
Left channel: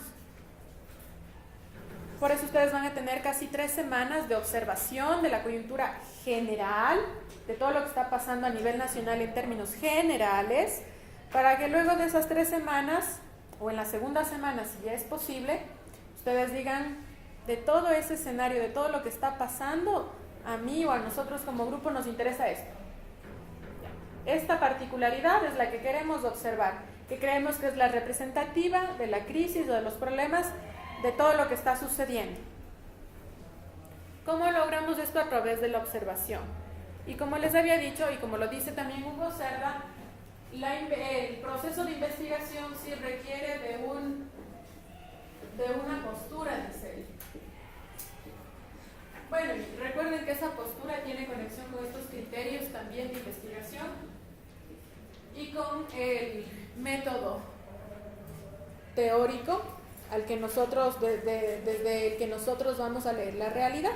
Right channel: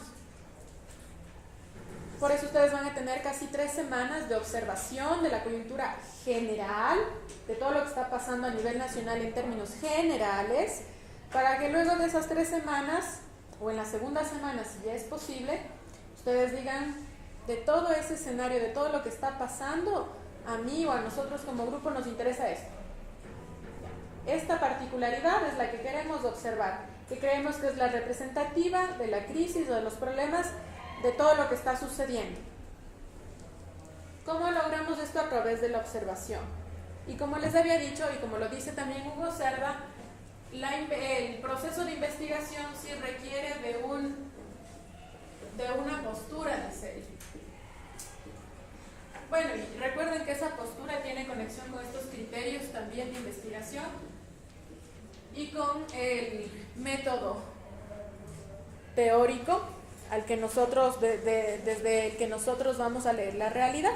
Por eso ustedes van a tener casi 3 semanas de observación de la coyuntura general, de todo lo que está pasando a nivel nacional en términos generales, para que luego de esas 3 semanas, o en la segunda semana, si ya es posible, ustedes digan, de todo ese escenario, de todo lo que está pasando, a mí o a nosotros como grupo nos interesa esto. Esta particularidad es la que queremos observar, que creemos que es la representativa de la crisis o de los problemas de todo lo que está sucediendo. ¿Cómo logramos esto? A través de la observación. Y como les había dicho, y como lo dice también Hugo Cerda, el proceso de investigación sí requiere de una postura de serie. Bueno, y recuerden que esa postura tiene conexión con estos criterios también de investigación y con el método teórico al que nosotros, desde el que nosotros vamos a leer la realidad.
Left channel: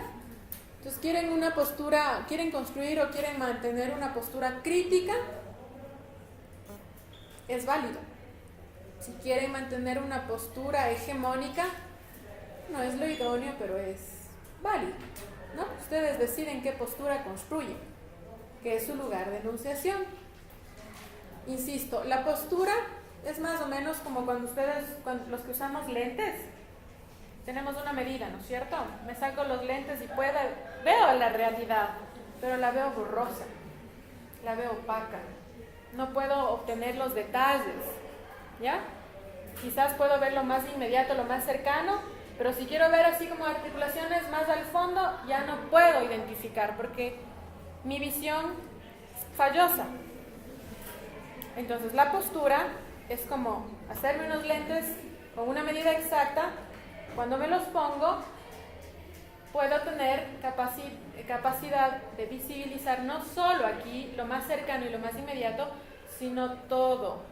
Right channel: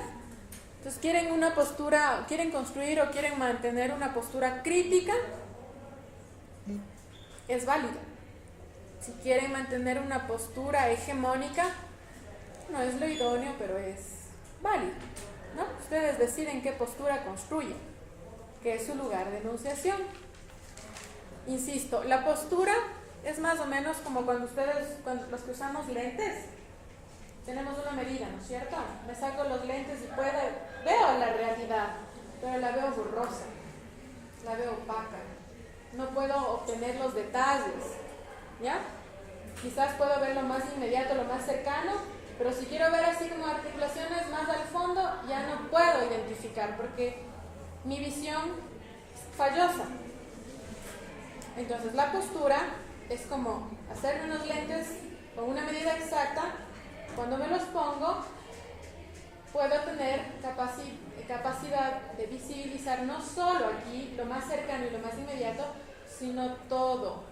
Entonces, quieren una postura, quieren construir o quieren mantener una postura crítica, es válido. Si quieren mantener una postura hegemónica, no es lo idóneo, pero es válido, ¿no? Ustedes deciden qué postura construyen, que es su lugar de enunciación. Insisto, la postura es más o menos como cuando los que usamos lentes, tenemos una medida, ¿no es cierto? Me saco los lentes y veo la realidad, pero la veo borrosa, la veo opaca, no puedo obtener los detalles, ¿ya? quizás puedo ver lo más inmediato, lo más cercano, pero si quiero ver así como articulaciones más al fondo, ya no puedo identificar porque mi visión es fallosa. Entonces la postura es como hacerme unos lentes con una medida exacta. Cuando me los pongo, puedo tener capacidad de visibilizar no solo aquí lo más cercano y lo más inmediato, sino todo,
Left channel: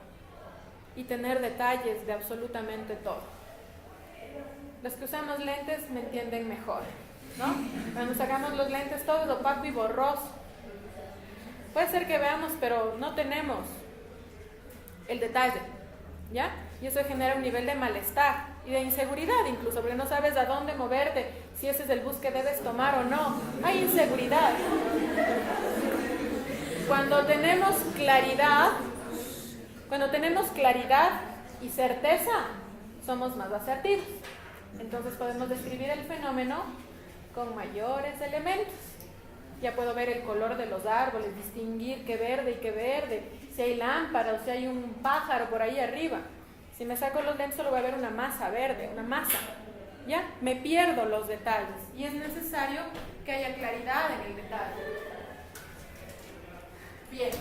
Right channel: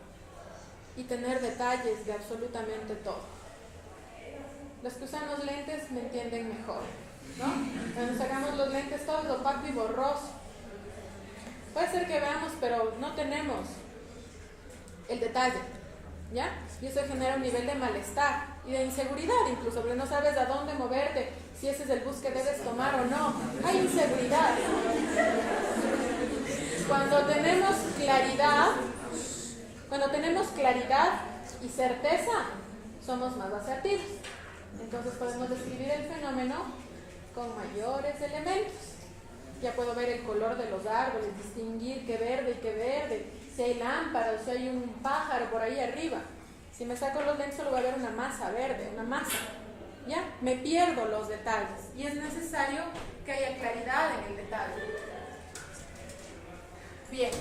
y tener detalles de absolutamente todo. Los que usamos lentes me entienden mejor, ¿no? Cuando sacamos los lentes todo es opaco y borroso. Puede ser que veamos, pero no tenemos el detalle, ¿ya? Y eso genera un nivel de malestar y de inseguridad incluso, porque no sabes a dónde moverte, si ese es el bus que debes tomar o no. Hay inseguridad. Cuando tenemos claridad y certeza, somos más asertivos. Entonces podemos describir el fenómeno con mayores elementos. Ya puedo ver el color de los árboles, distinguir qué verde y qué verde, si hay lámpara o si hay un pájaro por ahí arriba. Si me saco los lentes solo voy a ver una masa verde, una masa. ¿Ya? Me pierdo los detalles y es necesario que haya claridad en el detalle. Bien,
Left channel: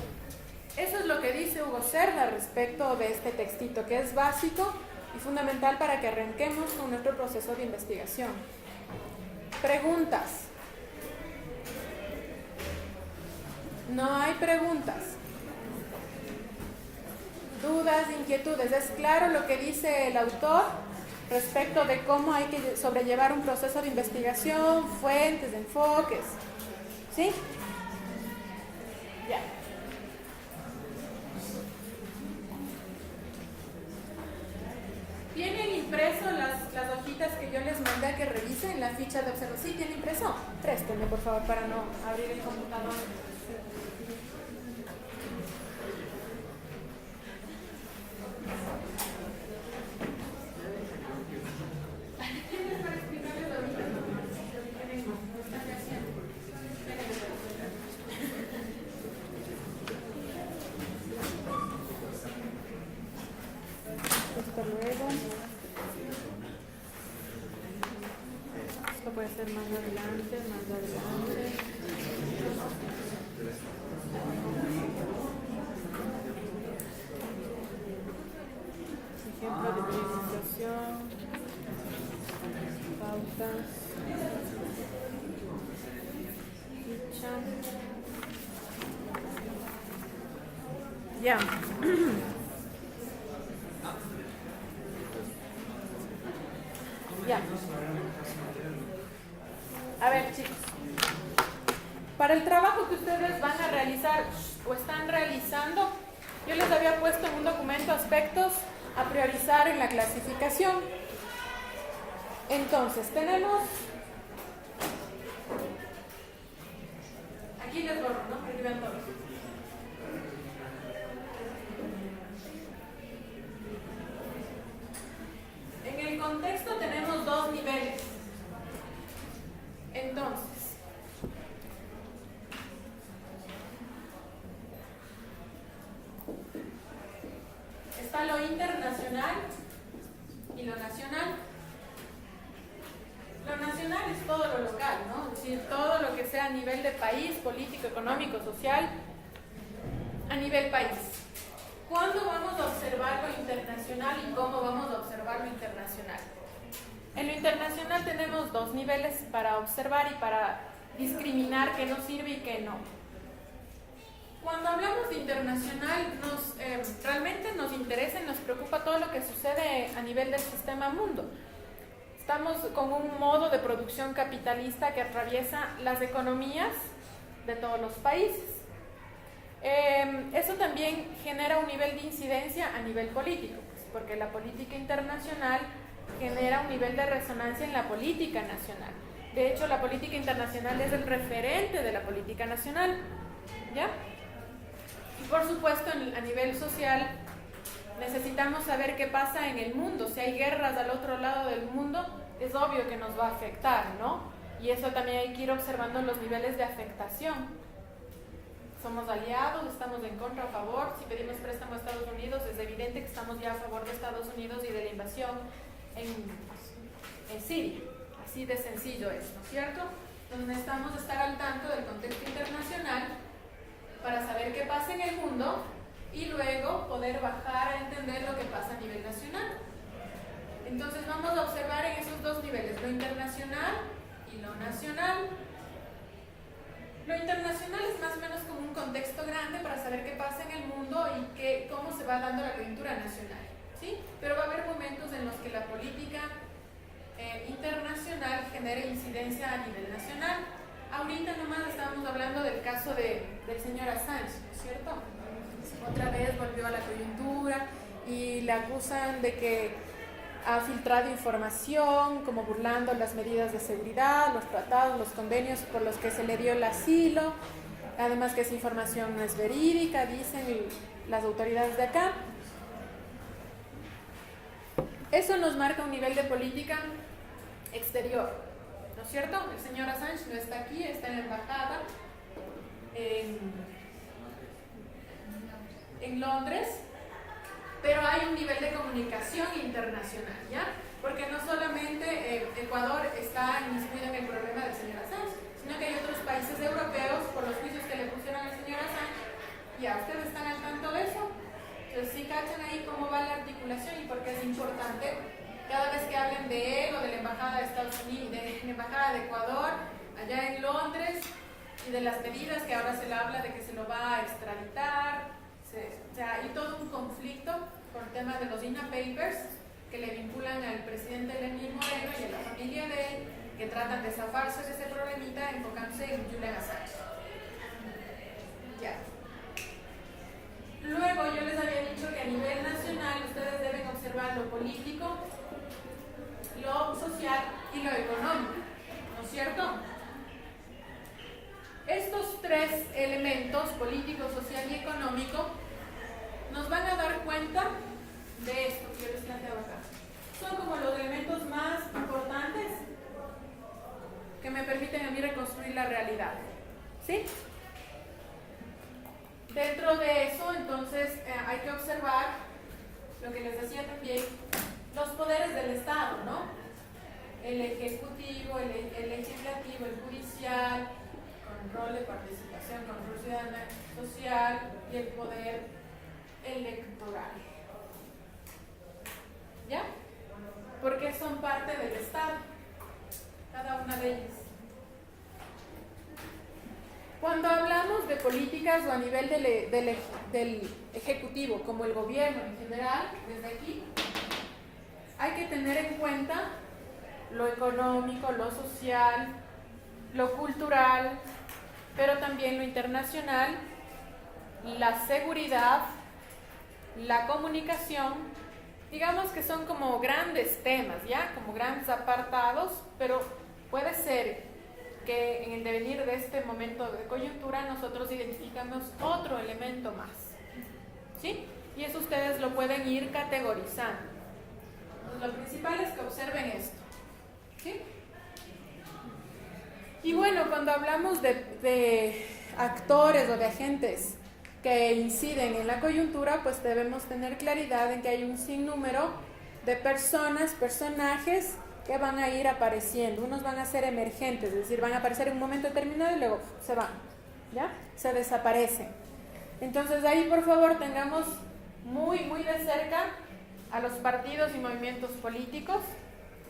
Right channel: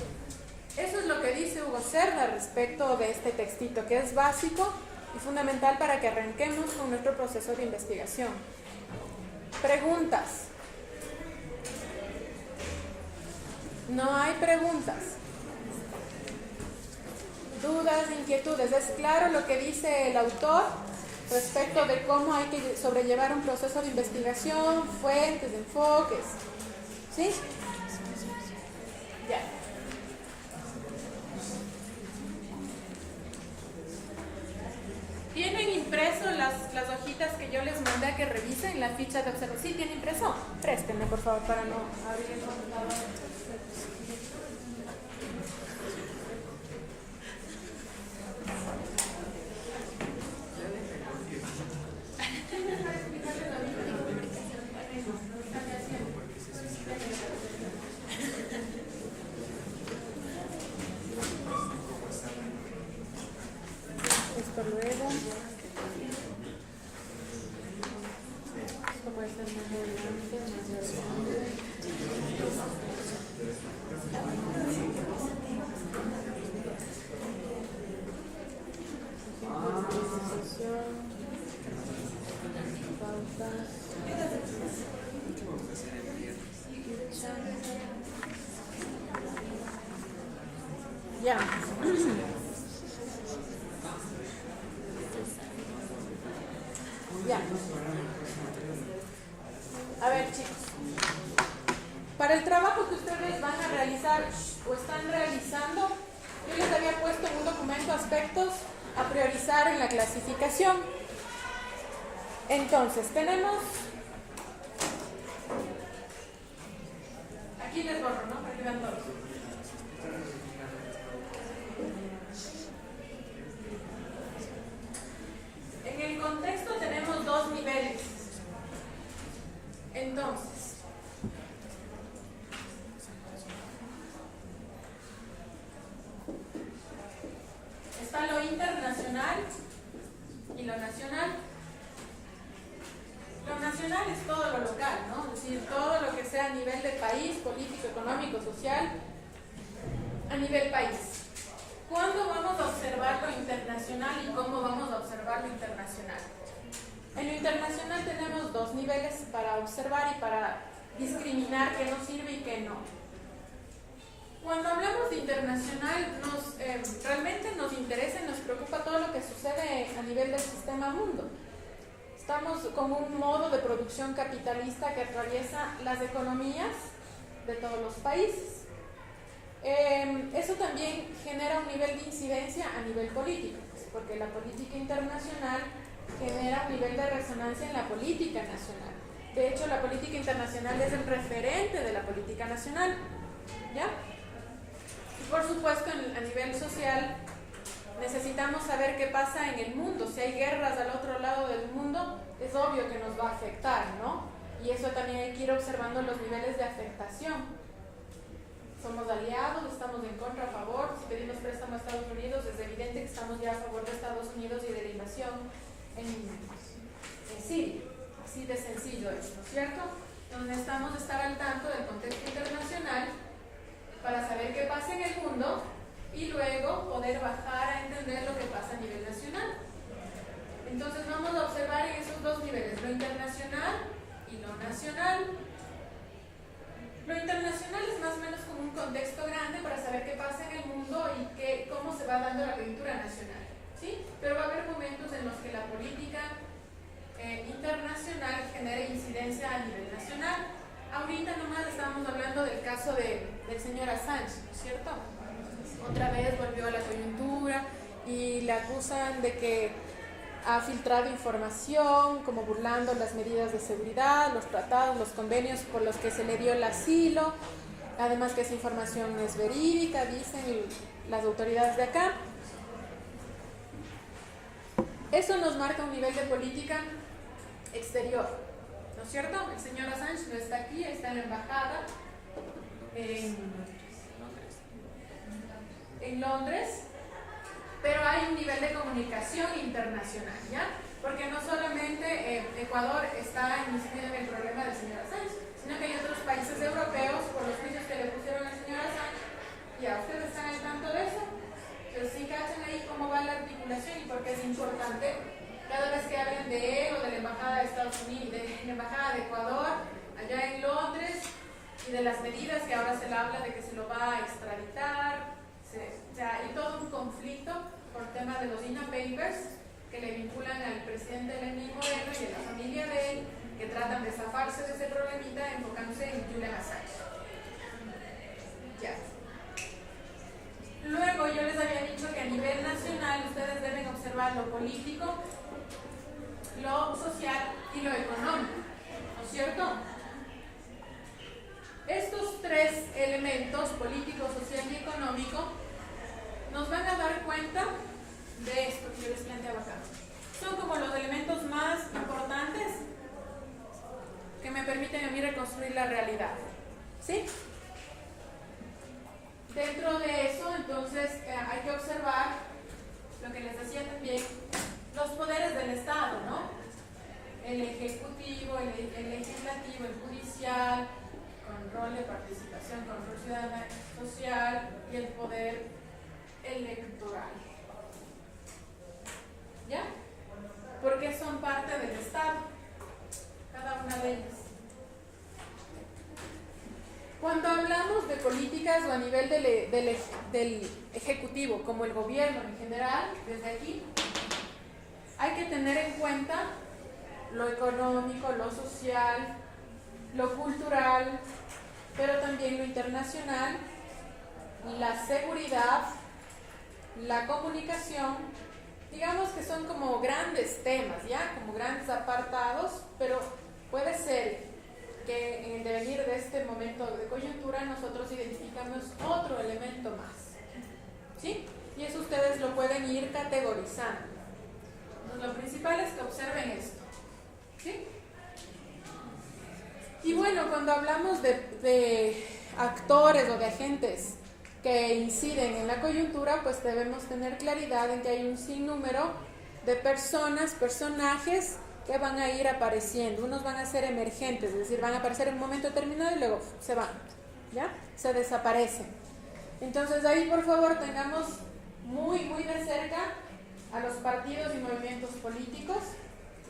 eso es lo que dice Hugo Cerda respecto de este textito, que es básico y fundamental para que arranquemos con nuestro proceso de investigación. Preguntas. No hay preguntas. Dudas, inquietudes. ¿Es claro lo que dice el autor respecto de cómo hay que sobrellevar un proceso de investigación, fuentes, enfoques? ¿Sí? Ya. ¿Tienen impreso las hojitas que yo les mandé a que revisen, la ficha de observación? ¿Sí tiene impreso? Préstenme, por favor, para no abrir el computador. Esto luego. Esto puede ser más adelante, Ejemplo de utilización. Pautas. Ficha. Ya. Ya. A ver, chicos. Para el trabajo que ustedes van a realizar o están realizando, yo les había puesto en un documento aspectos a priorizar en la clasificación. Entonces, tenemos... Aquí les borro, ¿no? Para que vean todo. En el contexto tenemos dos niveles. Entonces, está lo internacional y lo nacional. Lo nacional es todo lo local, ¿no? Es decir, todo lo que sea a nivel de país, político, económico, social, a nivel país. ¿Cuándo vamos a observar lo internacional y cómo vamos a observar lo internacional? En lo internacional tenemos dos niveles para observar y para discriminar qué nos sirve y qué no. Cuando hablamos de internacional, realmente nos interesa y nos preocupa todo lo que sucede a nivel del sistema mundo. Estamos con un modo de producción capitalista que atraviesa las economías de todos los países. Eso también genera un nivel de incidencia a nivel político, porque la política internacional genera un nivel de resonancia en la política nacional. De hecho, la política internacional es el referente de la política nacional, ¿ya? Y por supuesto, a nivel social, necesitamos saber qué pasa en el mundo. Si hay guerras al otro lado del mundo, es obvio que nos va a afectar, ¿no? Y eso también hay que ir observando los niveles de afectación. somos aliados, estamos en contra, a favor. Si pedimos préstamo a Estados Unidos, es evidente que estamos ya a favor de Estados Unidos y de la invasión en Siria. Así de sencillo es, ¿no es cierto? Entonces necesitamos estar al tanto del contexto internacional para saber qué pasa en el mundo y luego poder bajar a entender lo que pasa a nivel nacional. Entonces vamos a observar en esos dos niveles, lo internacional y lo nacional. Lo internacional es más o menos como un contexto grande para saber qué pasa en el mundo y cómo se va dando la coyuntura nacional, ¿sí? Pero va a haber momentos en los que la política internacional genere incidencia a nivel nacional. Ahorita nomás estábamos hablando del caso del señor Assange, ¿no es cierto? Otra vez volvió a la coyuntura y le acusan de que ha filtrado información, como burlando las medidas de seguridad, los tratados, los convenios por los que se le dio el asilo, además que esa información no es verídica, dicen las autoridades de acá. Eso nos marca un nivel de política exterior, ¿no es cierto? El señor Assange no está aquí, está en la embajada en Londres, pero hay un nivel de comunicación internacional, ¿ya? Porque no solamente Ecuador está incidiendo en el problema del señor Assange, sino que hay otros países europeos por los juicios que le pusieron al señor Assange. ¿Ya ustedes están al tanto de eso? Entonces sí cachan ahí cómo va la articulación y por qué es importante cada vez que hablen de él o de la embajada de Estados Unidos, de la embajada de Ecuador allá en Londres y de las medidas que ahora se le habla de que se lo va a extraditar. O sea, hay todo un conflicto por el tema de los INA Papers que le vinculan al presidente Lenín Moreno y a la familia de él, que tratan de zafarse de ese problemita enfocándose en Julian Assange. Ya. Luego yo les había dicho que a nivel nacional ustedes deben observar lo político, lo social y lo económico, ¿no es cierto? Estos tres elementos, político, social y económico, nos van a dar cuenta de esto que yo les planteaba acá. Son como los elementos más importantes que me permiten a mí reconstruir la realidad, ¿sí? Dentro de eso, entonces, hay que observar lo que les decía también, los poderes del Estado, ¿no? El ejecutivo, el legislativo, el judicial, con rol de participación, con rol ciudadana, social y el poder electoral. ¿Ya? Porque son parte del Estado, cada una de ellas. Cuando hablamos de políticas o a nivel del ejecutivo, como el gobierno en general, desde aquí, hay que tener en cuenta lo económico, lo social, lo cultural, pero también lo internacional, la seguridad, la comunicación. Digamos que son como grandes temas, ¿ya? Como grandes apartados, pero puede ser que en el devenir de este momento de coyuntura nosotros identificamos otro elemento más, ¿sí? Y eso ustedes lo pueden ir categorizando. Entonces, lo principal es que observen esto, ¿sí? Y bueno, cuando hablamos de actores o de agentes que inciden en la coyuntura, pues debemos tener claridad en que hay un sinnúmero de personas, personajes que van a ir apareciendo. Unos van a ser emergentes, es decir, van a aparecer en un momento determinado y luego se van, ¿ya? Se desaparecen. Entonces ahí, por favor, tengamos muy, muy de cerca a los partidos y movimientos políticos,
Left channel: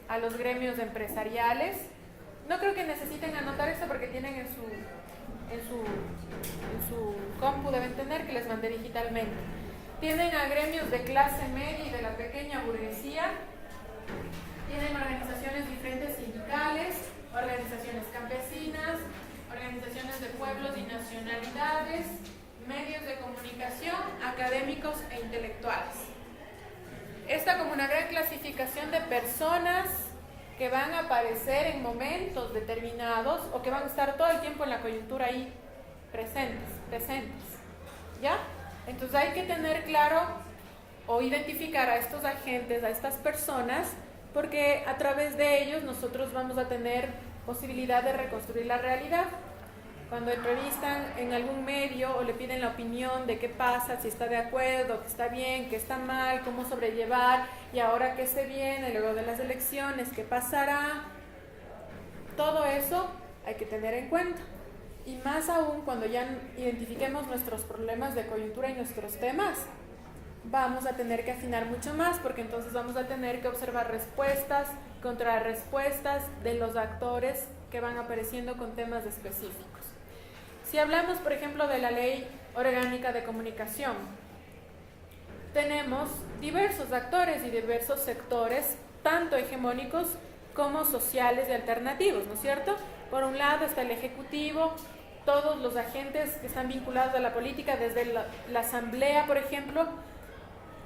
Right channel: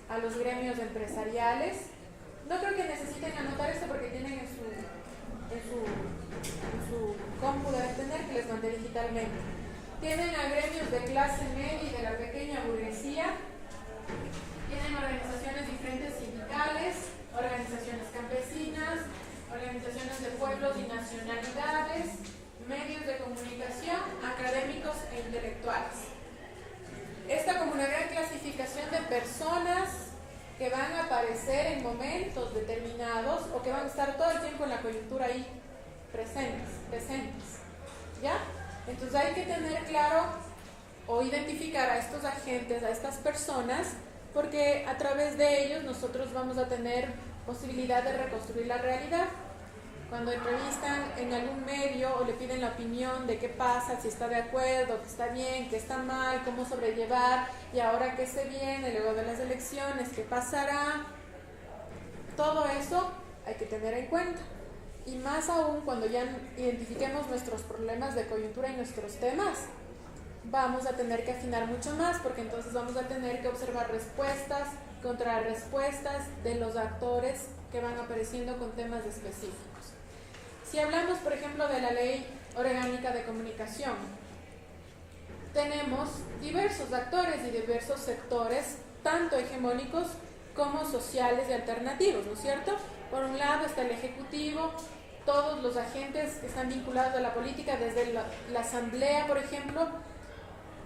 a los gremios empresariales. No creo que necesiten anotar esto porque tienen en su compu, deben tener, que les mandé digitalmente. Tienen a gremios de clase media y de la pequeña burguesía. Tienen organizaciones diferentes sindicales, organizaciones campesinas, organizaciones de pueblos y nacionalidades, medios de comunicación, académicos e intelectuales. Esta como una gran clasificación de personas que van a aparecer en momentos determinados o que van a estar todo el tiempo en la coyuntura ahí presentes, ¿ya? Entonces hay que tener claro o identificar a estos agentes, a estas personas, porque a través de ellos nosotros vamos a tener posibilidad de reconstruir la realidad. Cuando entrevistan en algún medio o le piden la opinión de qué pasa, si está de acuerdo, que está bien, que está mal, cómo sobrellevar, y ahora que se viene, luego de las elecciones, qué pasará, todo eso hay que tener en cuenta. Y más aún cuando ya identifiquemos nuestros problemas de coyuntura y nuestros temas, vamos a tener que afinar mucho más, porque entonces vamos a tener que observar respuestas, contrarrespuestas de los actores que van apareciendo con temas específicos. Si hablamos, por ejemplo, de la Ley Orgánica de Comunicación, tenemos diversos actores y diversos sectores, tanto hegemónicos como sociales y alternativos, ¿no es cierto? Por un lado está el Ejecutivo, todos los agentes que están vinculados a la política, desde la Asamblea, por ejemplo,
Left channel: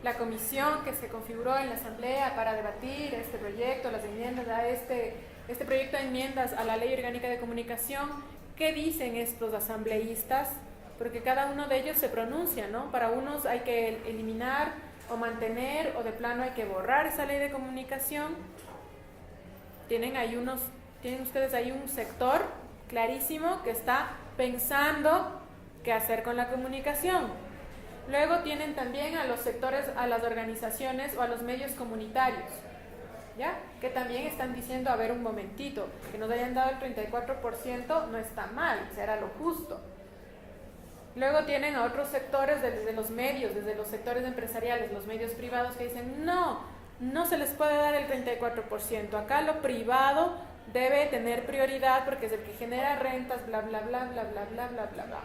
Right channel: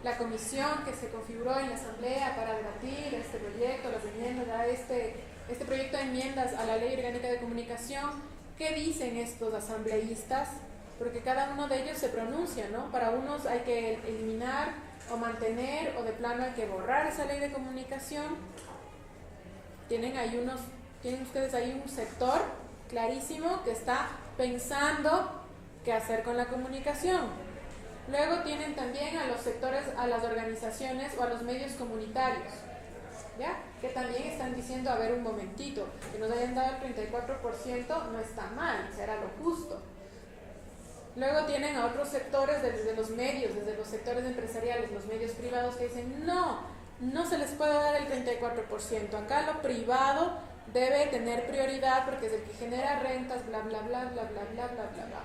la comisión que se configuró en la Asamblea para debatir este proyecto, las enmiendas a este proyecto de enmiendas a la Ley Orgánica de Comunicación. ¿Qué dicen estos asambleístas? Porque cada uno de ellos se pronuncia, ¿no? Para unos hay que eliminar o mantener, o de plano hay que borrar esa ley de comunicación. Tienen ustedes ahí un sector clarísimo que está pensando qué hacer con la comunicación. Luego tienen también a los sectores, a las organizaciones o a los medios comunitarios, ¿ya? Que también están diciendo, a ver un momentito, que nos hayan dado el 34% no está mal, será lo justo. Luego tienen a otros sectores desde los medios, desde los sectores empresariales, los medios privados, que dicen, no se les puede dar el 34%, acá lo privado debe tener prioridad porque es el que genera rentas, bla, bla, bla, bla, bla, bla, bla, bla, bla.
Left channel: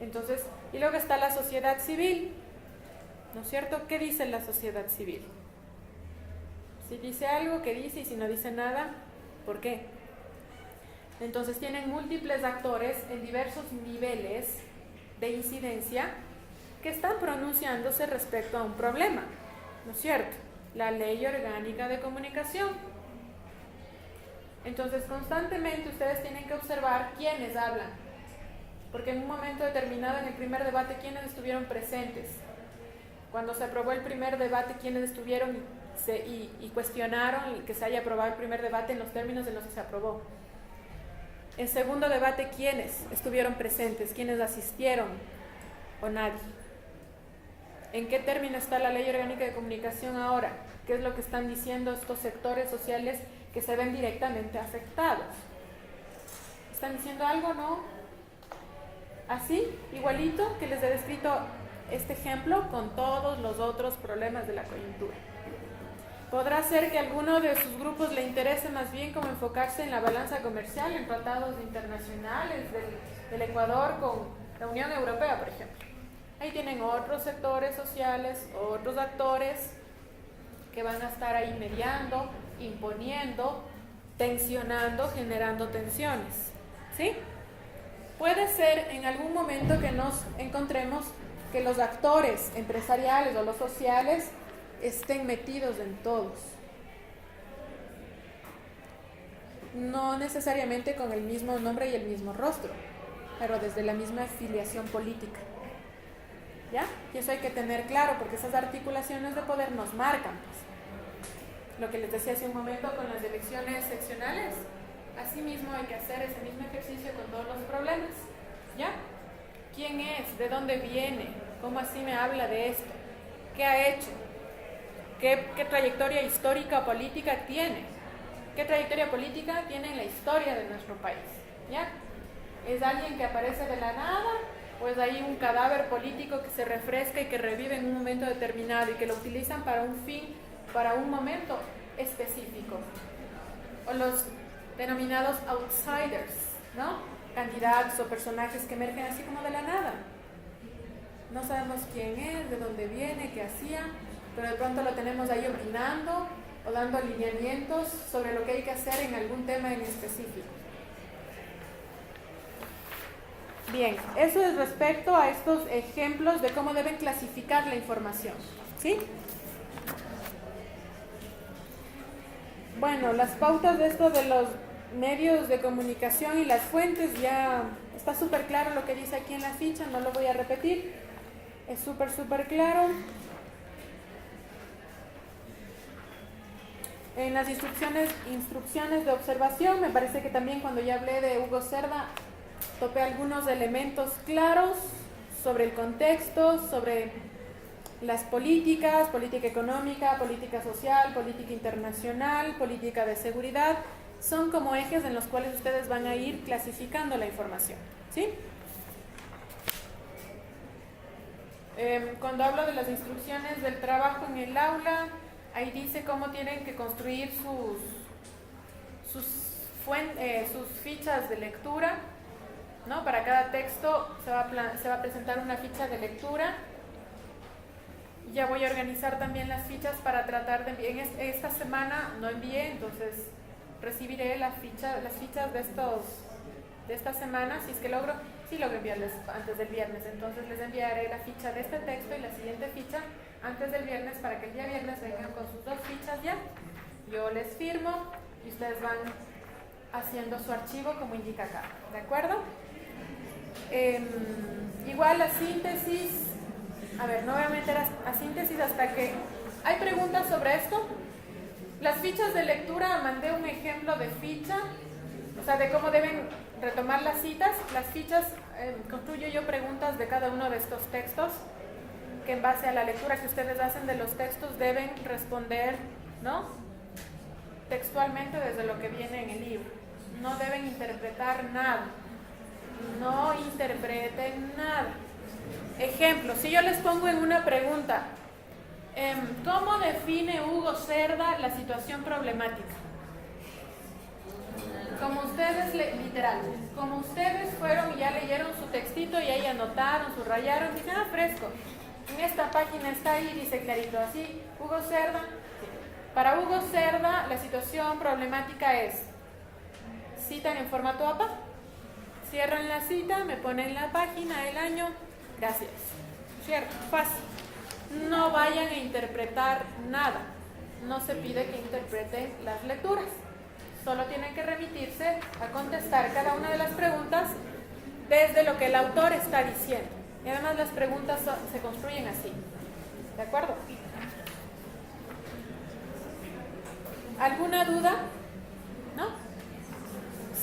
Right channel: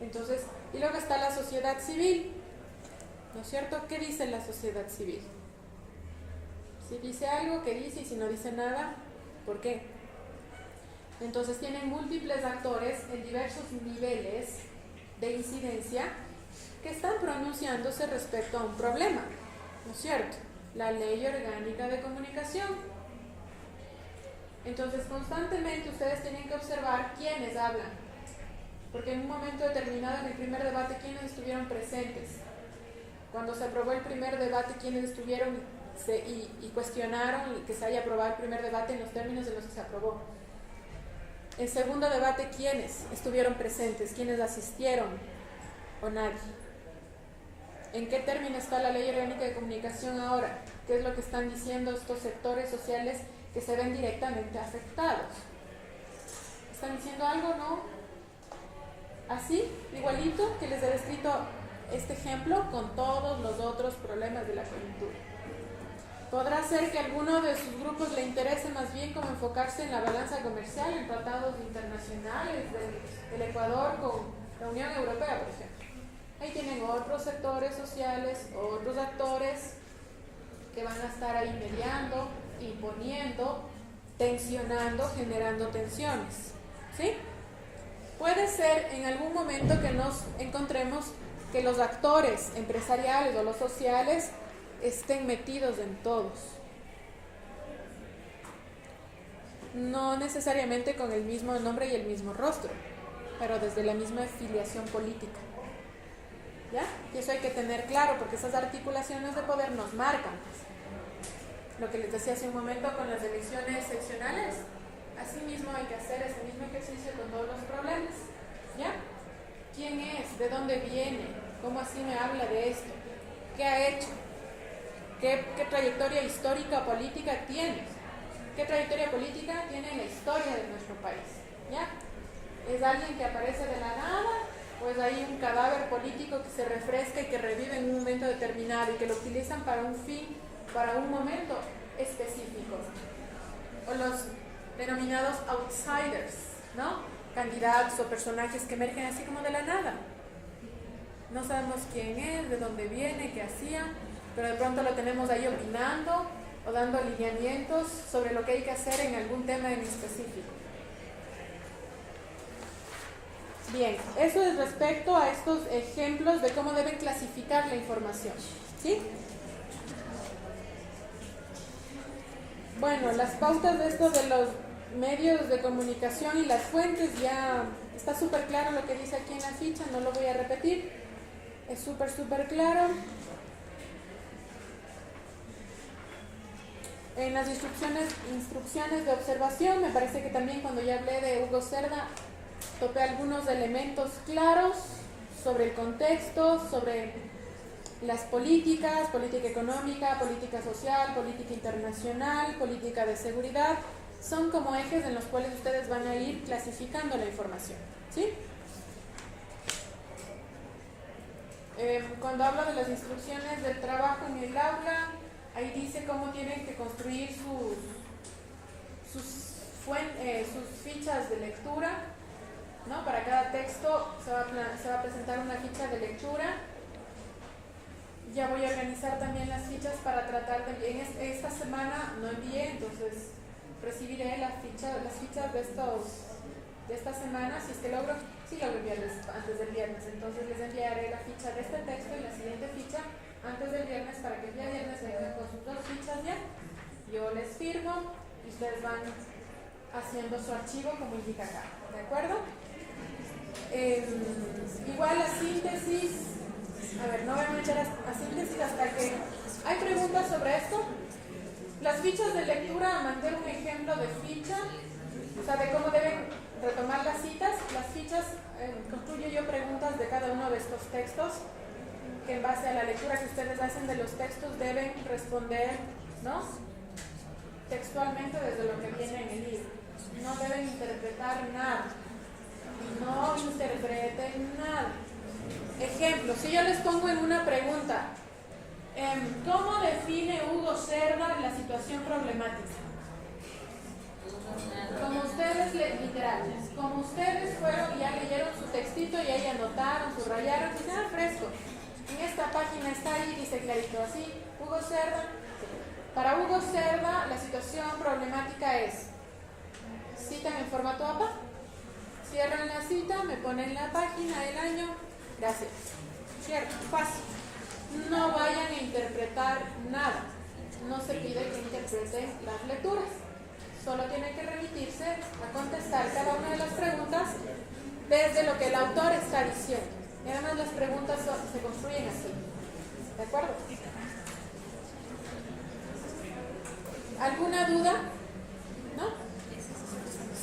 Entonces, y luego está la sociedad civil, ¿no es cierto? ¿Qué dice la sociedad civil? Si dice algo, ¿qué dice? Y si no dice nada, ¿por qué? Entonces tienen múltiples actores en diversos niveles de incidencia que están pronunciándose respecto a un problema, ¿no es cierto? La Ley Orgánica de Comunicación. Entonces constantemente ustedes tienen que observar quiénes hablan, porque en un momento determinado en el primer debate, ¿quiénes estuvieron presentes? Cuando se aprobó el primer debate, ¿quiénes estuvieron y cuestionaron que se haya aprobado el primer debate en los términos en los que se aprobó? En segundo debate, ¿quiénes estuvieron presentes? ¿Quiénes asistieron? ¿O nadie? ¿En qué término está la Ley Orgánica de Comunicación ahora? ¿Qué es lo que están diciendo estos sectores sociales que se ven directamente afectados? ¿Están diciendo algo? ¿No? Así, igualito que les he descrito este ejemplo con todos los otros problemas de la coyuntura. Podrá ser que a alguno de sus grupos le interese más bien como enfocarse en la balanza comercial, en tratados internacionales del Ecuador con la Unión Europea, por ejemplo. Ahí tienen otros sectores sociales, otros actores que van a estar ahí mediando, imponiendo, tensionando, generando tensiones, ¿sí? Puede ser en algún momento que nos encontremos que los actores empresariales o los sociales estén metidos en todos. No necesariamente con el mismo nombre y el mismo rostro, pero desde la misma afiliación política. ¿Ya? Y eso hay que tener claro, porque esas articulaciones de poder nos marcan. Pues. Lo que les decía hace un momento con las elecciones seccionales, así mismo hay que hacer ese mismo ejercicio con todos los problemas. ¿Ya? ¿Quién es? ¿De dónde viene? ¿Cómo así me habla de esto? ¿Qué ha hecho? ¿Qué trayectoria histórica o política tiene? ¿Qué trayectoria política tiene en la historia de nuestro país? ¿Ya? ¿Es alguien que aparece de la nada? ¿O es ahí un cadáver político que se refresca y que revive en un momento determinado y que lo utilizan para un fin, para un momento específico? O los denominados outsiders, ¿no? Candidatos o personajes que emergen así como de la nada. No sabemos quién es, de dónde viene, qué hacía, pero de pronto lo tenemos ahí opinando o dando lineamientos sobre lo que hay que hacer en algún tema en específico. Bien, eso es respecto a estos ejemplos de cómo deben clasificar la información, ¿sí? Bueno, las pautas de esto de los medios de comunicación y las fuentes ya está súper claro lo que dice aquí en la ficha, no lo voy a repetir, es súper claro. En las instrucciones de observación, me parece que también cuando ya hablé de Hugo Cerda, topé algunos elementos claros sobre el contexto, sobre las políticas, política económica, política social, política internacional, política de seguridad. Son como ejes en los cuales ustedes van a ir clasificando la información, ¿sí? Cuando hablo de las instrucciones del trabajo en el aula, ahí dice cómo tienen que construir sus fichas de lectura, ¿no? Para cada texto se va a presentar una ficha de lectura. Ya voy a organizar también las fichas para tratar de enviar. Esta semana no envié, entonces recibiré las fichas de esta semana, si es que logro enviarles antes del viernes. Entonces les enviaré la ficha de este texto y la siguiente ficha antes del viernes para que el día viernes vengan con sus 2 fichas ya. Yo les firmo y ustedes van haciendo su archivo como indica acá, ¿de acuerdo? Igual la síntesis, a ver, no voy a meter a síntesis hasta que... ¿Hay preguntas sobre esto? Las fichas de lectura, mandé un ejemplo de ficha, o sea, de cómo deben retomar las citas. Las fichas, construyo yo preguntas de cada uno de estos textos, que en base a la lectura que ustedes hacen de los textos deben responder, ¿no? Textualmente desde lo que viene en el libro. No deben interpretar nada. No interpreten nada. Ejemplo, si yo les pongo en una pregunta, ¿cómo define Hugo Cerda la situación problemática? Como ustedes, literal, como ustedes fueron y ya leyeron su textito y ahí anotaron, subrayaron, dicen, fresco. En esta página está ahí, dice clarito, así, Hugo Cerda. Para Hugo Cerda, la situación problemática es, citan en formato APA, cierran la cita, me ponen la página, el año, gracias. Cierto, fácil. No vayan a interpretar nada. No se pide que interpreten las lecturas. Solo tienen que remitirse a contestar cada una de las preguntas desde lo que el autor está diciendo. Y además las preguntas se construyen así. ¿De acuerdo? ¿Alguna duda? ¿No?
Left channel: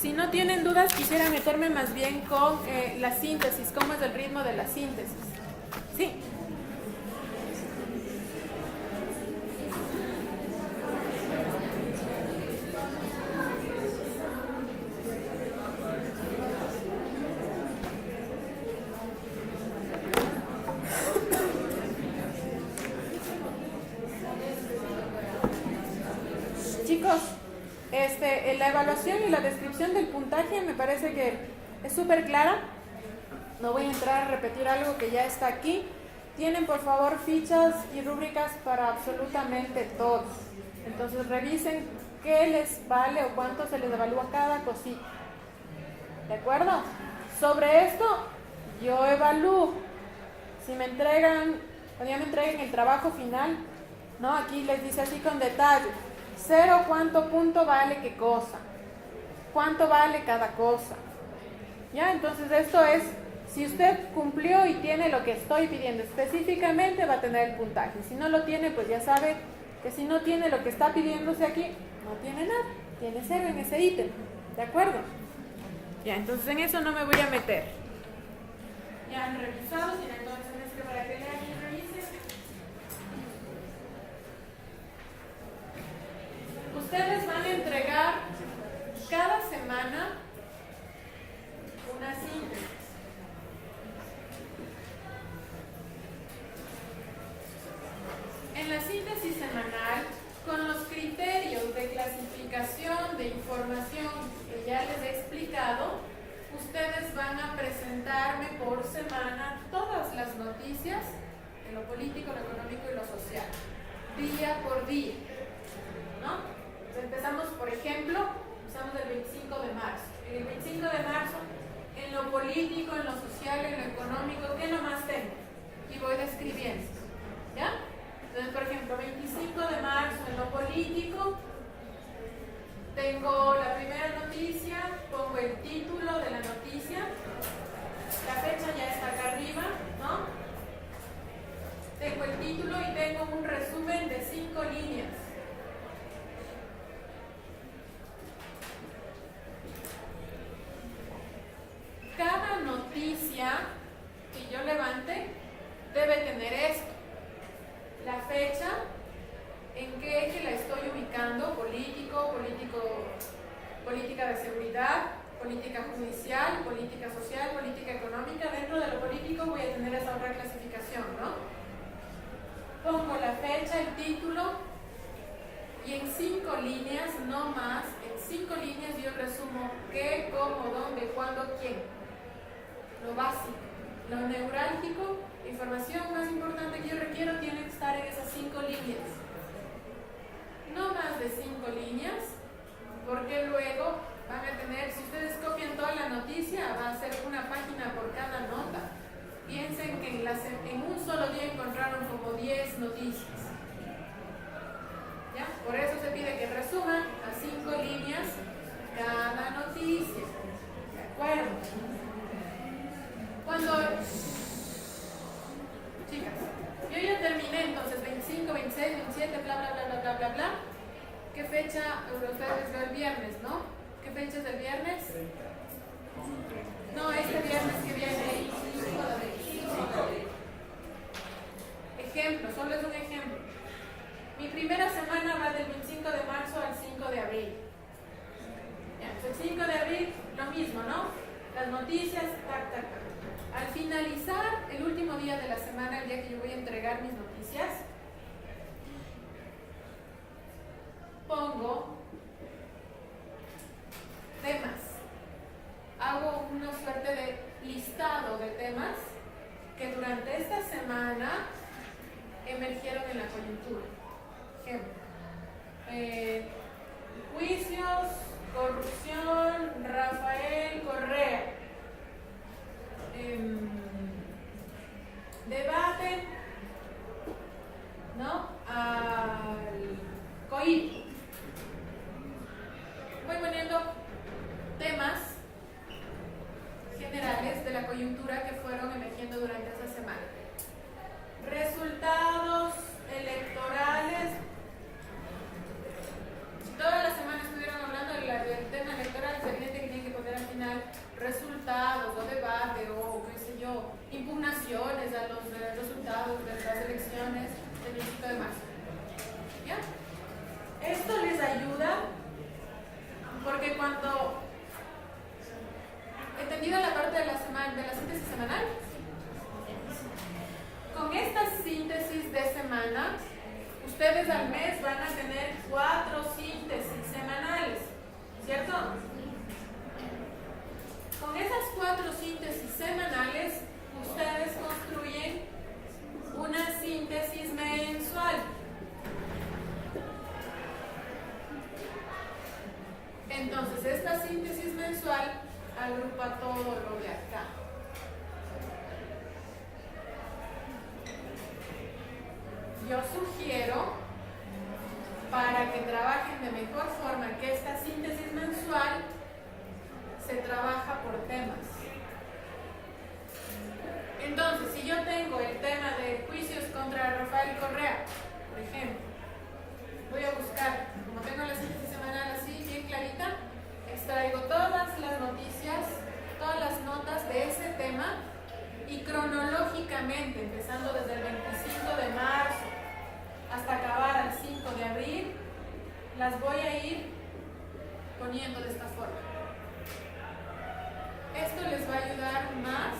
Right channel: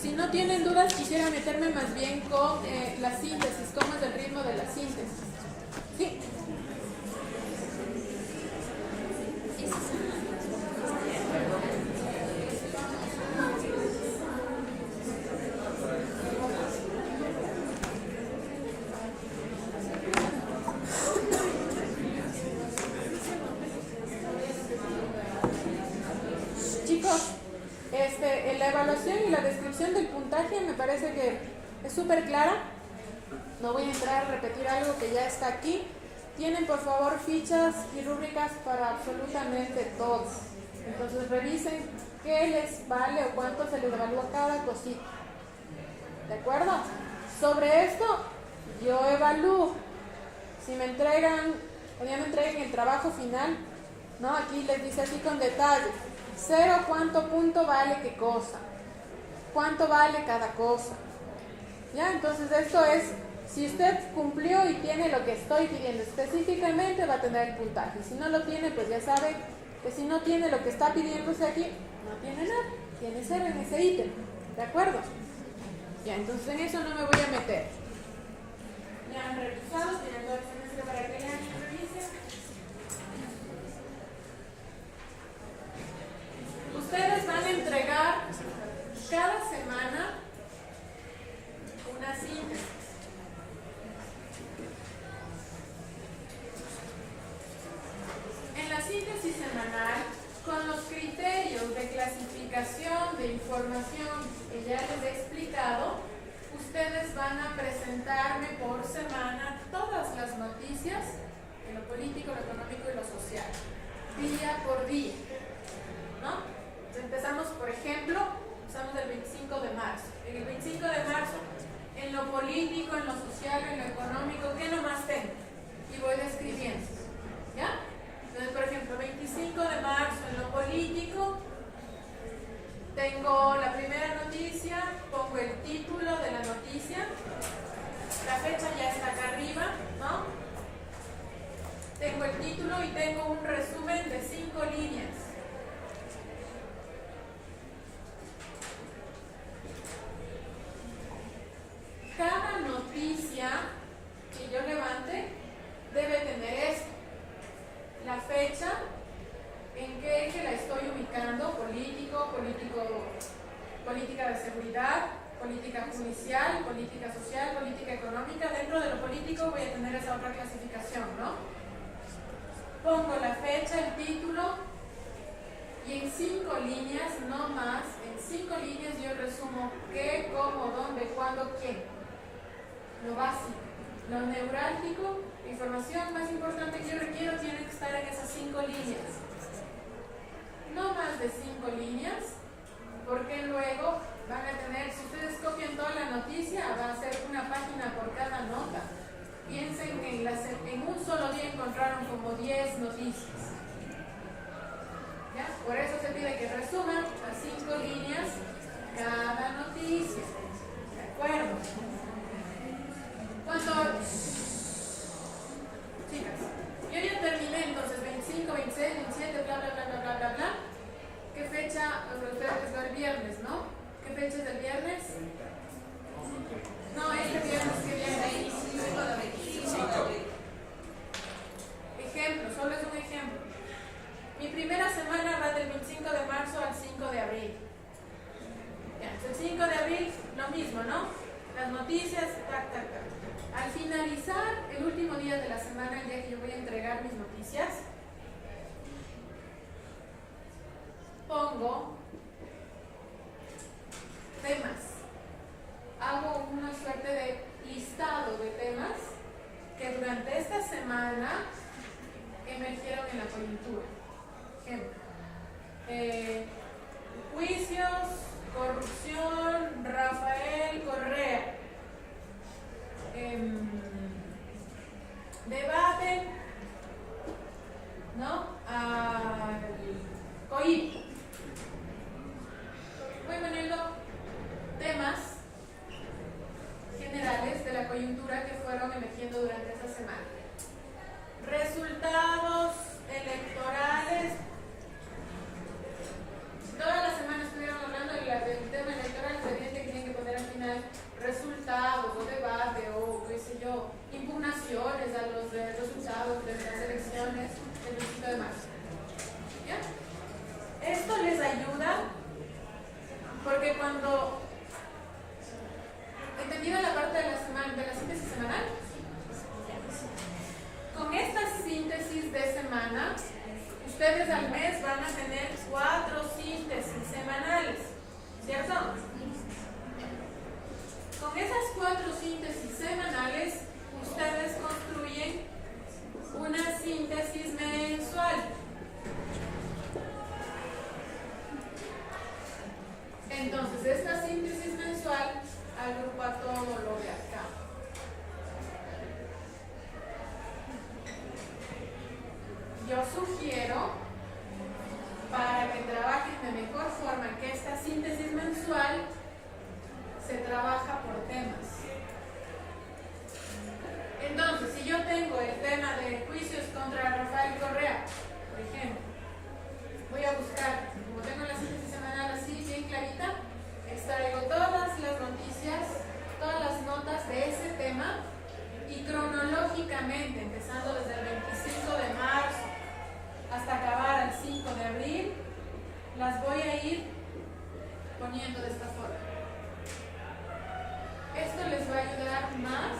Si no tienen dudas, quisiera meterme más bien con la síntesis. ¿Cómo es el ritmo de la síntesis? Sí. Chicos, la evaluación y la descripción del puntaje me parece que es súper clara. No voy a entrar a repetir algo que ya está aquí. Tienen por favor fichas y rúbricas para absolutamente todo. Entonces revisen qué les vale o cuánto se les evalúa cada cosita. ¿De acuerdo? Sobre esto yo evalúo. Si me entregan, cuando ya me entreguen el trabajo final, ¿no? Aquí les dice así con detalle. 0, cuánto punto vale qué cosa. Cuánto vale cada cosa. ¿Ya? Entonces esto es, si usted cumplió y tiene lo que estoy pidiendo específicamente, va a tener el puntaje. Si no lo tiene, pues ya sabe que si no tiene lo que está pidiéndose aquí, no tiene nada. Tiene 0 en ese ítem. ¿De acuerdo? Ya, entonces en eso no me voy a meter. Ya han revisado, tienen todo el semestre para que lean y revisen. Ustedes van a entregar cada semana una síntesis. En la síntesis semanal, con los criterios de clasificación de información que ya les he explicado, ustedes van a presentarme por semana todas las noticias en lo político, lo económico y lo social, día por día, ¿no? Empezamos, por ejemplo, empezamos el 25 de marzo. En el 25 de marzo, en lo político, en lo social, en lo económico, ¿qué nomás tengo? Y voy describiendo, ¿ya? Entonces, por ejemplo, 25 de marzo, en lo político, tengo la primera noticia, pongo el título de la noticia, la fecha ya está acá arriba, ¿no? Tengo el título y tengo un resumen de 5 líneas. Cada política de seguridad, política judicial, política social, política económica. Dentro de lo político voy a tener esa otra clasificación, ¿no? Pongo la fecha, el título y en 5 líneas, no más, en 5 líneas yo resumo qué, cómo, dónde, cuándo, quién. Lo básico, lo neurálgico, la información más importante que yo requiero tiene que estar en esas 5 líneas. No más de 5 líneas, porque luego van a tener, si ustedes copian toda la noticia, va a ser una página por cada nota. Piensen que en un solo día encontraron como 10 noticias. ¿Ya? Por eso se pide que resuman a 5 líneas cada noticia. ¿De acuerdo? Cuando... Chicas, yo ya terminé entonces 25, 26, 27, bla, bla, bla, bla, bla, bla, bla. ¿Qué fecha? Ustedes es el viernes, ¿no? ¿Qué fecha es el viernes? No, este viernes que viene. Ejemplo, solo es un ejemplo. Mi primera semana va del 25 de marzo al 5 de abril. Ya, el 5 de abril, lo mismo, ¿no? Las noticias, tac, tac, tac. Al finalizar el último día de la semana, el día que yo voy a entregar mis noticias, pongo temas. Hago una suerte de listado de temas que durante esta semana emergieron en la coyuntura. Ejemplo, juicios, corrupción, Rafael Correa, debate, ¿no? Al COIP. Voy poniendo temas generales de la coyuntura que fueron emergiendo durante esta semana. Resultados electorales. Toda la semana estuvieron hablando del tema electoral, es evidente que tienen que poner al final resultados o debate o qué sé yo, impugnaciones a los resultados de las elecciones del 25 de marzo. ¿Ya? Esto les ayuda porque cuando, entendida la parte de la semana, de la síntesis semanal, con esta síntesis de semana, ustedes al mes van a tener 4 síntesis semanales, ¿cierto? Con esas 4 síntesis semanales, ustedes construyen una síntesis mensual. Entonces, esta síntesis mensual agrupa todo lo de acá. Yo sugiero, para que trabajen de mejor forma, que esta síntesis mensual se trabaja por temas. Entonces, si yo tengo el tema de juicios contra Rafael Correa, por ejemplo, voy a buscar, como tengo la síntesis semanal así bien clarita, extraigo todas las noticias, todas las notas de ese tema y cronológicamente, empezando desde el 25 de marzo hasta acabar al 5 de abril, las voy a ir poniendo de esta forma. Esto les va a ayudar más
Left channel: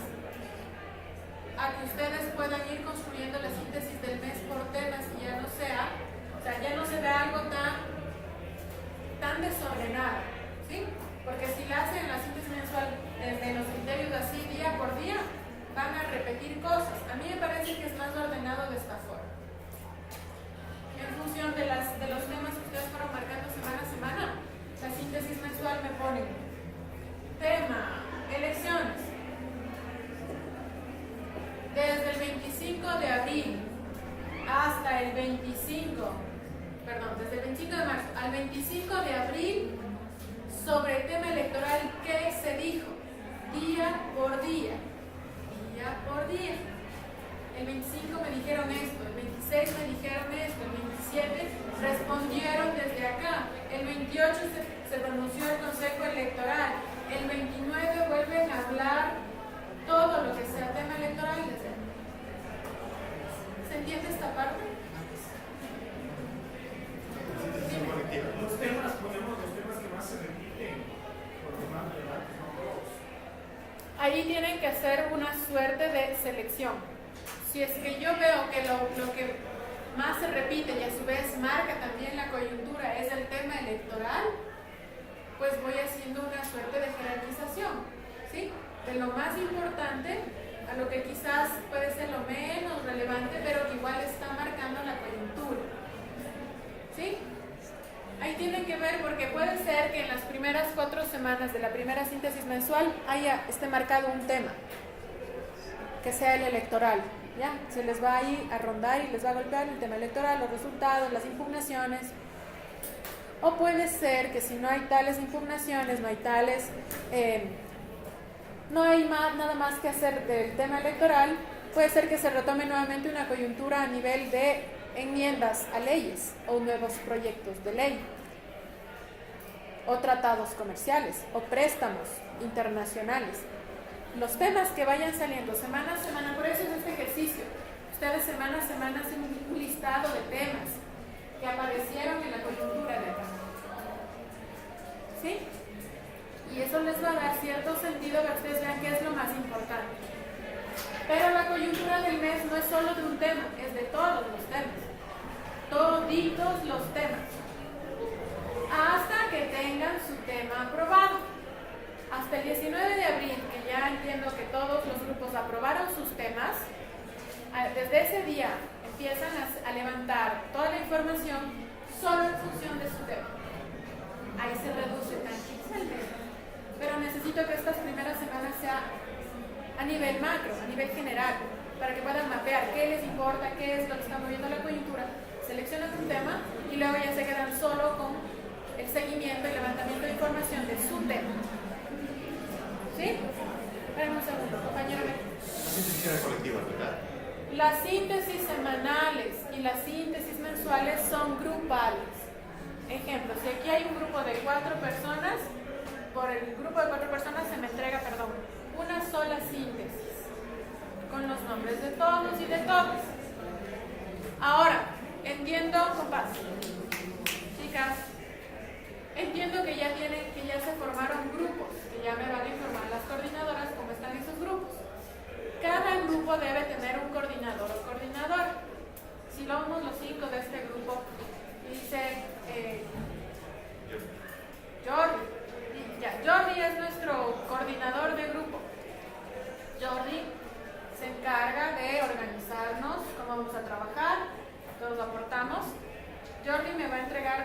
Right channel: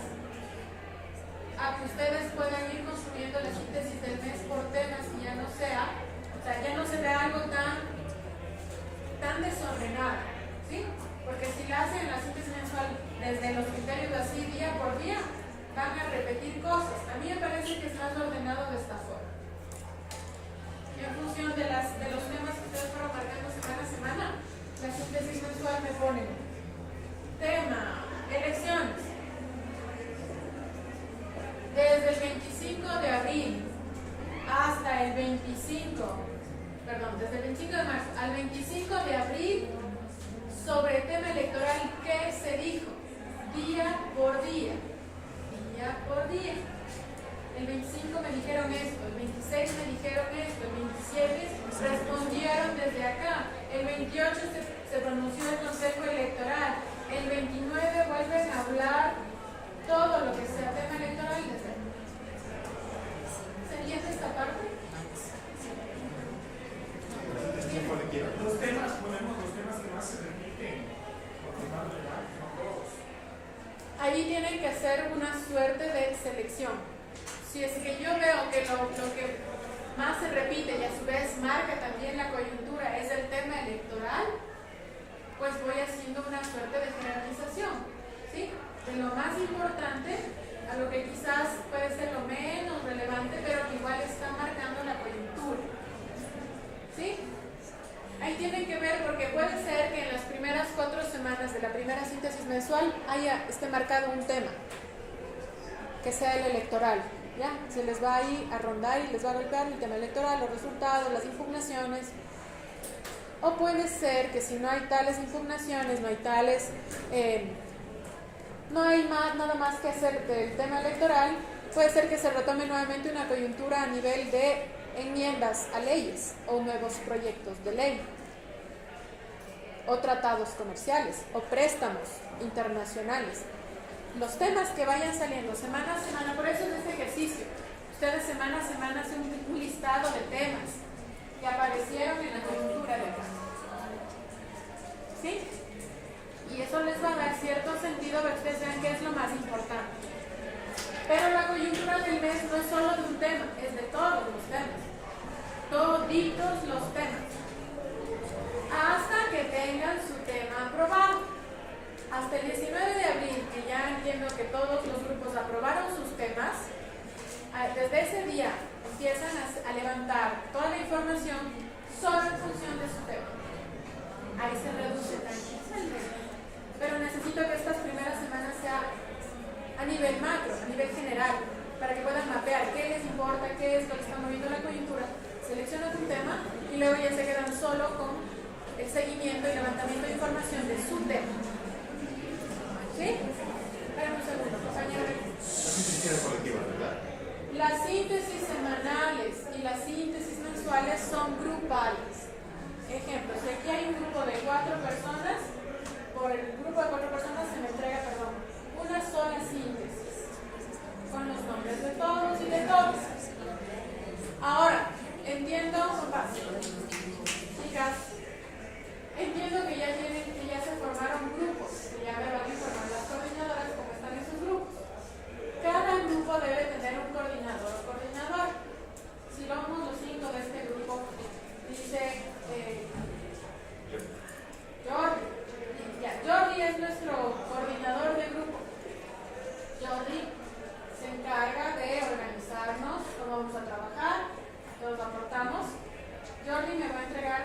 a que ustedes puedan ir construyendo la síntesis del mes por temas y ya no sea, o sea, ya no se vea algo tan desordenado, ¿sí? Porque si la hacen la síntesis mensual desde los criterios así día por día, van a repetir cosas. A mí me parece que es más ordenado de esta forma. En función de los temas que ustedes fueron marcando semana a semana, la síntesis mensual me pone tema, elecciones. Desde el 25 de abril hasta el 25 de marzo al 25 de abril, sobre tema electoral, ¿qué se dijo? Día por día. El 25 me dijeron esto, el 26 me dijeron esto, el 27 respondieron desde acá, el 28 se pronunció el Consejo Electoral, el 29 vuelven a hablar todo lo que sea tema electoral desde acá. ¿Se entiende esta parte? Los temas, ponemos los temas que más se repiten ahí tienen que hacer una suerte de selección. Si es que yo veo que lo que más se repite y a su vez marca también la coyuntura es el tema electoral, pues voy haciendo una suerte de jerarquización, ¿sí? De lo más importante a lo que quizás puede ser lo menos relevante, pero que igual está marcando la coyuntura, ¿sí? Ahí tiene que ver, porque puede ser que en las primeras 4 semanas de la primera síntesis mensual esté marcado un tema, que sea el electoral, ¿ya? Se les va ahí a rondar y les va a golpear el tema electoral, los resultados, las impugnaciones. O puede ser que si no hay tales impugnaciones, no hay tales, no hay nada más que hacer del tema electoral, puede ser que se retome nuevamente una coyuntura a nivel de enmiendas a leyes o nuevos proyectos de ley, o tratados comerciales, o préstamos internacionales. Los temas que vayan saliendo semana a semana, por eso es este ejercicio. Ustedes semana a semana hacen un listado de temas que aparecieron en la coyuntura de acá. ¿Sí? Y eso les va a dar cierto sentido para que ustedes vean qué es lo más importante. Pero la coyuntura del mes no es solo de un tema, es de todos los temas. Toditos los temas. Hasta que tengan su tema aprobado. Hasta el 19 de abril, que ya entiendo que todos los grupos aprobaron sus temas, desde ese día empiezan a levantar toda la información solo en función de su tema. Ahí se reduce tantito, pero necesito que estas primeras semanas sea a nivel macro, a nivel general, para que puedan mapear qué les importa, qué es lo que está moviendo la coyuntura. Seleccionan un tema y luego ya se quedan solo con el seguimiento y levantamiento de información de su tema. ¿Sí? Esperen un segundo, compañero. Síntesis colectivas, ¿verdad? Las síntesis semanales y las síntesis mensuales son grupales. Ejemplo, si aquí hay un grupo de 4 personas, por el grupo de 4 personas se me entrega, una sola síntesis, con los nombres de todos y de todas. Ahora, entiendo, compas, chicas, entiendo que ya se formaron grupos, que ya me van a informar las coordinadoras cómo están esos grupos. Cada grupo debe tener un coordinador o coordinadora. Si vamos los 5 de este grupo, dice Jordi. Jordi es nuestro coordinador de grupo. Jordi se encarga de organizarnos, cómo vamos a trabajar, todos aportamos. Jordi nos va a entregar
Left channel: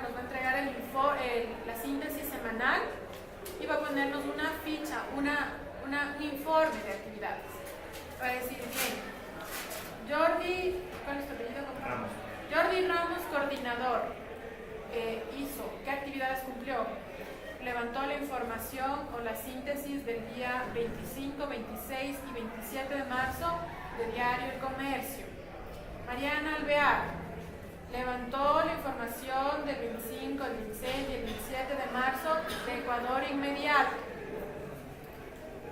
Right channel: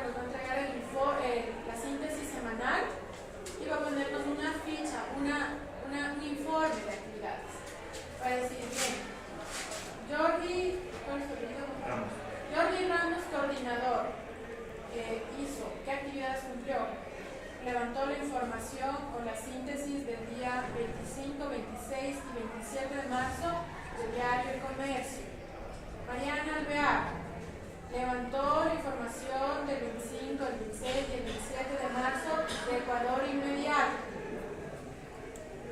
la síntesis semanal y va a ponernos una ficha, un informe de actividades. Va a decir que Jordi, ¿cuál es tu apellido? Ramos. Jordi Ramos, coordinador, hizo, ¿qué actividades cumplió? Levantó la información con la síntesis del día 25, 26 y 27 de marzo del diario El Comercio. Mariana Alvear levantó la información del 25, el 26 y el 27 de marzo de Ecuador Inmediato.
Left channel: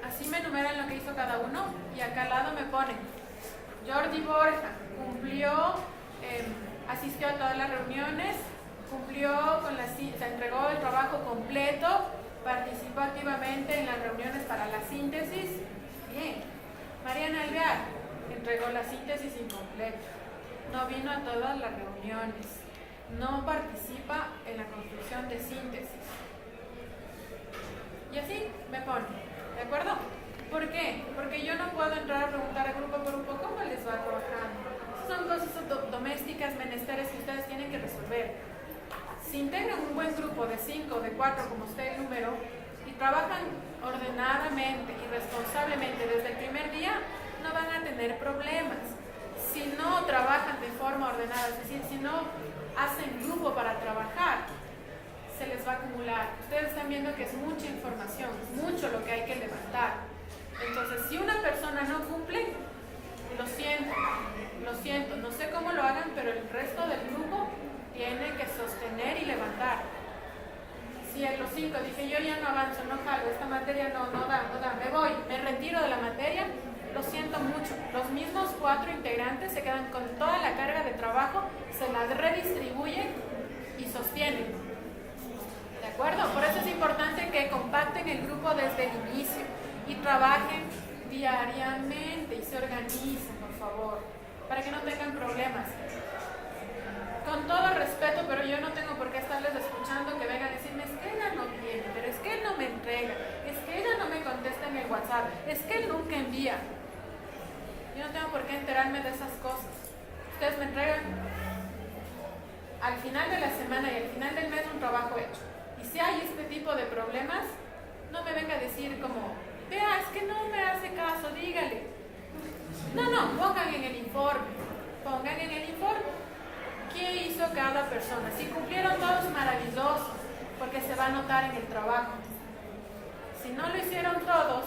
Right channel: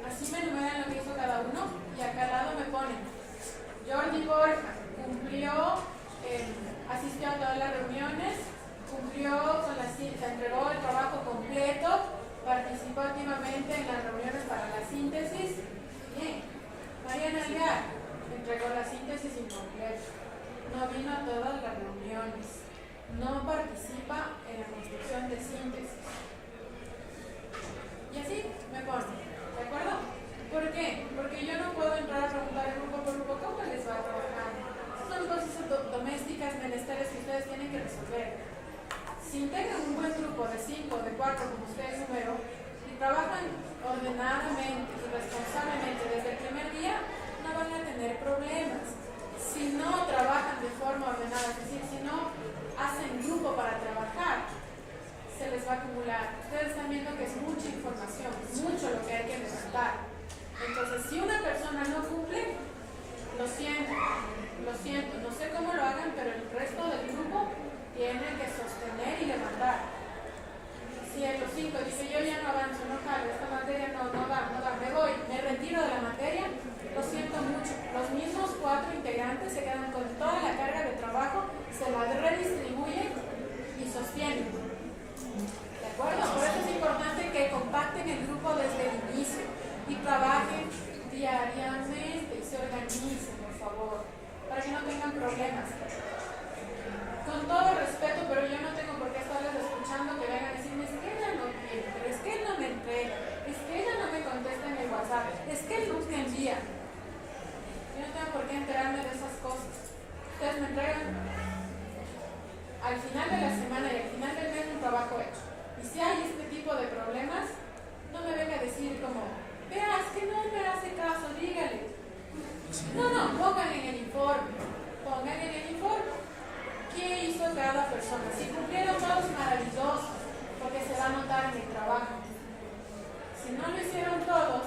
Así me enumeran lo que hizo cada uno y acá al lado me ponen Jordi Borja cumplió, asistió a todas las reuniones, cumplió con se entregó el trabajo completo, participó activamente en las reuniones para la síntesis. Bien. Mariana Alvear entregó la síntesis incompleta, no vino a todas las reuniones, no participa en la construcción de síntesis. Y así me pone, ¿de acuerdo? ¿Por qué? Porque yo no puedo entrar a preguntar al grupo por grupo cómo les va a trabajar. Son cosas domésticas, menesteres que ustedes tienen que resolver. Si integran un buen grupo de 5 o de 4, como ustedes número, y trabajan ordenadamente y responsablemente desde el primer día, no van a tener problemas. Si no trabajan de forma ordenada, es decir, si no hacen grupo para trabajar, se les va a acumular. Ustedes están viendo que es mucha información, es mucho lo que hay que levantar. Entonces, si una persona no cumple, lo siento, no sé cómo lo hagan, pero el resto del grupo tiene que sostener y levantar. Si en los 5 dice yo ya no avanzo, no jalo, esta materia no da, me voy, me retiro de la materia, lo siento mucho. Los mismos 4 integrantes se quedan con toda la carga de trabajo, se la redistribuyen y sostienen. ¿De acuerdo? Por eso es importante que compacten el grupo desde el inicio y trabajen diariamente y se organicen, por favor, para que no tengan problemas. Con todo respeto, pero yo no tengo por qué estarles escuchando que vengan a decirme, es que ella no viene, pero es que él no me entrega, es que ella no me contesta en el WhatsApp, es que él nunca envía. Yo no tengo por qué enterarme de esas cosas. Ustedes me entregan al final de la semana y al final del mes un trabajo hecho. Y si hay este tipo de problemas, no me venga a decir como, vea, es que no me hace caso, dígale. No, pongan en el informe. Pongan en el informe qué hizo cada persona. Si cumplieron todos, maravilloso, porque se va a notar en el trabajo. Si no lo hicieron todos,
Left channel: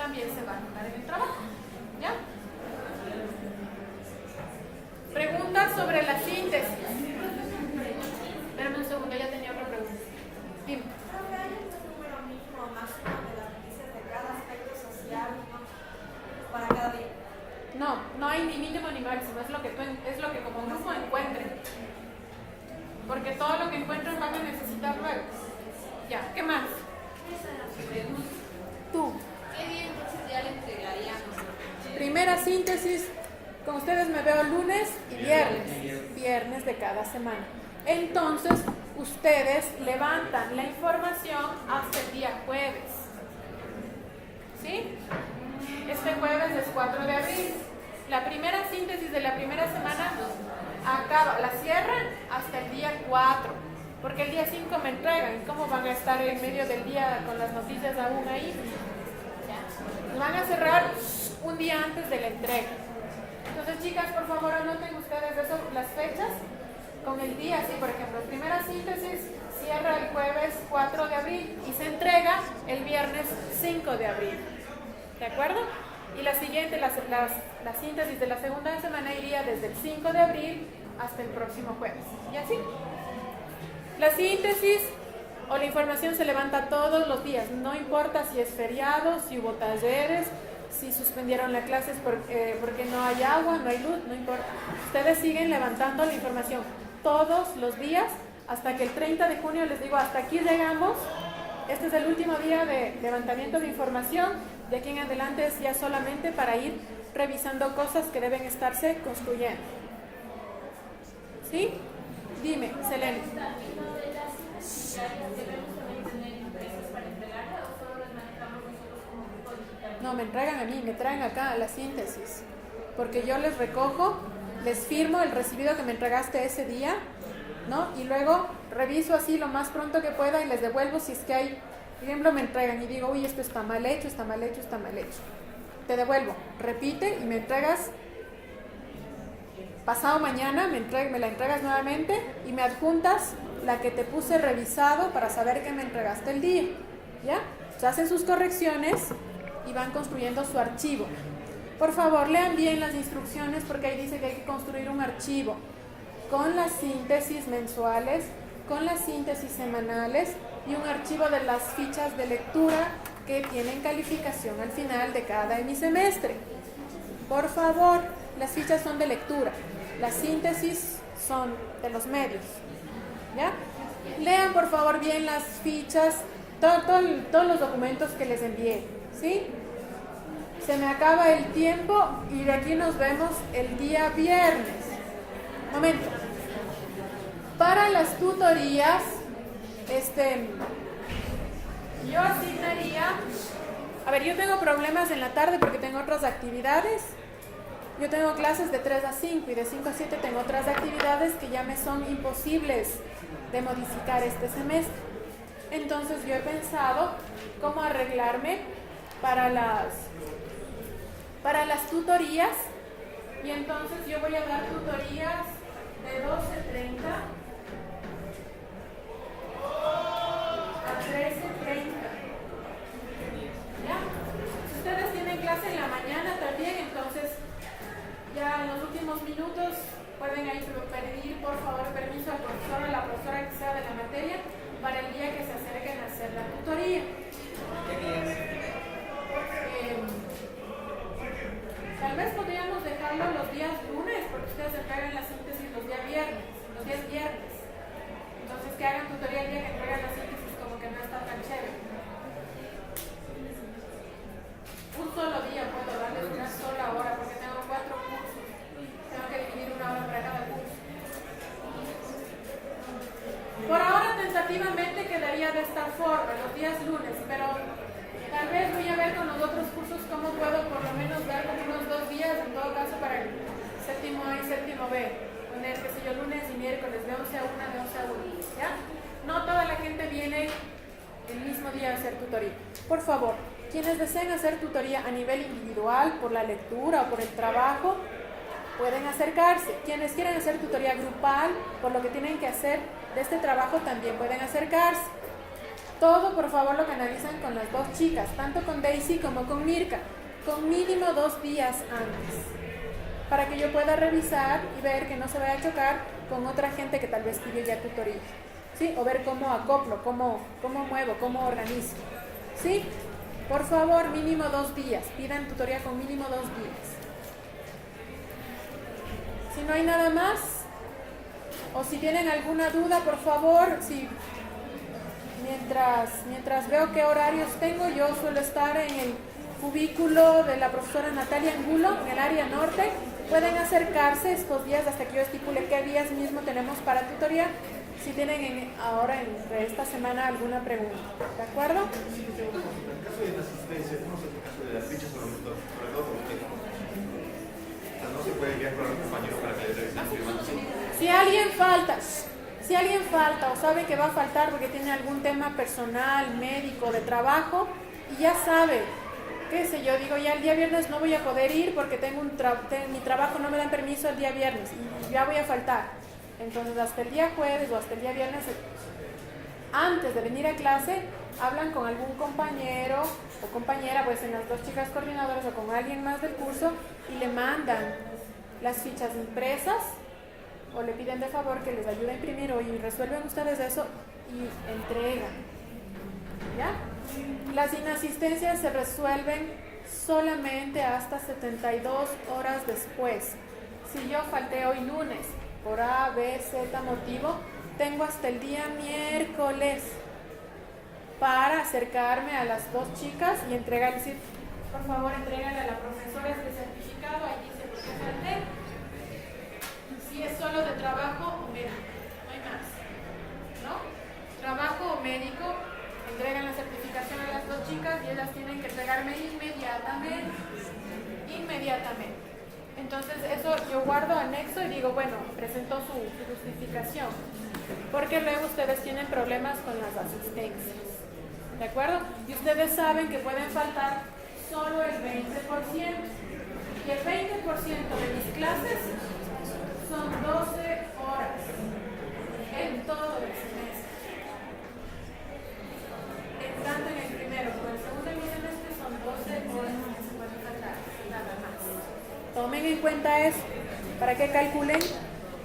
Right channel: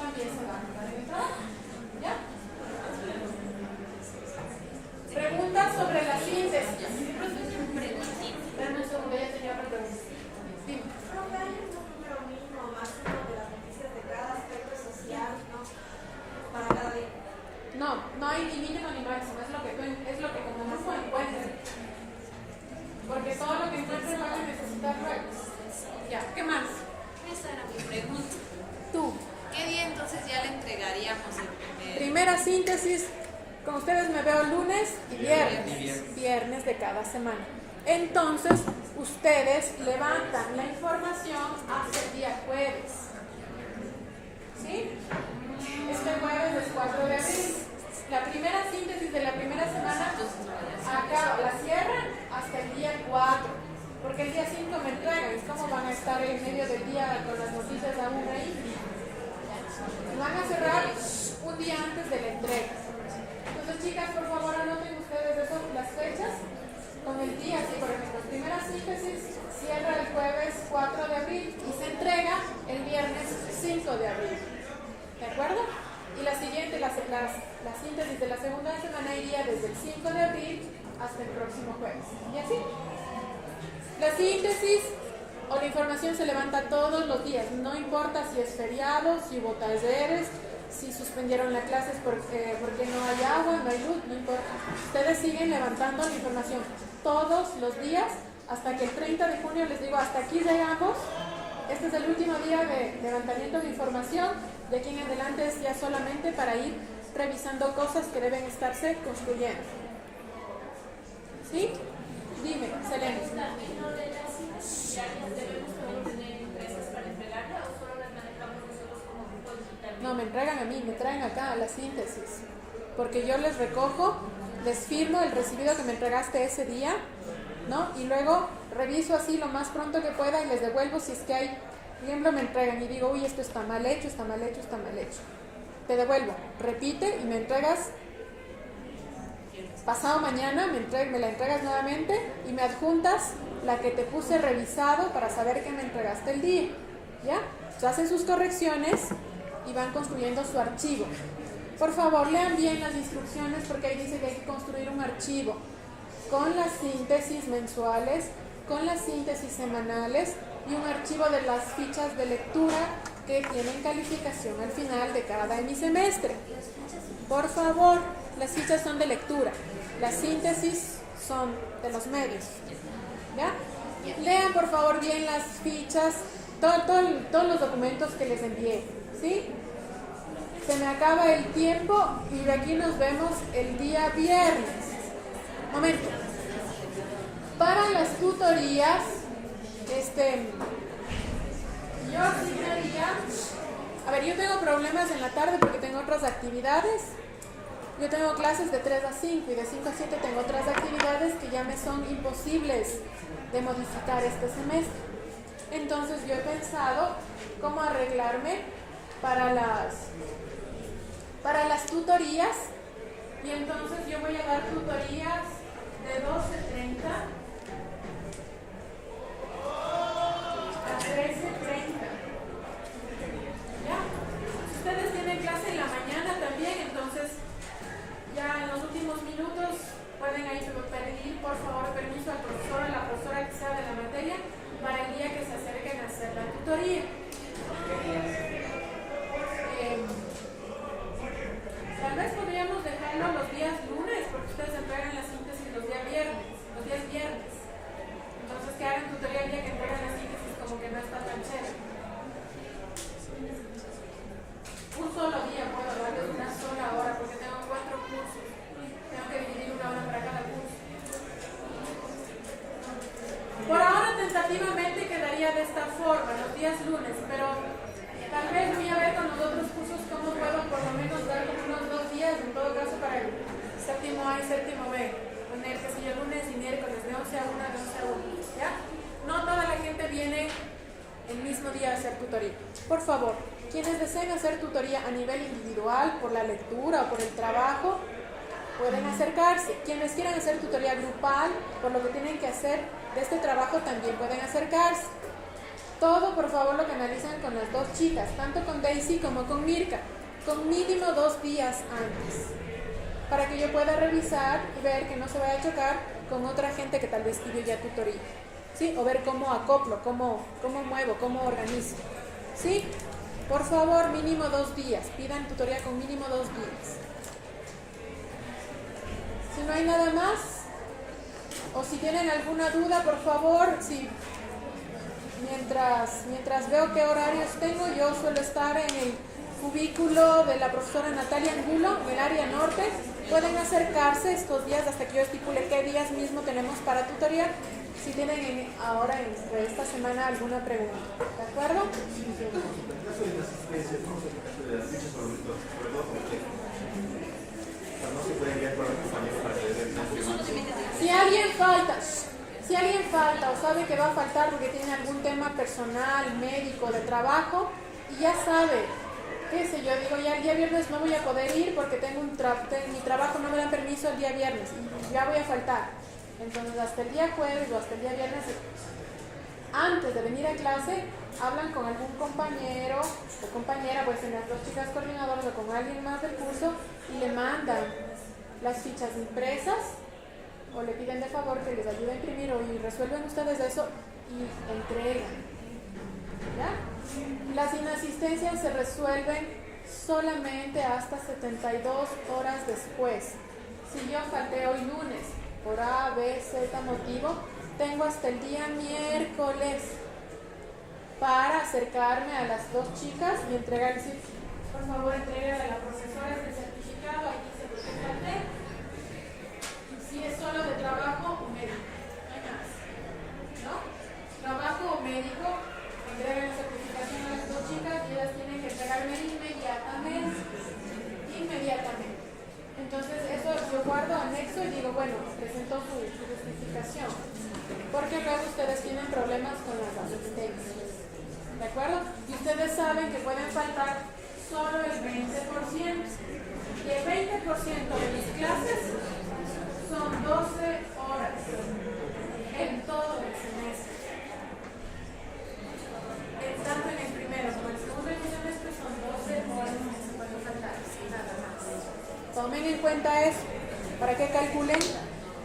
también se va a notar en el trabajo. ¿Ya? Preguntas sobre la síntesis. Espérame un segundo, ya tenía una pregunta. Dime. No hay ni mínimo ni máximo, es lo que como mismo encuentren. Porque todo lo que encuentren van a necesitar luego. Ya, ¿qué más? Esa era mi pregunta. Tú. ¿Qué día entonces ya le entregaríamos el primer? Primera síntesis, con ustedes me veo lunes y viernes de cada semana. Entonces, ustedes levantan la información hasta el día jueves. ¿Sí? Este jueves es 4 de abril. La primera síntesis de la primera semana acaba, la cierran hasta el día 4. Porque el día 5 me entregan. ¿Cómo van a estar en medio del día con las noticias aún ahí? Van a cerrar un día antes de la entrega. Entonces, chicas, por favor, anoten ustedes eso, las fechas con el día. Sí, por ejemplo, primera síntesis cierra el jueves 4 de abril y se entrega el viernes 5 de abril. ¿De acuerdo? Y la siguiente, la síntesis de la segunda semana iría desde el 5 de abril hasta el próximo jueves. ¿Y así? La síntesis o la información se levanta todos los días, no importa si es feriado, si hubo talleres, si suspendieron las clases porque no hay agua, no hay luz, no importa. Ustedes siguen levantando la información todos los días hasta que el 30 de junio, les digo, hasta aquí llegamos. Este es el último día de levantamiento de información. De aquí en adelante es ya solamente para ir revisando cosas que deben estarse construyendo. ¿Sí? Dime, Selene. No, me entregan a mí, me traen acá la síntesis. Porque yo les recojo, les firmo el recibido que me entregaste ese día, ¿no? Y luego reviso así lo más pronto que pueda y les devuelvo si es que hay, por ejemplo, me entregan y digo, uy, esto está mal hecho, está mal hecho, está mal hecho. Te devuelvo, repite y me entregas. Pasado mañana me la entregas nuevamente y me adjuntas la que te puse revisado para saber que me entregaste el día. ¿Ya? Se hacen sus correcciones y van construyendo su archivo. Por favor, lean bien las instrucciones porque ahí dice que hay que construir un archivo con las síntesis mensuales, con las síntesis semanales y un archivo de las fichas de lectura que tienen calificación al final de cada hemisemestre. Por favor, las fichas son de lectura, las síntesis son de los medios. ¿Ya? Lean por favor bien las fichas, todos los documentos que les envié. ¿Sí? Se me acaba el tiempo y de aquí nos vemos el día viernes. Momento. Para las tutorías, yo asignaría, yo tengo problemas en la tarde porque tengo otras actividades. Yo tengo clases de 3 a 5 y de 5 a 7 tengo otras actividades que ya me son imposibles de modificar este semestre. Entonces yo he pensado cómo arreglarme para las tutorías, y entonces yo voy a dar tutorías de 12:30 a 13:30. ¿Ya? Si ustedes tienen clase en la mañana también, entonces ya en los últimos minutos pueden ahí pedir por favor permiso al profesor o la profesora que sea de la materia para el día que se acerquen a hacer la tutoría. Tal vez podríamos dejarlo los días lunes, porque ustedes entregan la síntesis los días viernes. Entonces que hagan tutoría el día que entregan la síntesis como que no está tan chévere. de esta forma, los días lunes, pero tal vez voy a ver con los otros cursos cómo puedo por lo menos dar como unos 2 días, en todo caso para el séptimo A y séptimo B, poner, qué sé yo, lunes y miércoles de 11 a 1, de 11 a 1, ¿ya? No toda la gente viene el mismo día a hacer tutoría. Por favor, quienes deseen hacer tutoría a nivel individual, por la lectura o por el trabajo, pueden acercarse. Quienes quieran hacer tutoría grupal, por lo que tienen que hacer de este trabajo, también pueden acercarse. Todo, por favor, lo canalizan con las 2 chicas, tanto con Daisy como con Mirka, con mínimo 2 días antes, para que yo pueda revisar y ver que no se vaya a chocar con otra gente que tal vez pidió ya tutoría, ¿sí? O ver cómo acoplo, cómo muevo, cómo organizo, ¿sí? Por favor, mínimo 2 días, pidan tutoría con mínimo 2 días. Si no hay nada más, o si tienen alguna duda, por favor, si mientras veo qué horarios tengo, yo suelo estar en el cubículo de la profesora Natalia Angulo, en el área norte. Pueden acercarse estos días hasta que yo estipule qué días mismo tenemos para tutoría, si tienen ahora entre esta semana alguna pregunta, ¿de acuerdo? En caso de resistencia, ¿cómo es el caso de las fichas sobre todo porque no se puede enviar para los compañeros para que revisen? Si alguien falta o sabe que va a faltar porque tiene algún tema personal, médico, de trabajo, y ya sabe, qué sé yo, digo, ya el día viernes no voy a poder ir porque tengo mi trabajo no me dan permiso el día viernes y ya voy a faltar. Entonces hasta el día jueves o hasta el día viernes, antes de venir a clase, hablan con algún compañero o compañera, pues en las 2 chicas coordinadoras o con alguien más del curso, y le mandan las fichas impresas o le piden de favor que les ayude a imprimir y resuelven ustedes eso y entregan, ¿ya? Las inasistencias se resuelven solamente hasta 72 horas después. Si yo falté hoy lunes por A, B, Z motivo, tengo hasta el día miércoles para acercarme a las 2 chicas y entregarles, por favor, entregale a la profesora este certificado, aquí dice por qué falté. Si es solo de trabajo o médico, no hay más, ¿no? Trabajo o médico, entreguen la certificación a las 2 chicas y ellas tienen que entregarme inmediatamente. Entonces eso yo guardo anexo y digo, bueno, presentó su justificación, porque luego ustedes tienen problemas con las asistencias, ¿de acuerdo? Y ustedes saben que pueden faltar solo el 20%, y el 20% de mis clases son 12 horas en todo el semestre. Tanto en el primero como en el segundo semestre son 12 horas que se pueden faltar, nada más. Tomen en cuenta eso para que calculen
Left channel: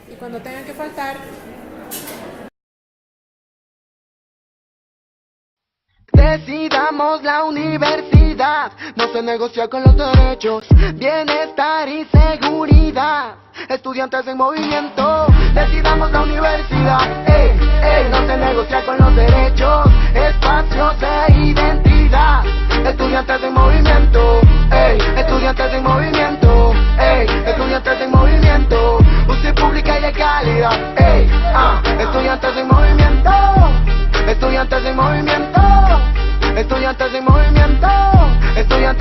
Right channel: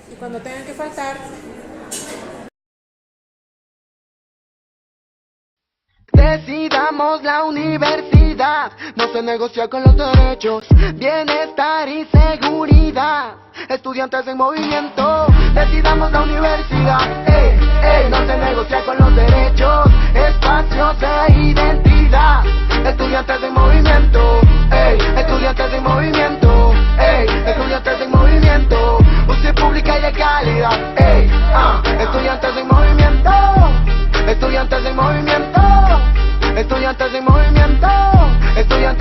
y cuando tengan que faltar. Decidamos la universidad, no se negocia con los derechos, bienestar y seguridad, estudiantes en movimiento. Decidamos la universidad, no se negocia con los derechos, espacios e identidad, estudiantes en movimiento, estudiantes en movimiento, estudiantes en movimiento, UCI pública y de calidad, estudiantes en movimiento, estudiantes en movimiento, estudiantes en movimiento, estudiantes